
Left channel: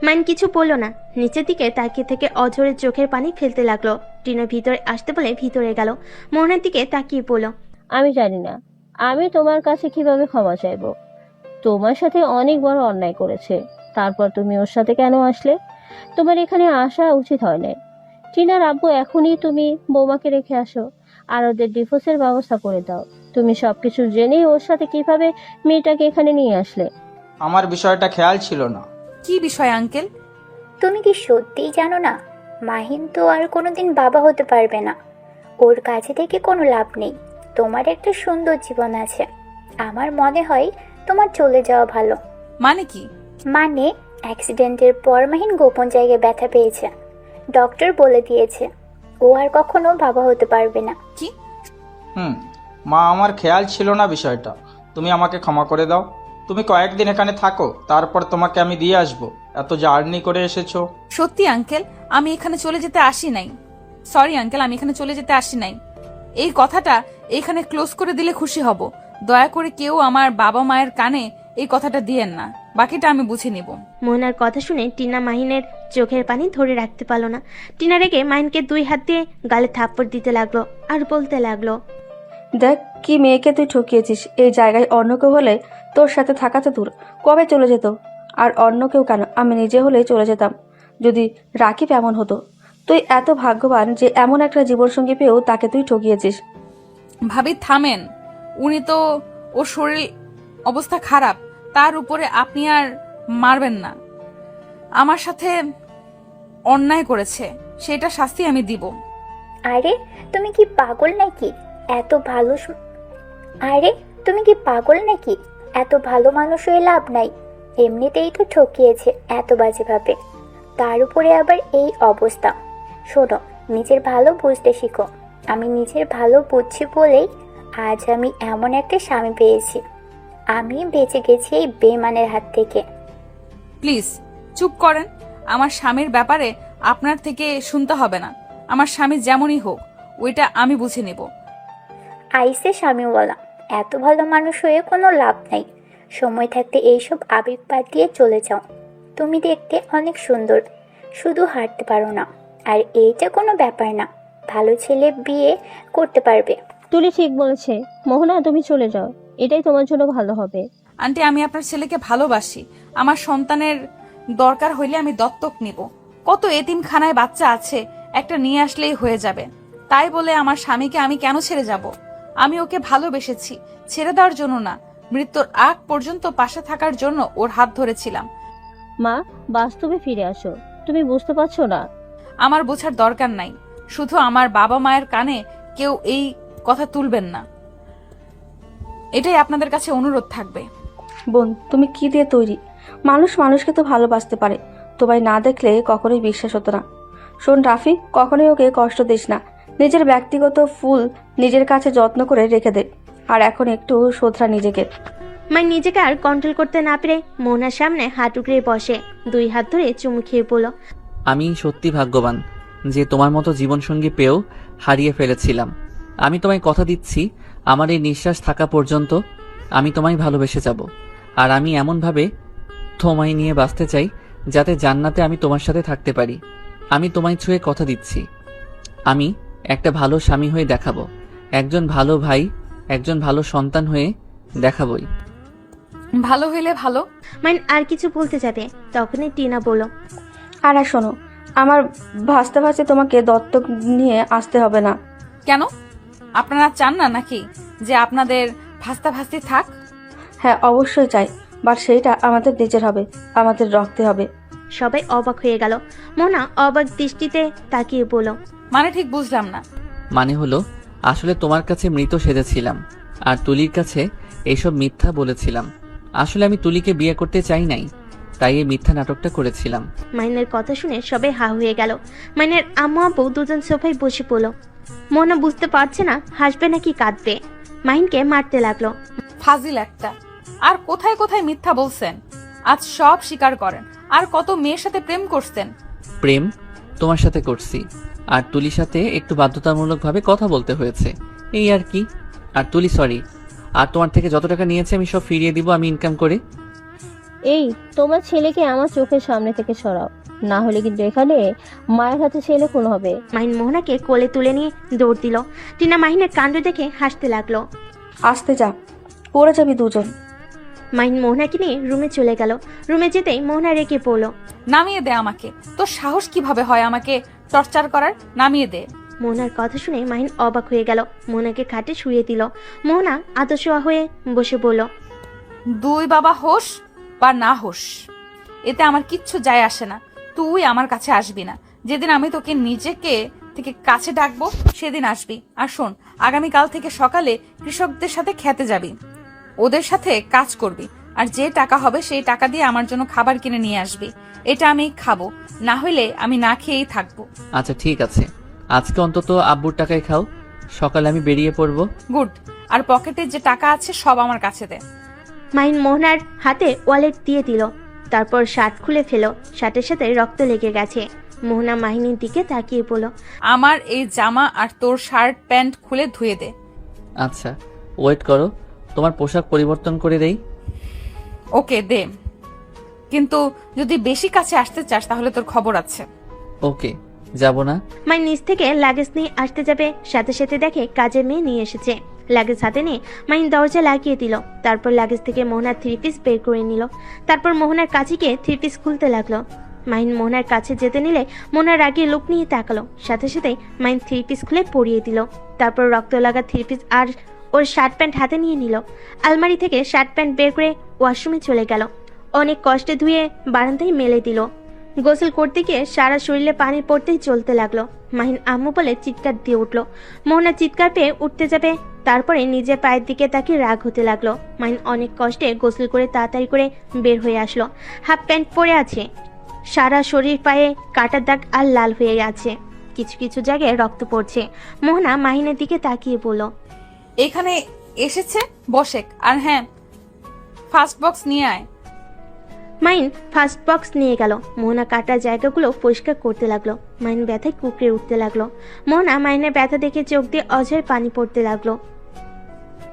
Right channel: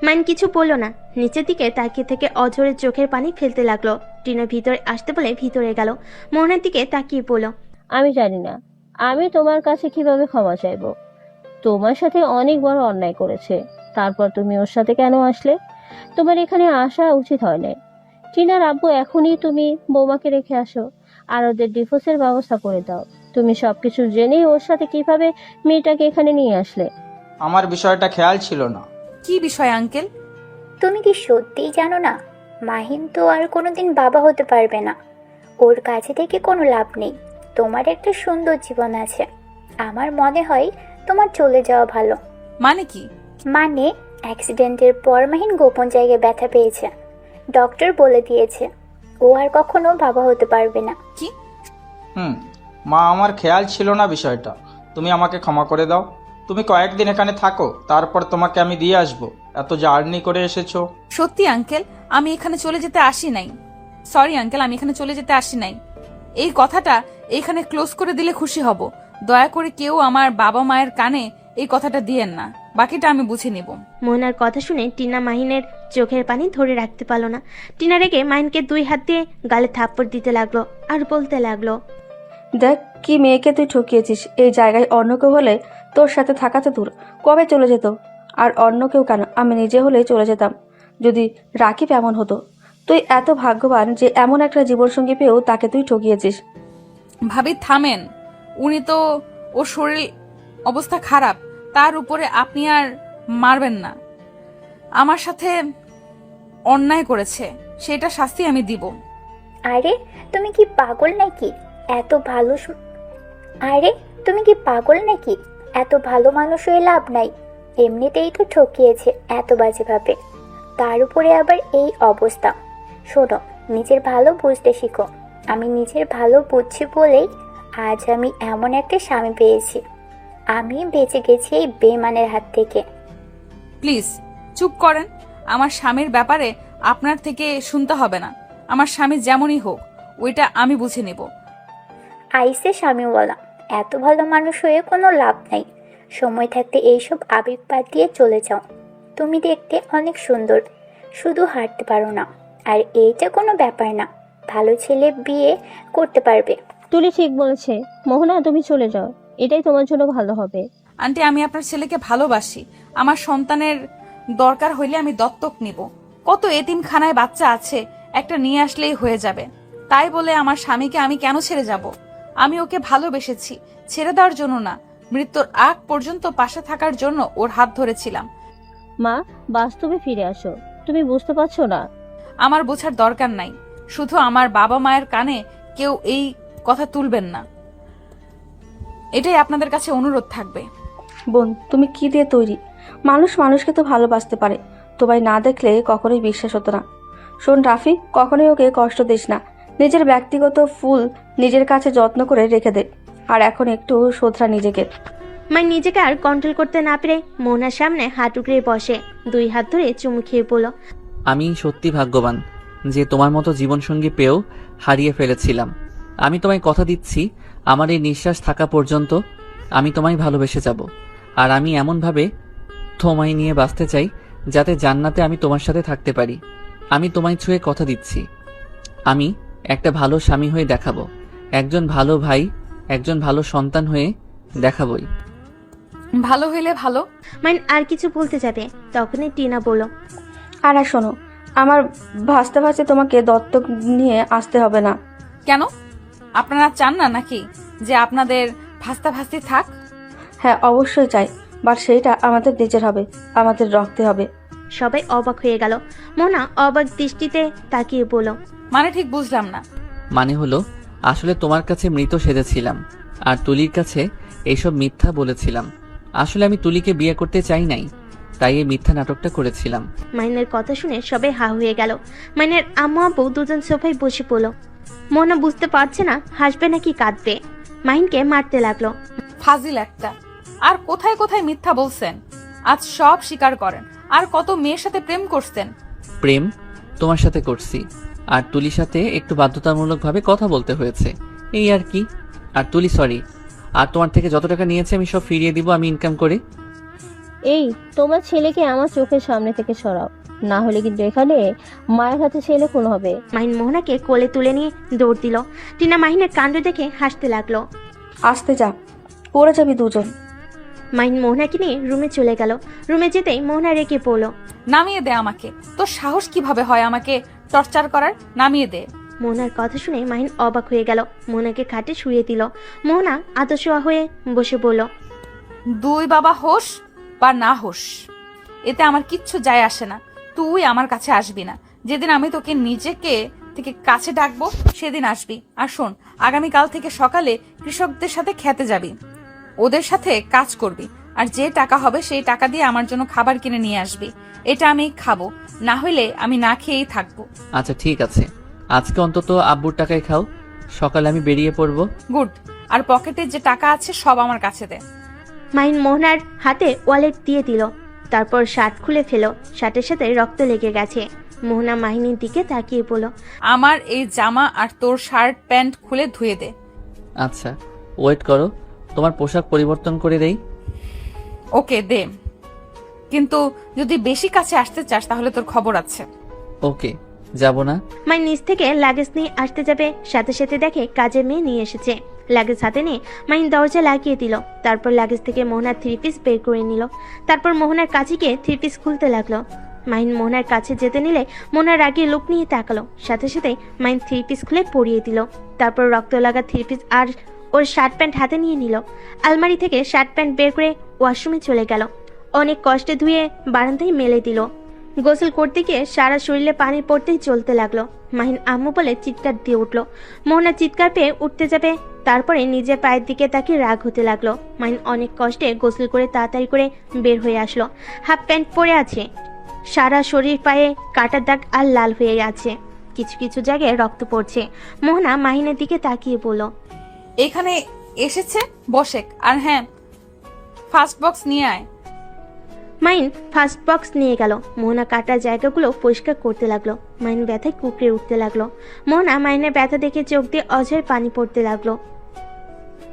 মাহিন কিছু বলল না, নিচের দিকে তাকিয়ে থেকে অঝরে চোখের পানি ফেলতে লাগলো। টিনা ভিতরে আসতে বলে ভিতরে গেল। মোহনার দিকে তাকিয়ে বলল, আমি জানি না আমি তোমার কাছে কিভাবে ক্ষমা চাইবো। তোমার সাথে অনেক বড় অন্যায় করেছে, তারপর তুমি ওর সাথে কেন আসলে? তোমার এখানে আসা উচিত হয় না। টিনার আব্বু এখনই তুমি বৌমাকে রেখে আসো আর ওদের ডিভোর্সের ব্যবস্থা করে দাও। তুমি সবকিছু জেনে ওর সাথে কিভাবে মেয়েটাকে এখানে নিয়ে আসলে? আমার বিষয়টা খেয়াল ছিল না। কি বিষয় আঙ্কেল? তুমি কি সত্যিই জানো না? মাহিন তো আর কোনোদিন বাবা হতে পারবে না। ওর কাছে থেকে কোনো লাভ নেই। তোমার একটা সুন্দর জীবন আছে। আমার মনে হয় তোমার চলে যাওয়া ভালো। মানে কি? মানে অ্যাক্সিডেন্টের পর মাহিন গোপন জায়গায় ব্যথা পেয়েছে। ডক্টর বলে দিয়েছে ও আর কখনো বাবা হতে পারবে না। কি? মা, আমার খেয়াল ছিল না বিষয়টা। তুমি আমাকে ক্ষমা করে দাও। তুমি কয়েকদিন এখানে থাকো, তারপর তোমাকে আমি দিয়ে আসবো। এত জার্নি করে এসেছো। সত্যি আঙ্কেল, আমি এখানে চলে যেতে আসি নাই। সরি আঙ্কেল, আমি এখানে চলে যেতে আসি নাই। এই কথাটা এখানে ক্লোজ করে দিলে খুশি হব। দয়া করে কেউ আমার বাবা মায়ের কানে এই কথাটা দিয়েন না। বাকিটা আমি বুঝে নিব। মোহনার কথা শুনে টিনা মাহিনের চোখের পানি ধরে রাখতে পারল না। টিনা রেগে মাহিনকে 2 হাত দিয়ে গালে থাপ্পড় দিতে লাগলো আর বলতে লাগলো, দেখ কি মেয়েকে তুই ঠকিয়েছিস। এই জায়গায় অন্য কেউ হলে তোর সাথে থাকা তো দূর, কবে চলে যেত। আর অন্য কেউ কেন, আমি নিজে হলেই চলে যেতাম যদি রাকিব এমন হতো। তুই এত ভাগ্যবান যে এমন একটা জীবনসঙ্গী পেয়েও তাকে তুই ঠকিয়েছিস। ভাবি থামেন, উনি তো ওর শরীর অবস্থা খারাপ, তার উপরে আপনি আর মারবেন না। আমার সাথে অন্যায় করেছে, সেটা শাস্তি আমি দিব। আরে তুমি কি পাগল নাকি? এত ভালো আরে তুমি কি পাগল নাকি? এত ভালো মানুষ হয়ে লাভ নাই। এমনিতেই তো ঠকিয়েছে এত বাজে ভাবে, তার উপরে আবার এই অবস্থা। শোনো, নিজের ভালো বুঝতে শিখো। আমি নিজের ভালো বুঝছি বলেই আজ আমি এমন একটা স্বামী পেয়েছি। আমি বেঁচে গেছি এই বেমানের হাত থেকে। প্লিজ চুপ করেন। আমার স্বামীর ব্যাপারে আপনার থেকে শুনতে হবে না। আমার স্বামী যেমনই হোক, ওইটা আমি বুঝে নিব। আইসে স্বামীওয়ালা, এত ভালো মানুষ হয়ে কোনো লাভ নাই। সময় থাকতে এইসব আবেগ বাদ দিয়ে চলে যাও। তুমি দেখতে অনেক সুন্দর, শুধু হাঁটতে পারো না। আর এইটা কোনো ব্যাপার না, ভালো ছেলে বিয়ে করতে পারবে। তুলি ঠিক বলেছে। মোহনা, তুমি চলে যাও, এটাই তোমার জন্য ভালো হবে। আন্টি, আমি আপনার ছেলেকে ভালোবাসি। আমার সন্তানের দরকার হইলে আমি দত্তক নিব। কত এতিমখানায় বাচ্চা আছে, একটা নিয়ে আসলেই হয়ে যাবে। তাই বলে আমার স্বামীকে আমি কেন ছেড়ে যাব? আমি ওকে ভালোবেসেছি, ছেড়ে দেওয়ার জন্য না, মৃত্যুর আগ পর্যন্ত পাশে থাকার জন্য ওর হাত ধরেছিলাম। মা, বাস্তবে ফিরে আসো। তুমি বুঝতে পারছো না? আমার বোঝার দরকার নাই, শুধু আমার বাবা মায়ের কানে কেউ এই কথা তুলবেন না, এটাই আপনাদের কাছে অনুরোধ থাকবে। বোন, তুমি কি দিয়ে তৈরি? মানুষ মানুষকে তো ভালোবাসতে পারে, তোমায় না দেখলে কখনোই বিশ্বাস হতো না। শোন রাফি, কখনোই ওকে কষ্ট দিস না। নিজের ব্যক্তিগত ফুল নিজের কাছে যত্ন করে রেখে দে। আর এখন একটু শোধরা নিজেকে। মাই নিজেকে আর কন্ট্রোল করতে না পেরে মোহনার সামনে হাত উগড়ে বসে 2 হাত ধরে চুমু খেয়ে বলল, আমি সত্যি ভাগ্যবান যে তোমার মতো জীবনসঙ্গী পেয়েও হারিয়ে ফেলেছিলাম। আমি তোমায় কথা দিচ্ছি, আমার এই নিঃশ্বাস থাকা পর্যন্ত আমি তোমায় ভালোবেসে যাব। আর আমি এমনভাবে তোমায় নিয়ে বাঁচতে চাই যাতে জান্নাতে আমি তোমার সাথে থাকতে পারি। আমি তোমায় ছুঁয়ে কথা দিচ্ছি, আমি একটা ভালো স্বামী হয়ে দেখাবো, একজন ভালো ভাই, একজন ভালো সন্তান হয়ে দেখাবই। ভালো হইলে ভালো। মাইন আর কিছু বলতে যাবে, তখনই টিনা বলল, আর শোনো, আমার ভাসতে ভাসতে তোমাকে দত্তক নিয়ে আসতে হবে না। কেন? আপনারা চান না নাকি যে আপনাদের ভাস্তা ভাস্তি থাক? হ্যাঁ, অবশ্যই চাই, বাট সেইটা আমাদের নিজের হবে, আমাদের রক্তে হবে। সবাই অবাক হয়ে গেল। মোহনা অবাক দৃষ্টিতে তাকিয়ে বলল, মানে ঠিক বুঝলাম না। মানে হলো, আসলে তোমার কাছে মৃত সেজেছিলাম আর তুলির কাছে এইসব মিথ্যা বলেছিলাম। আসলে আমি তুলিকে বিয়ে করতে চাই নাই, তাই এই মিথ্যা নাটকটা করেছিলাম। মাইনের কথা শুনে সবাই হা হয়ে গেল। মাইনের আম্মু আব্বু দুজন সোফায় বসে পড়ল। মোহনা বুঝতে পারছে না হাসবে নাকি কাঁদবে। মাইনকে মারতে লাগলো। ফাজিল একটা। আর কোথায় কোথায় মিথ্যা বলছেন, আজ সব স্বীকার করেন। আর কত মেয়ের সাথে প্রেম করছেন, প্রেম তোমার সাথে করছি, আর তুলির সাথে একটু বাধ্যতামূলকভাবে কথা বলতে হয়েছে, এই আর কি। আর তুলি সরি, আর তোমার থেকে যত টাকা নিয়েছে আমি সব ফিরিয়ে দিব, আমি ইনকাম করি। এই তোমার ছেলেকে আমার চোখের সামনে থেকে সরাও, না হলে কিন্তু এখানে মায়ের হাতে ছেলে হবে। মাহিন মোহনাকে কোলে তুলে নিয়ে দৌড় দিল। টিনা মাহিনের কাণ্ড দেখে হাসতে লাগলো। আসতে যা, পড়ে যাবি দুজন। মাহিন মোহনাকে নিয়ে রুমে চলে গেল। রুমে যেতেই মোহনা রেগে পড়লো। নামিয়ে দে আমাকে, তোর সাহস কিভাবে হয় আমাকে টর্চার করার? নামিয়ে দে। মোহনার কথা শুনে মাহিন অবাক হয়ে গেল। মোহনাকে খাটে শুয়ে দিল। মোহনা আতশোয়া হয়ে বসে বলল, দুই বাবা হোস বা না হোস, এতে আমার কিচ্ছু যায় আসে না। তুই আমার কাছে আসবি না। যেদিন আমি তোকে নিজেকে থেকে কাছে ডাকবো সেদিন আসবি। আর শোন, আগামীকাল থেকে সকালে কৃষকদের সাথে খেতে যাবি, ওদের সাথে কাজ করবি, আর যে টাকা হবে সেই টাকা দিয়ে আমার জন্য খাবার কিনে নিয়ে আসবি। এটা আমি খাবো, না হইলে আমি না খেয়েই থাকবো। আচ্ছা ঠিক আছে, আজকে অন্তত আব্বুর টাকায় খাও, সকালে আমি বেরিয়ে পড়বো। গুড। আর পকেটে যে টাকা আছে সব আমার কাছে দে। মাহিন মোহনার হাতে ওয়ালেট দিয়ে দিল। তারপর শার্ট খুলে ফেলো। শার্টের সাথে রক্ত লেগে গেছে। মোহনা মাহিনীর দিকে তাকিয়ে বলল, আমার এই জামা আর তোর শার্ট প্যান্ট খুলে ধুয়ে দে। আচ্ছা ওয়েট করো, তোমার পোশাক পরিবর্তন করে দেই। ওকে দে, কিন্তু যদি বেশি কাছে আসতে চাস তাহলে তোর খবর আছে। ওকে, যাব না। মাহিন নিচ থেকে লাগেজ নিয়ে আসতে যাবে, সাথে সাথে দেখে কাজের মেয়ে নিয়ে এসেছে। লাগেজ হাতে নিয়ে মাহিন দরজা লাগিয়ে দিল। তারপর লাগেজ থেকে মোহনার 3 পিস বের করে নিল। তারপর মোহনার কাছে গিয়ে 3 পিস খুলতে লাগলো। মাহিন মোহনার কাছে যেতে নিলে মোহনার আগে লোক নিয়ে তাকালো। সাথে সাথে মাহিন 3 পিস খুলে পরিয়ে দিল। তারপর রক্ত লাগা 3 পিস আর ওর শার্ট প্যান্ট হাতে নিয়ে নিল। আলমারি থেকে শার্ট প্যান্ট বের করে ওয়াশরুমে চলে গেল। অনেক কষ্টে ধুয়ে বারান্দায় মেলে দিল। গোসল করতে গিয়ে সারা শরীরে পানি পড়তেই চলতে লাগলো। মাহিন আম্মু বলে চিৎকার দিয়ে উঠলো। মোহনা চিৎকার পেয়ে উঠতে যাবে, তারপরে নিজের পায়ের দিকে তাকে রাগ হতে লাগলো। মাহিন অনেক কষ্টে গোসল করে তাড়াতাড়ি করে বের হয়ে আসলো। হাফ প্যান্ট পরে আছে, সারা শরীর পায়ে কাটার দাগ আর লাল হয়ে আছে, কিছু কিছু জায়গায় রক্ত পড়ছে। মোহনা মাহিনের দিকে তাকিয়ে বলল, এখানে এসেছে বসে। আর হ্যাঁ, ফার্স্ট বক্স নিয়ে আয়। মাহিন ফার্স্ট বক্স নিয়ে গেল। মোহনা কাটা জায়গাগুলো পরিষ্কার করতে লাগলো। মাহিন ব্যথায় কুকড়ে উঠতে লাগলো। মোহনা মাহিনের ব্যথা দেখে চোখ দিয়ে অঝের পানি পড়তে লাগলো।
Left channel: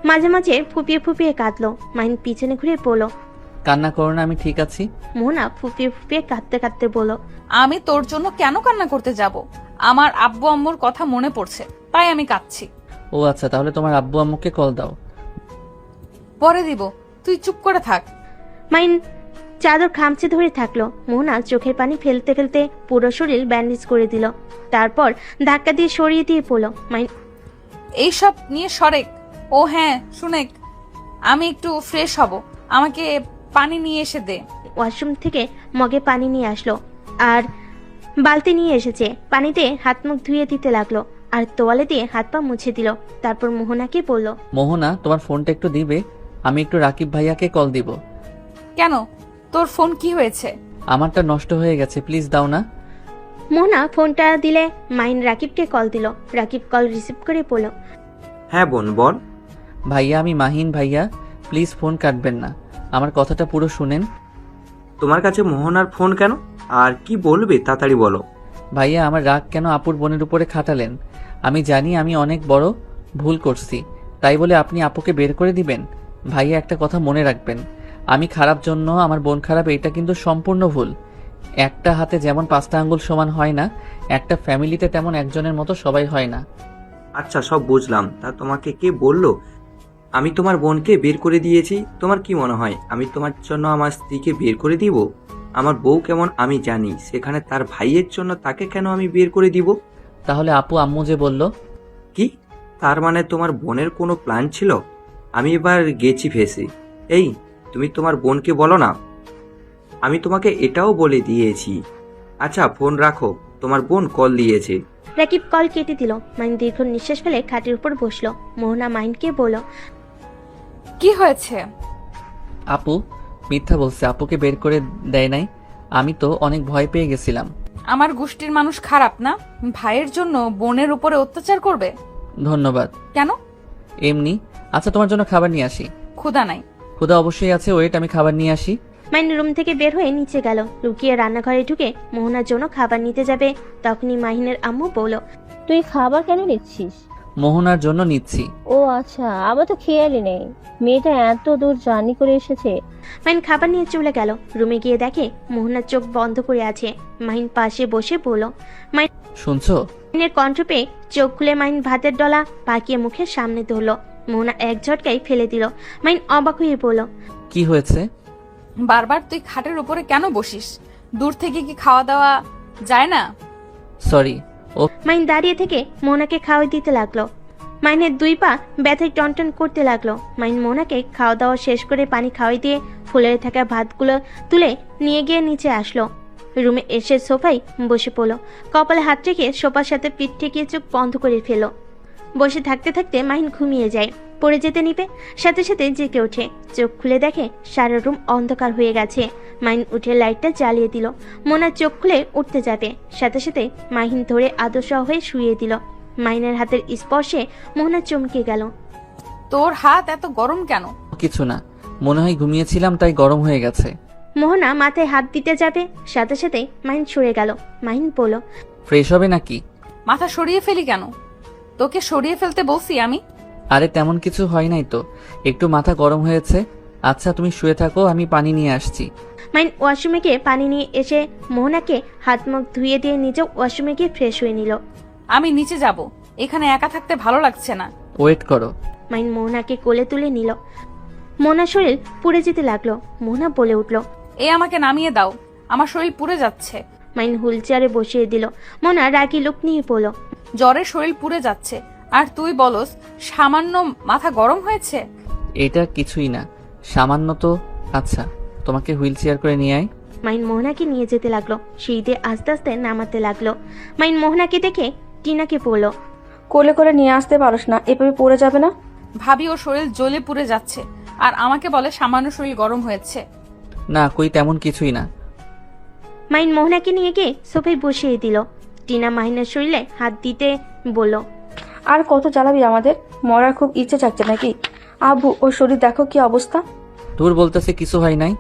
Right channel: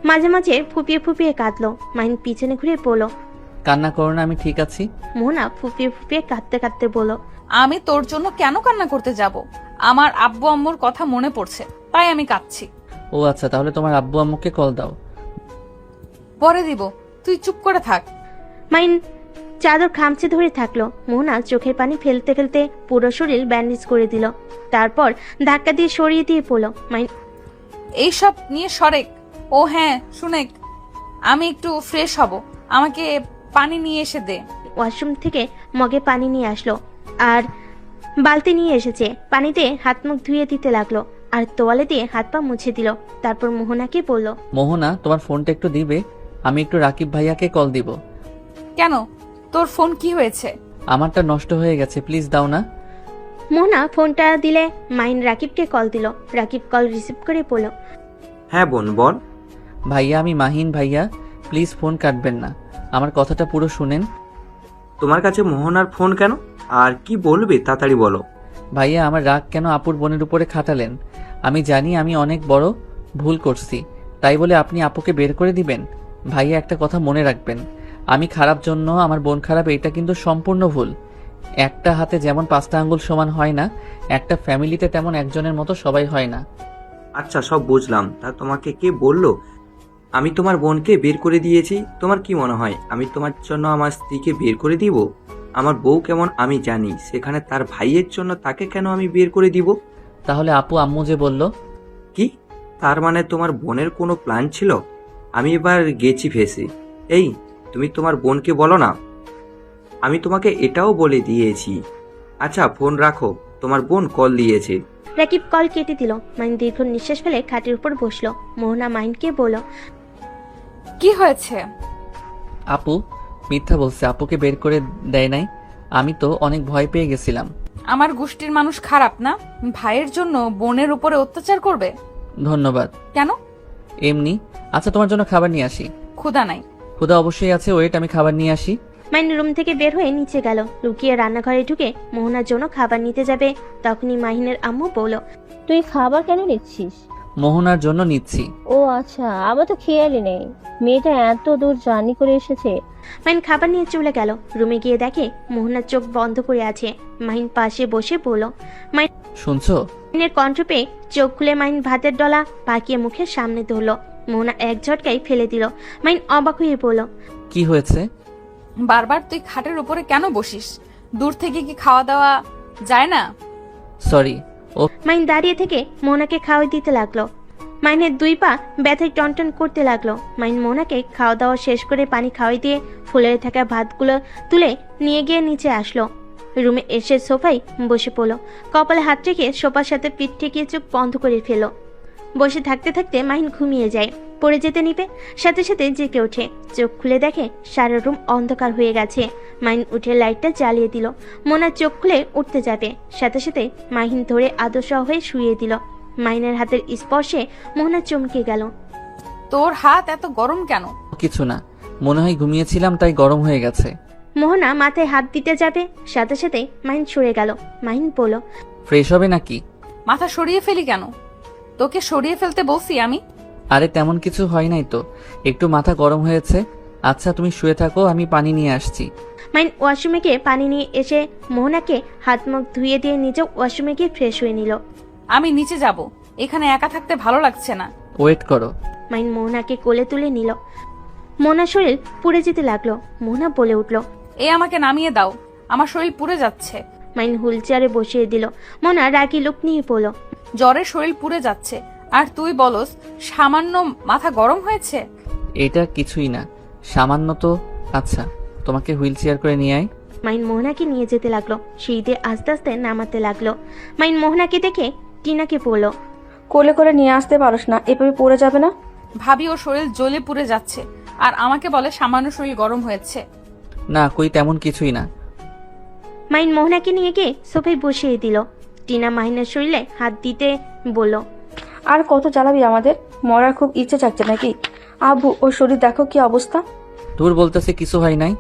মাঝে মাঝে ফুপিয়ে ফুপিয়ে কাঁদলো। মাহিন পিছনে ঘুরে বলল, কান্না করো না, আমি ঠিক আছি। মোহনা ফুপিয়ে ফুপিয়ে কাঁদতে কাঁদতে বলল, আমি তোর জন্য কেন কান্না করতে যাব? আমার আব্বু আম্মুর কথা মনে পড়ছে, তাই আমি কাঁদছি। ও আচ্ছা, তাহলে তোমার আব্বু আম্মুকে কল দাও। পরে দিব, তুই চুপ করে থাক। মাহিন চাদর খামচে ধরে থাকলো। মোহনা চোখের পানি ফেলতে ফেলতে পুরো শরীর ব্যান্ডেজ করে দিল। তারপর ধাক্কা দিয়ে সরিয়ে দিয়ে পড়লো। মাহিন এইসব নিয়ে সরেক। ও হ্যাঁ শুনেক, আমি একটু ফ্রেশ হব, আমাকে পানি নিয়ে এসে দে। ওয়াশরুম থেকে মগে পানি নিয়ে আসলো আর বালতি নিয়ে এসেছে। পানিতে হাত মুখ ধুয়ে দিতে লাগলো আর তোয়ালে দিয়ে হাত পা মুছে দিল। তারপর মোহনাকে বলল, মোহনা, তোমার ফোনটা একটু দিবে? আমি একটু রাকিব ভাইয়াকে কল দিব। কেন, তোর ফোন কি হয়েছে? আমারটা নষ্ট হয়ে গেছে, প্লিজ দাও না। মোহনা ফোনটা দিলে মাহিন রাকিবকে কল দিল। রাকিব কল রিসিভ করে বলল, হ্যাঁ বোন বল। ভাইয়া, আমি মাহিন ভাইয়া, প্লিজ ফোন কাটবেন না, আমার কথাটা পুরো শুনেন। তোমার কাছে মোহনার ফোন কেন, আর কি বলবে তাড়াতাড়ি বলো। ভাইয়া, আমার রাগ কেন আপুর বোনের উপরে খাটালেন? আমি জানি আমি অনেক বড় ভুল করছি, তাই বলে আপনি আপুকে বের করে দিবেন? ভাইয়া, একটা কথা মনে রাখবেন, আমি খারাপ জন্য আমার বোন খারাপ, এটা কিন্তু সম্পূর্ণ ভুল। একটা হাতে যেমন 5টা আঙ্গুল সমান হয় না, একটা ফ্যামিলিতে তেমন একজনের মতো সবাই হয় না। আচ্ছা সব বুঝলাম, তা তোমাকে কে বললো আমি তোমার বোনকে বের করে দিয়েছি? তোমার কি মনে হয় আমি তোমার জন্য আমার স্ত্রীকে বের করে দিব? আমার বউ কেমন আমি জানি, সেখানে তার ভাইয়ের জন্য তাকে কেন আমি বের করে দিব? তাহলে আপু আম্মু যে বলল? কি তার মানে তোমার বোনের কোনো প্ল্যান ছিল? আমি এবার গেছি ফেসে। এই তুমি তোমার বোনকে বলো না, আমি তোমাকে এটাও বলে দিয়েছি। আচ্ছা ফোন রাখো, তোমার বোন কল দিয়েছে। রাকিব কল কেটে দিল। মাহিন দীর্ঘ নিঃশ্বাস ফেলে খাটের উপর বসলো। মোহনা মাহিনকে বলল, কি হয়েছে? আপু মিথ্যা বলছে, আপুকে বের করে দেয় নাই। আমি তো অনেক ভয় পেয়ে গেছিলাম। আমার গোষ্ঠীর মানুষ খারাপ না, ভাইয়ের জন্য বোনের উপরে অত্যাচার করবে? ধন্যবাদ। কেন? এমনি। আচ্ছা তোমার জন্য খাবার নিয়ে আসি। ক্ষুধা নাই। খোদা অবশ্যই আছে, ওয়েট আমি খাবার নিয়ে আসি। মাহিন রুম থেকে বের হয়ে নিচে গেল। লুকিয়ে রান্নাঘরে ঢুকে মোহনার জন্য খাবার নিতে যাবে, তখনই মাহিনের আম্মু বলল, তুই খাবার কেন নিচ্ছিস? মোহনার জন্য নিচ্ছি। ও আচ্ছা, আমার তো খেয়ালই নেই মেয়েটা এত দূর জার্নি করে এসেছে। মাহিন খাবার নিয়ে চলে গেল। রুমে গিয়ে দেখে মোহনার চোখ বন্ধ করে আছে। মাহিন পাশে বসে পড়ল। শুনছো? মাহিনের কণ্ঠ পেয়ে চোখ খুলে মাহিন ভাতের ডলা পাকিয়ে মুখের সামনে ধরল। মোহনা এক ঝটকায় ফেলে দিল। মাহিন অবাক হয়ে পড়ল। কি হয়েছে? বারবার তুই খাটের ওপরে কেন বসিস? দূর থেকে কি খাওয়া দাওয়া যায় না? সরি। মাহিন দাঁড়িয়ে থেকে মোনাকে খাওয়া দিতে লাগলো। মাহিনের 2 পা ব্যথায় টনটন করতে লাগলো। মাহিন মোনাকে খাওয়া দাওয়া শেষ করে পানি খাওয়াই দিয়ে ফুলে থাকা ভাতগুলো তুলে নিয়ে গিয়ে নিচে আসলো। রুমে এসে সোফায় বসে পড়লো। কপালে হাত রেখে সোফার সাথে পেট ঠেকিয়ে চোখ বন্ধ করে ফেলো। বসে থাকতে থাকতে মাহিন ঘুমিয়ে যায়। পড়ে যেতে নিবে, সাথে সাথে জেগে ওঠে। চোখ খুলে দেখে সারা রুম অন্ধকার হয়ে গেছে। মাহিন উঠে লাইটটা জ্বালিয়ে দিল। মোনা চোখ খুলে উঠতে যাবে, সাথে সাথে মাহিন ধরে আদর্শ হয়ে শুয়ে দিল। মাহিনের হাতের স্পর্শে মোহনা চমকে গেল। তোর হাত এত গরম কেন? কিছু না, মনে হয় ঘুমিয়েছিলাম তাই গরম হয়ে গেছে। মোহনা মাথায় হাত দিতে যাবে, সাথে সাথে মাহিন সরে গেল। মাহিন বলল, ফ্রেশ হবে নাকি? মাথা সরিয়ে ফেলি কেন? তোকে সরিয়ে ফেলতে বলছি আমি? আরে তেমন কিছু হয় নাই তো, একটু মাথা গরম হয়েছে। আচ্ছা তুমি শুয়ে থাকো, আমি পানি নিয়ে আসছি। মাহিন ওয়াশরুমে গিয়ে পানি নিয়ে এসে মোহনাকে হাত মুখ ধুয়ে দিয়ে নিজেও ওয়াশরুমে গিয়ে ফ্রেশ হয়ে নিল। আমি নিচে যাব, এখানে একা থাকতে ভালো লাগছে না। ওয়েট করো। মাহিন মোহনাকে কোলে তুলে নিল। মোহনার শরীর পুড়ে যেতে লাগলো। মোহনা বলে উঠল, এ আমাকে নামিয়ে দাও, আমার শরীর পুড়ে যাচ্ছে। মাহিন হুইল চেয়ারে বসিয়ে দিল। মোহনা রাগে লোক নিয়ে পড়ল। জ্বরে শরীর পুড়ে যাচ্ছে আর তুই বলস সামান্য মাথা গরম হয়েছে? এটা কিছুই না, সামান্য তো। আচ্ছা তোমাকে হুইল চেয়ার করে নিয়ে আয়। মাহিন মোহনাকে নিয়ে যেতে লাগলো। সিঁড়িতে আস্তে আস্তে নামাতে লাগলো। মাহিন মোহনাকে দেখে টিনাকে পড়ল। কোলে করে নিয়ে আসতে পারোস না, এভাবে পড়ে যাবে না? ভাবি ও শরীর জ্বলে পুড়ে যাচ্ছে আর আমাকে বলে সামান্য শরীর গরম হয়েছে। না কই তেমন কিছুই না। মাহিন মোহনাকে নিয়ে গিয়ে সোফায় বসিয়ে দিল। টিনা মাহিনের শরীরে হাত দিতে বলল, আর কত জ্বালাবি আমাদের? মরার খুব ইচ্ছে চাচ্ছে নাকি? আব্বু ওর শরীর দেখো কি অবস্থা। তোর বলতেছে কিছু হয় নাই।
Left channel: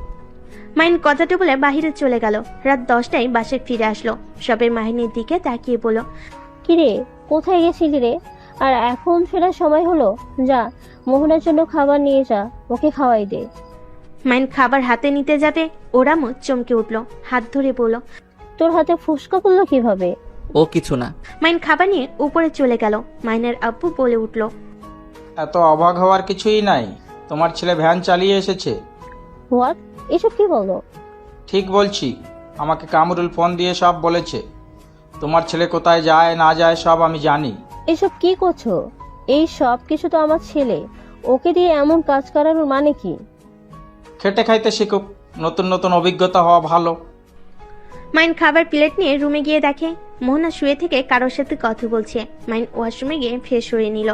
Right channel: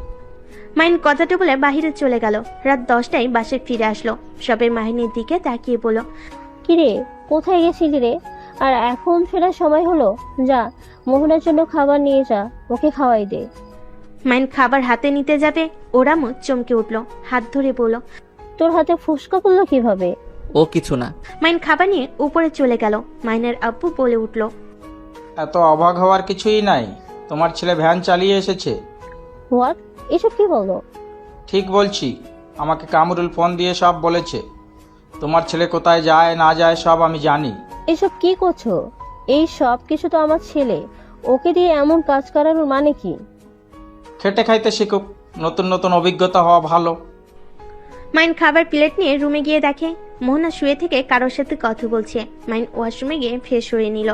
মাহিন কথাটা বলে বাহিরে চলে গেল। রাত 10টায় বাসে ফিরে আসলো। সবাই মাহিনের দিকে তাকিয়ে বলল, কিরে, কোথায় গেছিলি রে? আর এখন ফেরার সময় হলো, যা মোহনার জন্য খাবার নিয়ে যা, ওকে খাওয়াই দে। মাহিন খাবার হাতে নিতে যাবে, ওরা চমকে উঠলো। হাত ধরে বলল, তোর হাতে ফুসকা করলো কিভাবে? ও কিছু না। মাহিন খাবার নিয়ে উপরে চলে গেল। মাহিনের আব্বু বলে উঠল, এত অবাক হওয়ার কিছুই নাই, তোমার ছেলে ভ্যান চালিয়ে এসেছে। হোয়াট? এসব কি বলো? ঠিক বলছি, আমাকে কামরুল ফোন দিয়ে সব বলেছে। তোমার ছেলে কোথায় যায় না যায় সব আমি জানি। এসব কি করছো? এই সব কিছু তো আমার ছেলে, ওকে দিয়ে এমন কাজ করানোর মানে কি? খেটে খাইতে শেখো, নতুন নতুন অভিজ্ঞতা হওয়া ভালো। মাহিন খাবার প্লেট নিয়ে রুমে গিয়ে দেখে মোহনা শুয়ে থেকে কারোর সাথে কথা বলছে। মাহিন ওয়াশরুমে গিয়ে ফ্রেশ হয়ে নিল।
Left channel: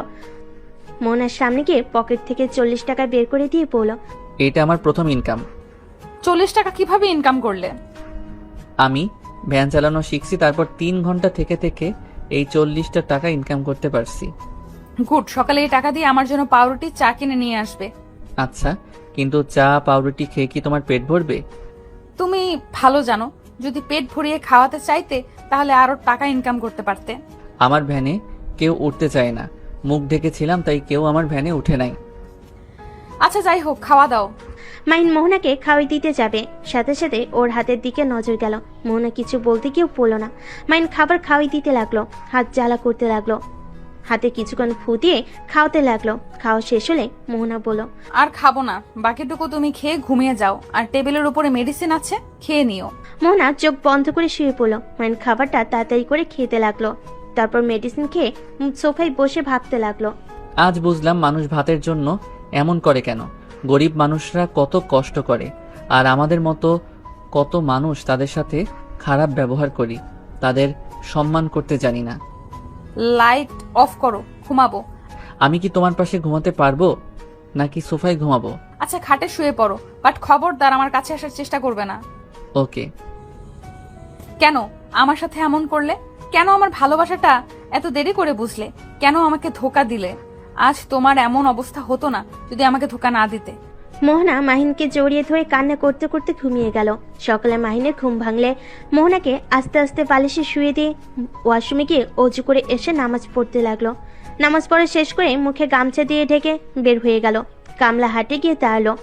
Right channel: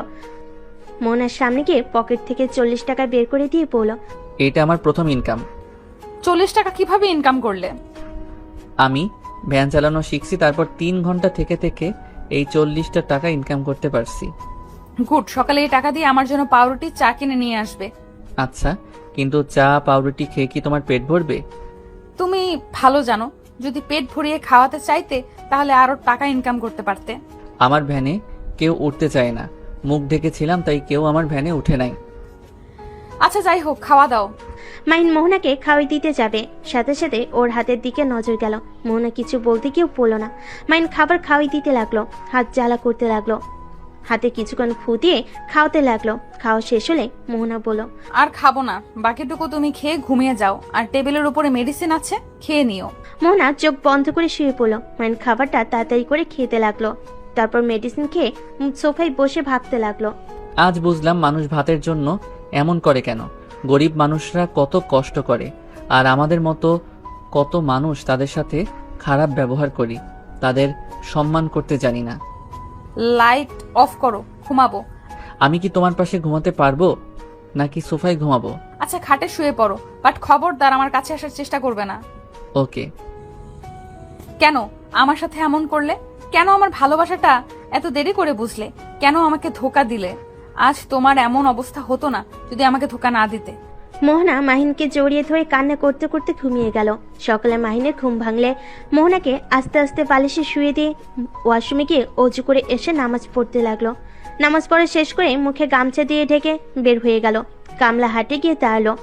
মোহনার সামনে গিয়ে পকেট থেকে 40 টাকা বের করে দিয়ে বলল, এটা আমার প্রথম ইনকাম। 40 টাকা কিভাবে ইনকাম করলে? আমি ভ্যান চালানো শিখছি, তারপর 3 ঘন্টা থেকে থেকে এই 40টা টাকা ইনকাম করতে পারছি। গুড, সকালে এই টাকা দিয়ে আমার জন্য পাউরুটি চা কিনে নিয়ে আসবে। আচ্ছা কিন্তু চা পাউরুটি খেয়ে কি তোমার পেট ভরবে? তুমি ভালো জানো, যদি পেট ভরিয়ে খাওয়াতে চাইতে তাহলে আরো টাকা ইনকাম করতে পারতে। আমার ভ্যানে কেউ উঠতে চায় না, মুখ ডেকেছিলাম তাই কেউ আমার ভ্যানে উঠে নাই। আচ্ছা যাই হোক, খাওয়া দাও। মাহিন মোহনাকে খাওয়াই দিতে যাবে, সাথে সাথে ওর হাতের দিকে নজর গেল। মোহনা কিছু বলতে কেউ বলল না। মাহিন খাবার খাওয়াই দিতে লাগলো, হাত জ্বালা করতে লাগলো। হাতে কিছুক্ষণ ফু দিয়ে খাওয়াতে লাগলো। খাওয়া শেষ হলে মোহনা বলল, আর খাবো না, বাকিটুকু তুমি খেয়ে ঘুমিয়ে যাও, আর টেবিলের উপরে মেডিসিন আছে, খেয়ে নিও। মোহনা চোখ বন্ধ করে শুয়ে পড়ল। মাহিন খাবারটা তাড়াতাড়ি করে খেতে লাগলো। তারপর মেডিসিন খেয়ে সোফায় বসে ভাবতে লাগলো। আজ বুঝলাম মানুষ ভাতের জন্য এমন করে কেন। গরিব মানুষরা কত কষ্ট করে, আর আমাদের মতো কত মানুষ তাদের সাথে খারাপ ব্যবহার করি, তাদের সম্মান করতে জানি না। লাইট অফ করো, ঘুমাবো। আমি কি তোমার পাশে ঘুমাতে পারবো নাকি সোফায় ঘুমাবো? আচ্ছা খাটে শুয়ে পড়ো, বাট খবরদার আমার কাছে আসার চেষ্টা করবে না। ওকে। কেন আমার সাথে এমন করলে? কেন আমার ভালোবাসাটা এত দেরি করে বুঝলে? কেন আমাকে ধোকা দিলে? আজ তোমার এমন অবস্থা হতো না যদি আমাকে ধোকা না দিতে। মোহনা মাহিনকে জড়িয়ে ধরে কান্না করতে করতে ঘুমিয়ে গেল। সকালে মাহিনের ঘুম ভাঙলে মোহনাকে আস্তে আস্তে বালিশে শুয়ে দিয়ে ওয়াশরুমে গিয়ে অজু করে এসে নামাজ পড়তে লাগলো। নামাজ পড়া শেষ করে মুখে গামছা দিয়ে ঢেকে বের হয়ে গেল। কামলা হাটে গিয়ে দাঁড়ালো।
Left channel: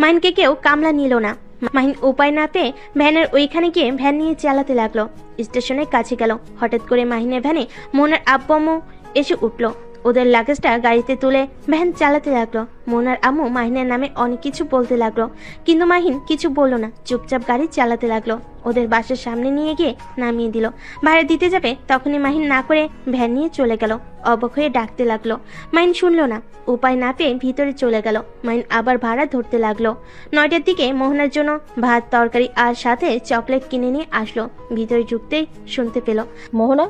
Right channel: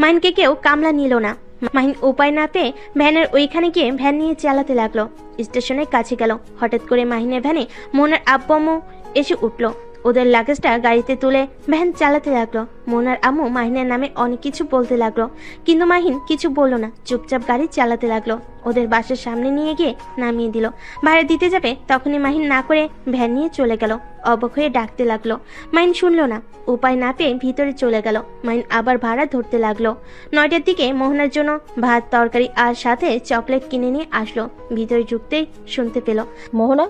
মাহিনকে কেউ কামলা নিল না। মাহিন উপায় না পেয়ে ভ্যানের ওইখানে গিয়ে ভ্যান নিয়ে চালাতে লাগলো। স্টেশনের কাছে গেল। হঠাৎ করে মাহিনের ভ্যানে মোহনার আব্বু আম্মু এসে উঠলো। ওদের লাগেজটা গাড়িতে তুলে ভ্যান চালাতে লাগলো। মোহনার আম্মু মাহিনের নামে অনেক কিছু বলতে লাগলো, কিন্তু মাহিন কিছু বললো না, চুপচাপ গাড়ি চালাতে লাগলো। ওদের বাসার সামনে নিয়ে গিয়ে নামিয়ে দিল। ভাড়া দিতে যাবে তখনই মাহিন না করে ভ্যান নিয়ে চলে গেল। অবাক হয়ে ডাকতে লাগলো, মাহিন শুনলো না। উপায় না পেয়ে ভিতরে চলে গেল। মাহিন আবার ভাড়া ধরতে লাগলো। 9টার দিকে মোহনার জন্য ভাত তরকারি আর সাথে চকলেট কিনে নিয়ে আসলো। ভিতরে ঢুকতেই শুনতে পেল, মোহনা,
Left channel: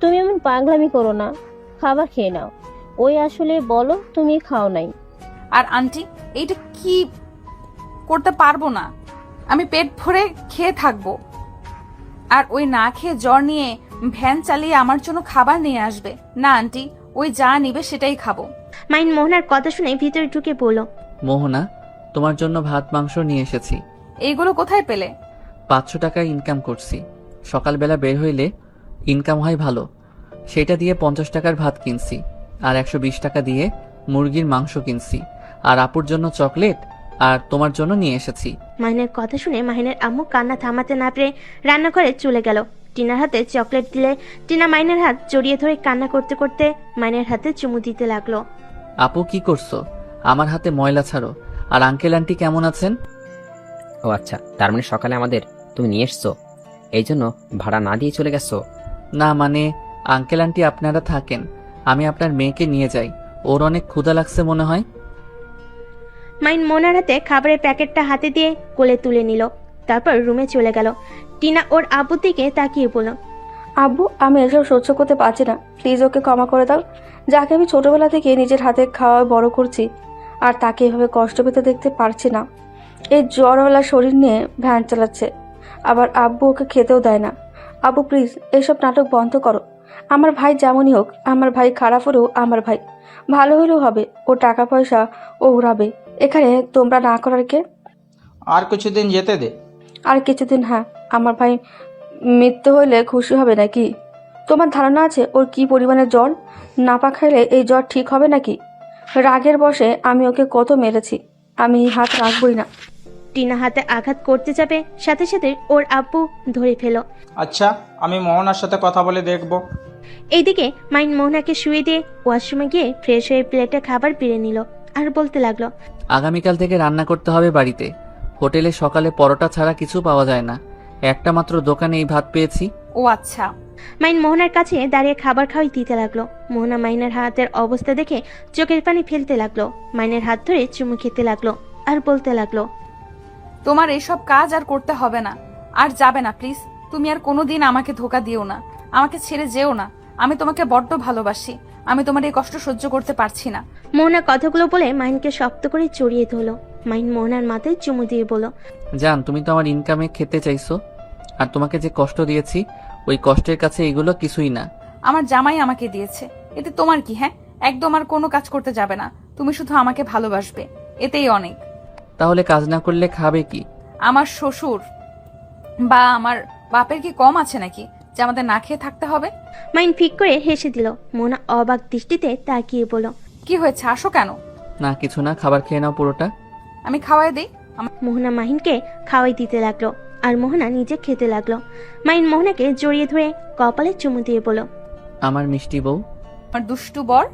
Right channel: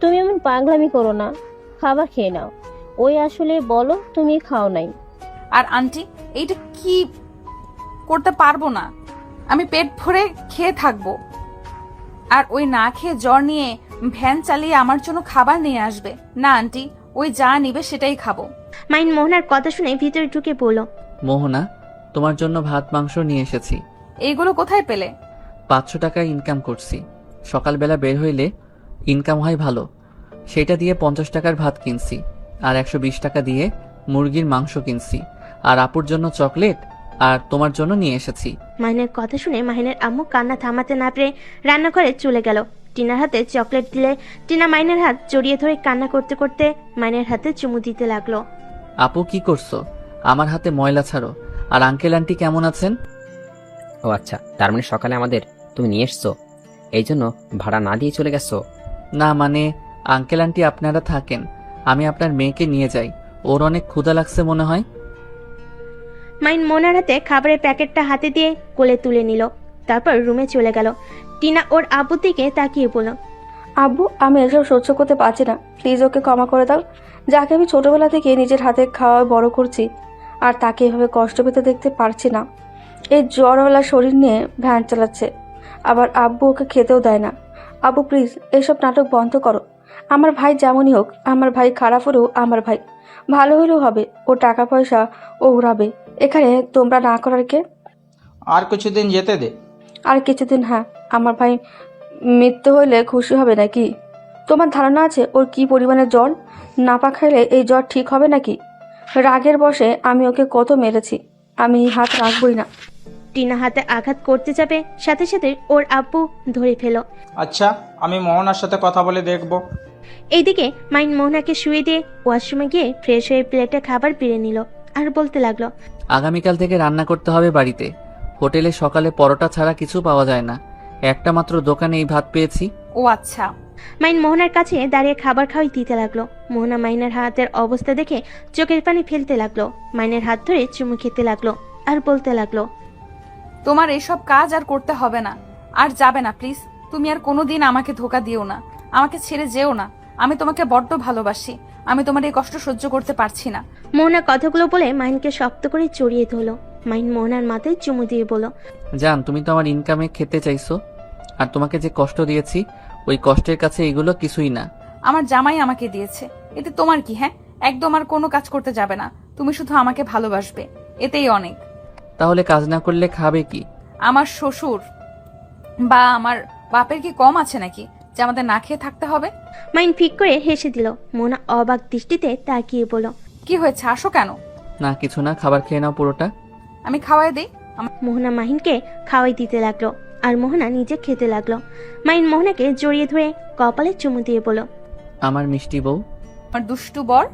তুমি এমন পাগলামি করো না, খাবার খেয়ে নাও। ওই আসলে বলো তুমি খাও নাই। আর আন্টি, এটা কি করতে পারবো না, আমি পেট ভরে খেয়ে থাকবো। আর ওই না খেয়ে জ্বর নিয়ে ভ্যান চালিয়ে আমার জন্য খাবার নিয়ে আসবে না আন্টি, ওই যা নিবে সেটাই খাবো। মাহিন মোহনার কথা শুনে ভিতরে ঢুকে পড়ল। মোহনা, তোমার জন্য ভাত মাংস নিয়ে এসেছি। এইগুলো কোথায় পেলে? 500 টাকা ইনকাম করছি। সকালবেলা বের হইলে ইনকাম হয় ভালো, সেটা দিয়ে 50 টাকার ভাত কিনছি, আর 120 টাকা দিয়ে মুরগির মাংস কিনছি, আর আপুর জন্য চকলেট, আর তোমার জন্য নিয়ে এসেছি। মাহিনের কথা শুনে মাহিনের আম্মু কান্না থামাতে না পেরে রান্নাঘরে চলে গেল। টিনার হাতে চকলেট দিলে টিনা মাইনের হাত জড়িয়ে ধরে কান্না করতে করতে মাইনের হাতে চুমু দিতে লাগলো। আপু কি করছো? আমার হাতে ময়লা ছাড়ো। আর আঙ্কেল আন্টি কেমন আছেন? ও আচ্ছা, তার মানে সকালে আমাদের তুমি নিয়ে এসছো, এই জন্য ভাড়া না দিয়ে চলে গেছো? না মানে আঙ্কেল আন্টি আপনারা থাকেন, আমি আপনার মেয়েকে নিয়ে যাই, ওর অনেক ক্ষুধা লাগছে মনে হয়। মাইন মোনার হাতে খাবারের প্যাকেটটা হাতে দিয়ে কোলে তুলে নিল। তারপর রুমে চলে গেল। টিনা ওর আব্বু থেকে তাকিয়ে বলল, আব্বু, আমি এসব সহ্য করতে পারছি না, প্লিজ ওকে ক্ষমা করে দাও। যাকে আমি ছোটবেলা থেকে নিজের হাতে খাওয়া বড় করছি, আর তাকে এভাবে কষ্ট পেতে দেখতে পারছি না। এই জ্বরওয়ালা শরীর নিয়ে ভ্যান চালাচ্ছে, আবার আব্বু ওকে খেতেও দেয় না। আব্বু প্লিজ এসব নাটক বন্ধ করো। আমার ভাই যেমনই হোক, আমার ভাই খারাপ হলেও আমার ভাই, ভালো হলেও হবে, ও টাকা পয়সা ও উড়াবে, এখানে তোমরা না করার কে? আর কিছুদিন যেতে দে। আর কিছুদিন? হ্যাঁ, আমার ভাই মৃত্যু হইলে খুশি হবে নাকি? তোমার ধারণা আছে ওর কি পরিমাণের জ্বর? নাপা খাইলে এই জ্বর ঠিক হবে নাকি? রাগের বশে আমি ওকে কত মেরেছি, আমি হাত রাখবই না। টিনা হাতে আঘাত করতে যাবে, সাথে সাথে ওর আব্বু ধরে ফেল। আচ্ছা, আমি মোহনার সাথে কথা বলে দেখব। এইদিকে মাইন মোহনাকে শুয়ে দিয়ে ওয়াশরুমে গিয়ে ফ্রেশ হয়ে প্লেটে খাবার পেরে নিল আর বলতে লাগলো, আগামীকাল থেকে রান্না করতে হবে বাড়িতে। হোটেলে সকালে পরোটা ছাড়া কিছু পাওয়া যায় না, একটা মাত্র দোকানে এই ভাত পেয়েছি। ও আচ্ছা। মাইন মোহনার কাছে দাঁড়িয়ে খাবার খাওয়াই দিতে লাগলো। মোহনা মাইনের হাতের অবস্থা দেখে চোখের পানি ফেলতে লাগলো। মাইনের হাত ধরে চুমু খেতে লাগলো আর বলতে লাগলো, তোমার এইসব কাজ আর করতে হবে না, আর যাবে না প্লিজ। তুমি আর কোনোদিন আমাকে ধোকা দিও না, আমাকে ছেড়ে যেও না। আমি তোমাকে বড্ড ভালোবাসি, আমি তোমার এই কষ্ট সহ্য করতে পারছি না। মোহনা কথাগুলো বলে মাইনকে শক্ত করে জড়িয়ে ধরলো। মাইন মোহনার মাথায় চুমু দিয়ে বলল, জান, তুমি তো আমার ইনকামে খেতে চাইছো, আর তোমাকে যে কষ্ট দিয়েছি ওই কষ্টের কাছে এগুলো কিছুই না। আমার জামাই আমাকে দিয়েছে, এতে তোমার কি? হ্যাঁ, একদম আর কোনো কাজ করতে যাবে না, তুমি শুধু আমাকে ভালোবাসবে, এতেই অনেক। তাহলে কাজ না করলে খাবে কি? আমার শ্বশুর বা আমার বাপের কি কম আছে নাকি যে আমাদের না খেয়ে থাকতে হবে? মাইন ফিক করে হেসে দিল। মোহনা অবাক দৃষ্টিতে তাকিয়ে বলল, কি হয়েছে, আসো কেন? না কিছু না, খাবার খেয়ে নাও পুরোটা। আমি খাওয়াই দিই। মোহনা মাহিনকে খাওয়াই দিতে লাগলো আর মোহনা নিজে খেতে লাগলো। মাইন মোহনাকে জড়িয়ে ধরে কপালে চুমু দিয়ে বলল, আমার মিষ্টি বউ। আমার দুষ্টু বর।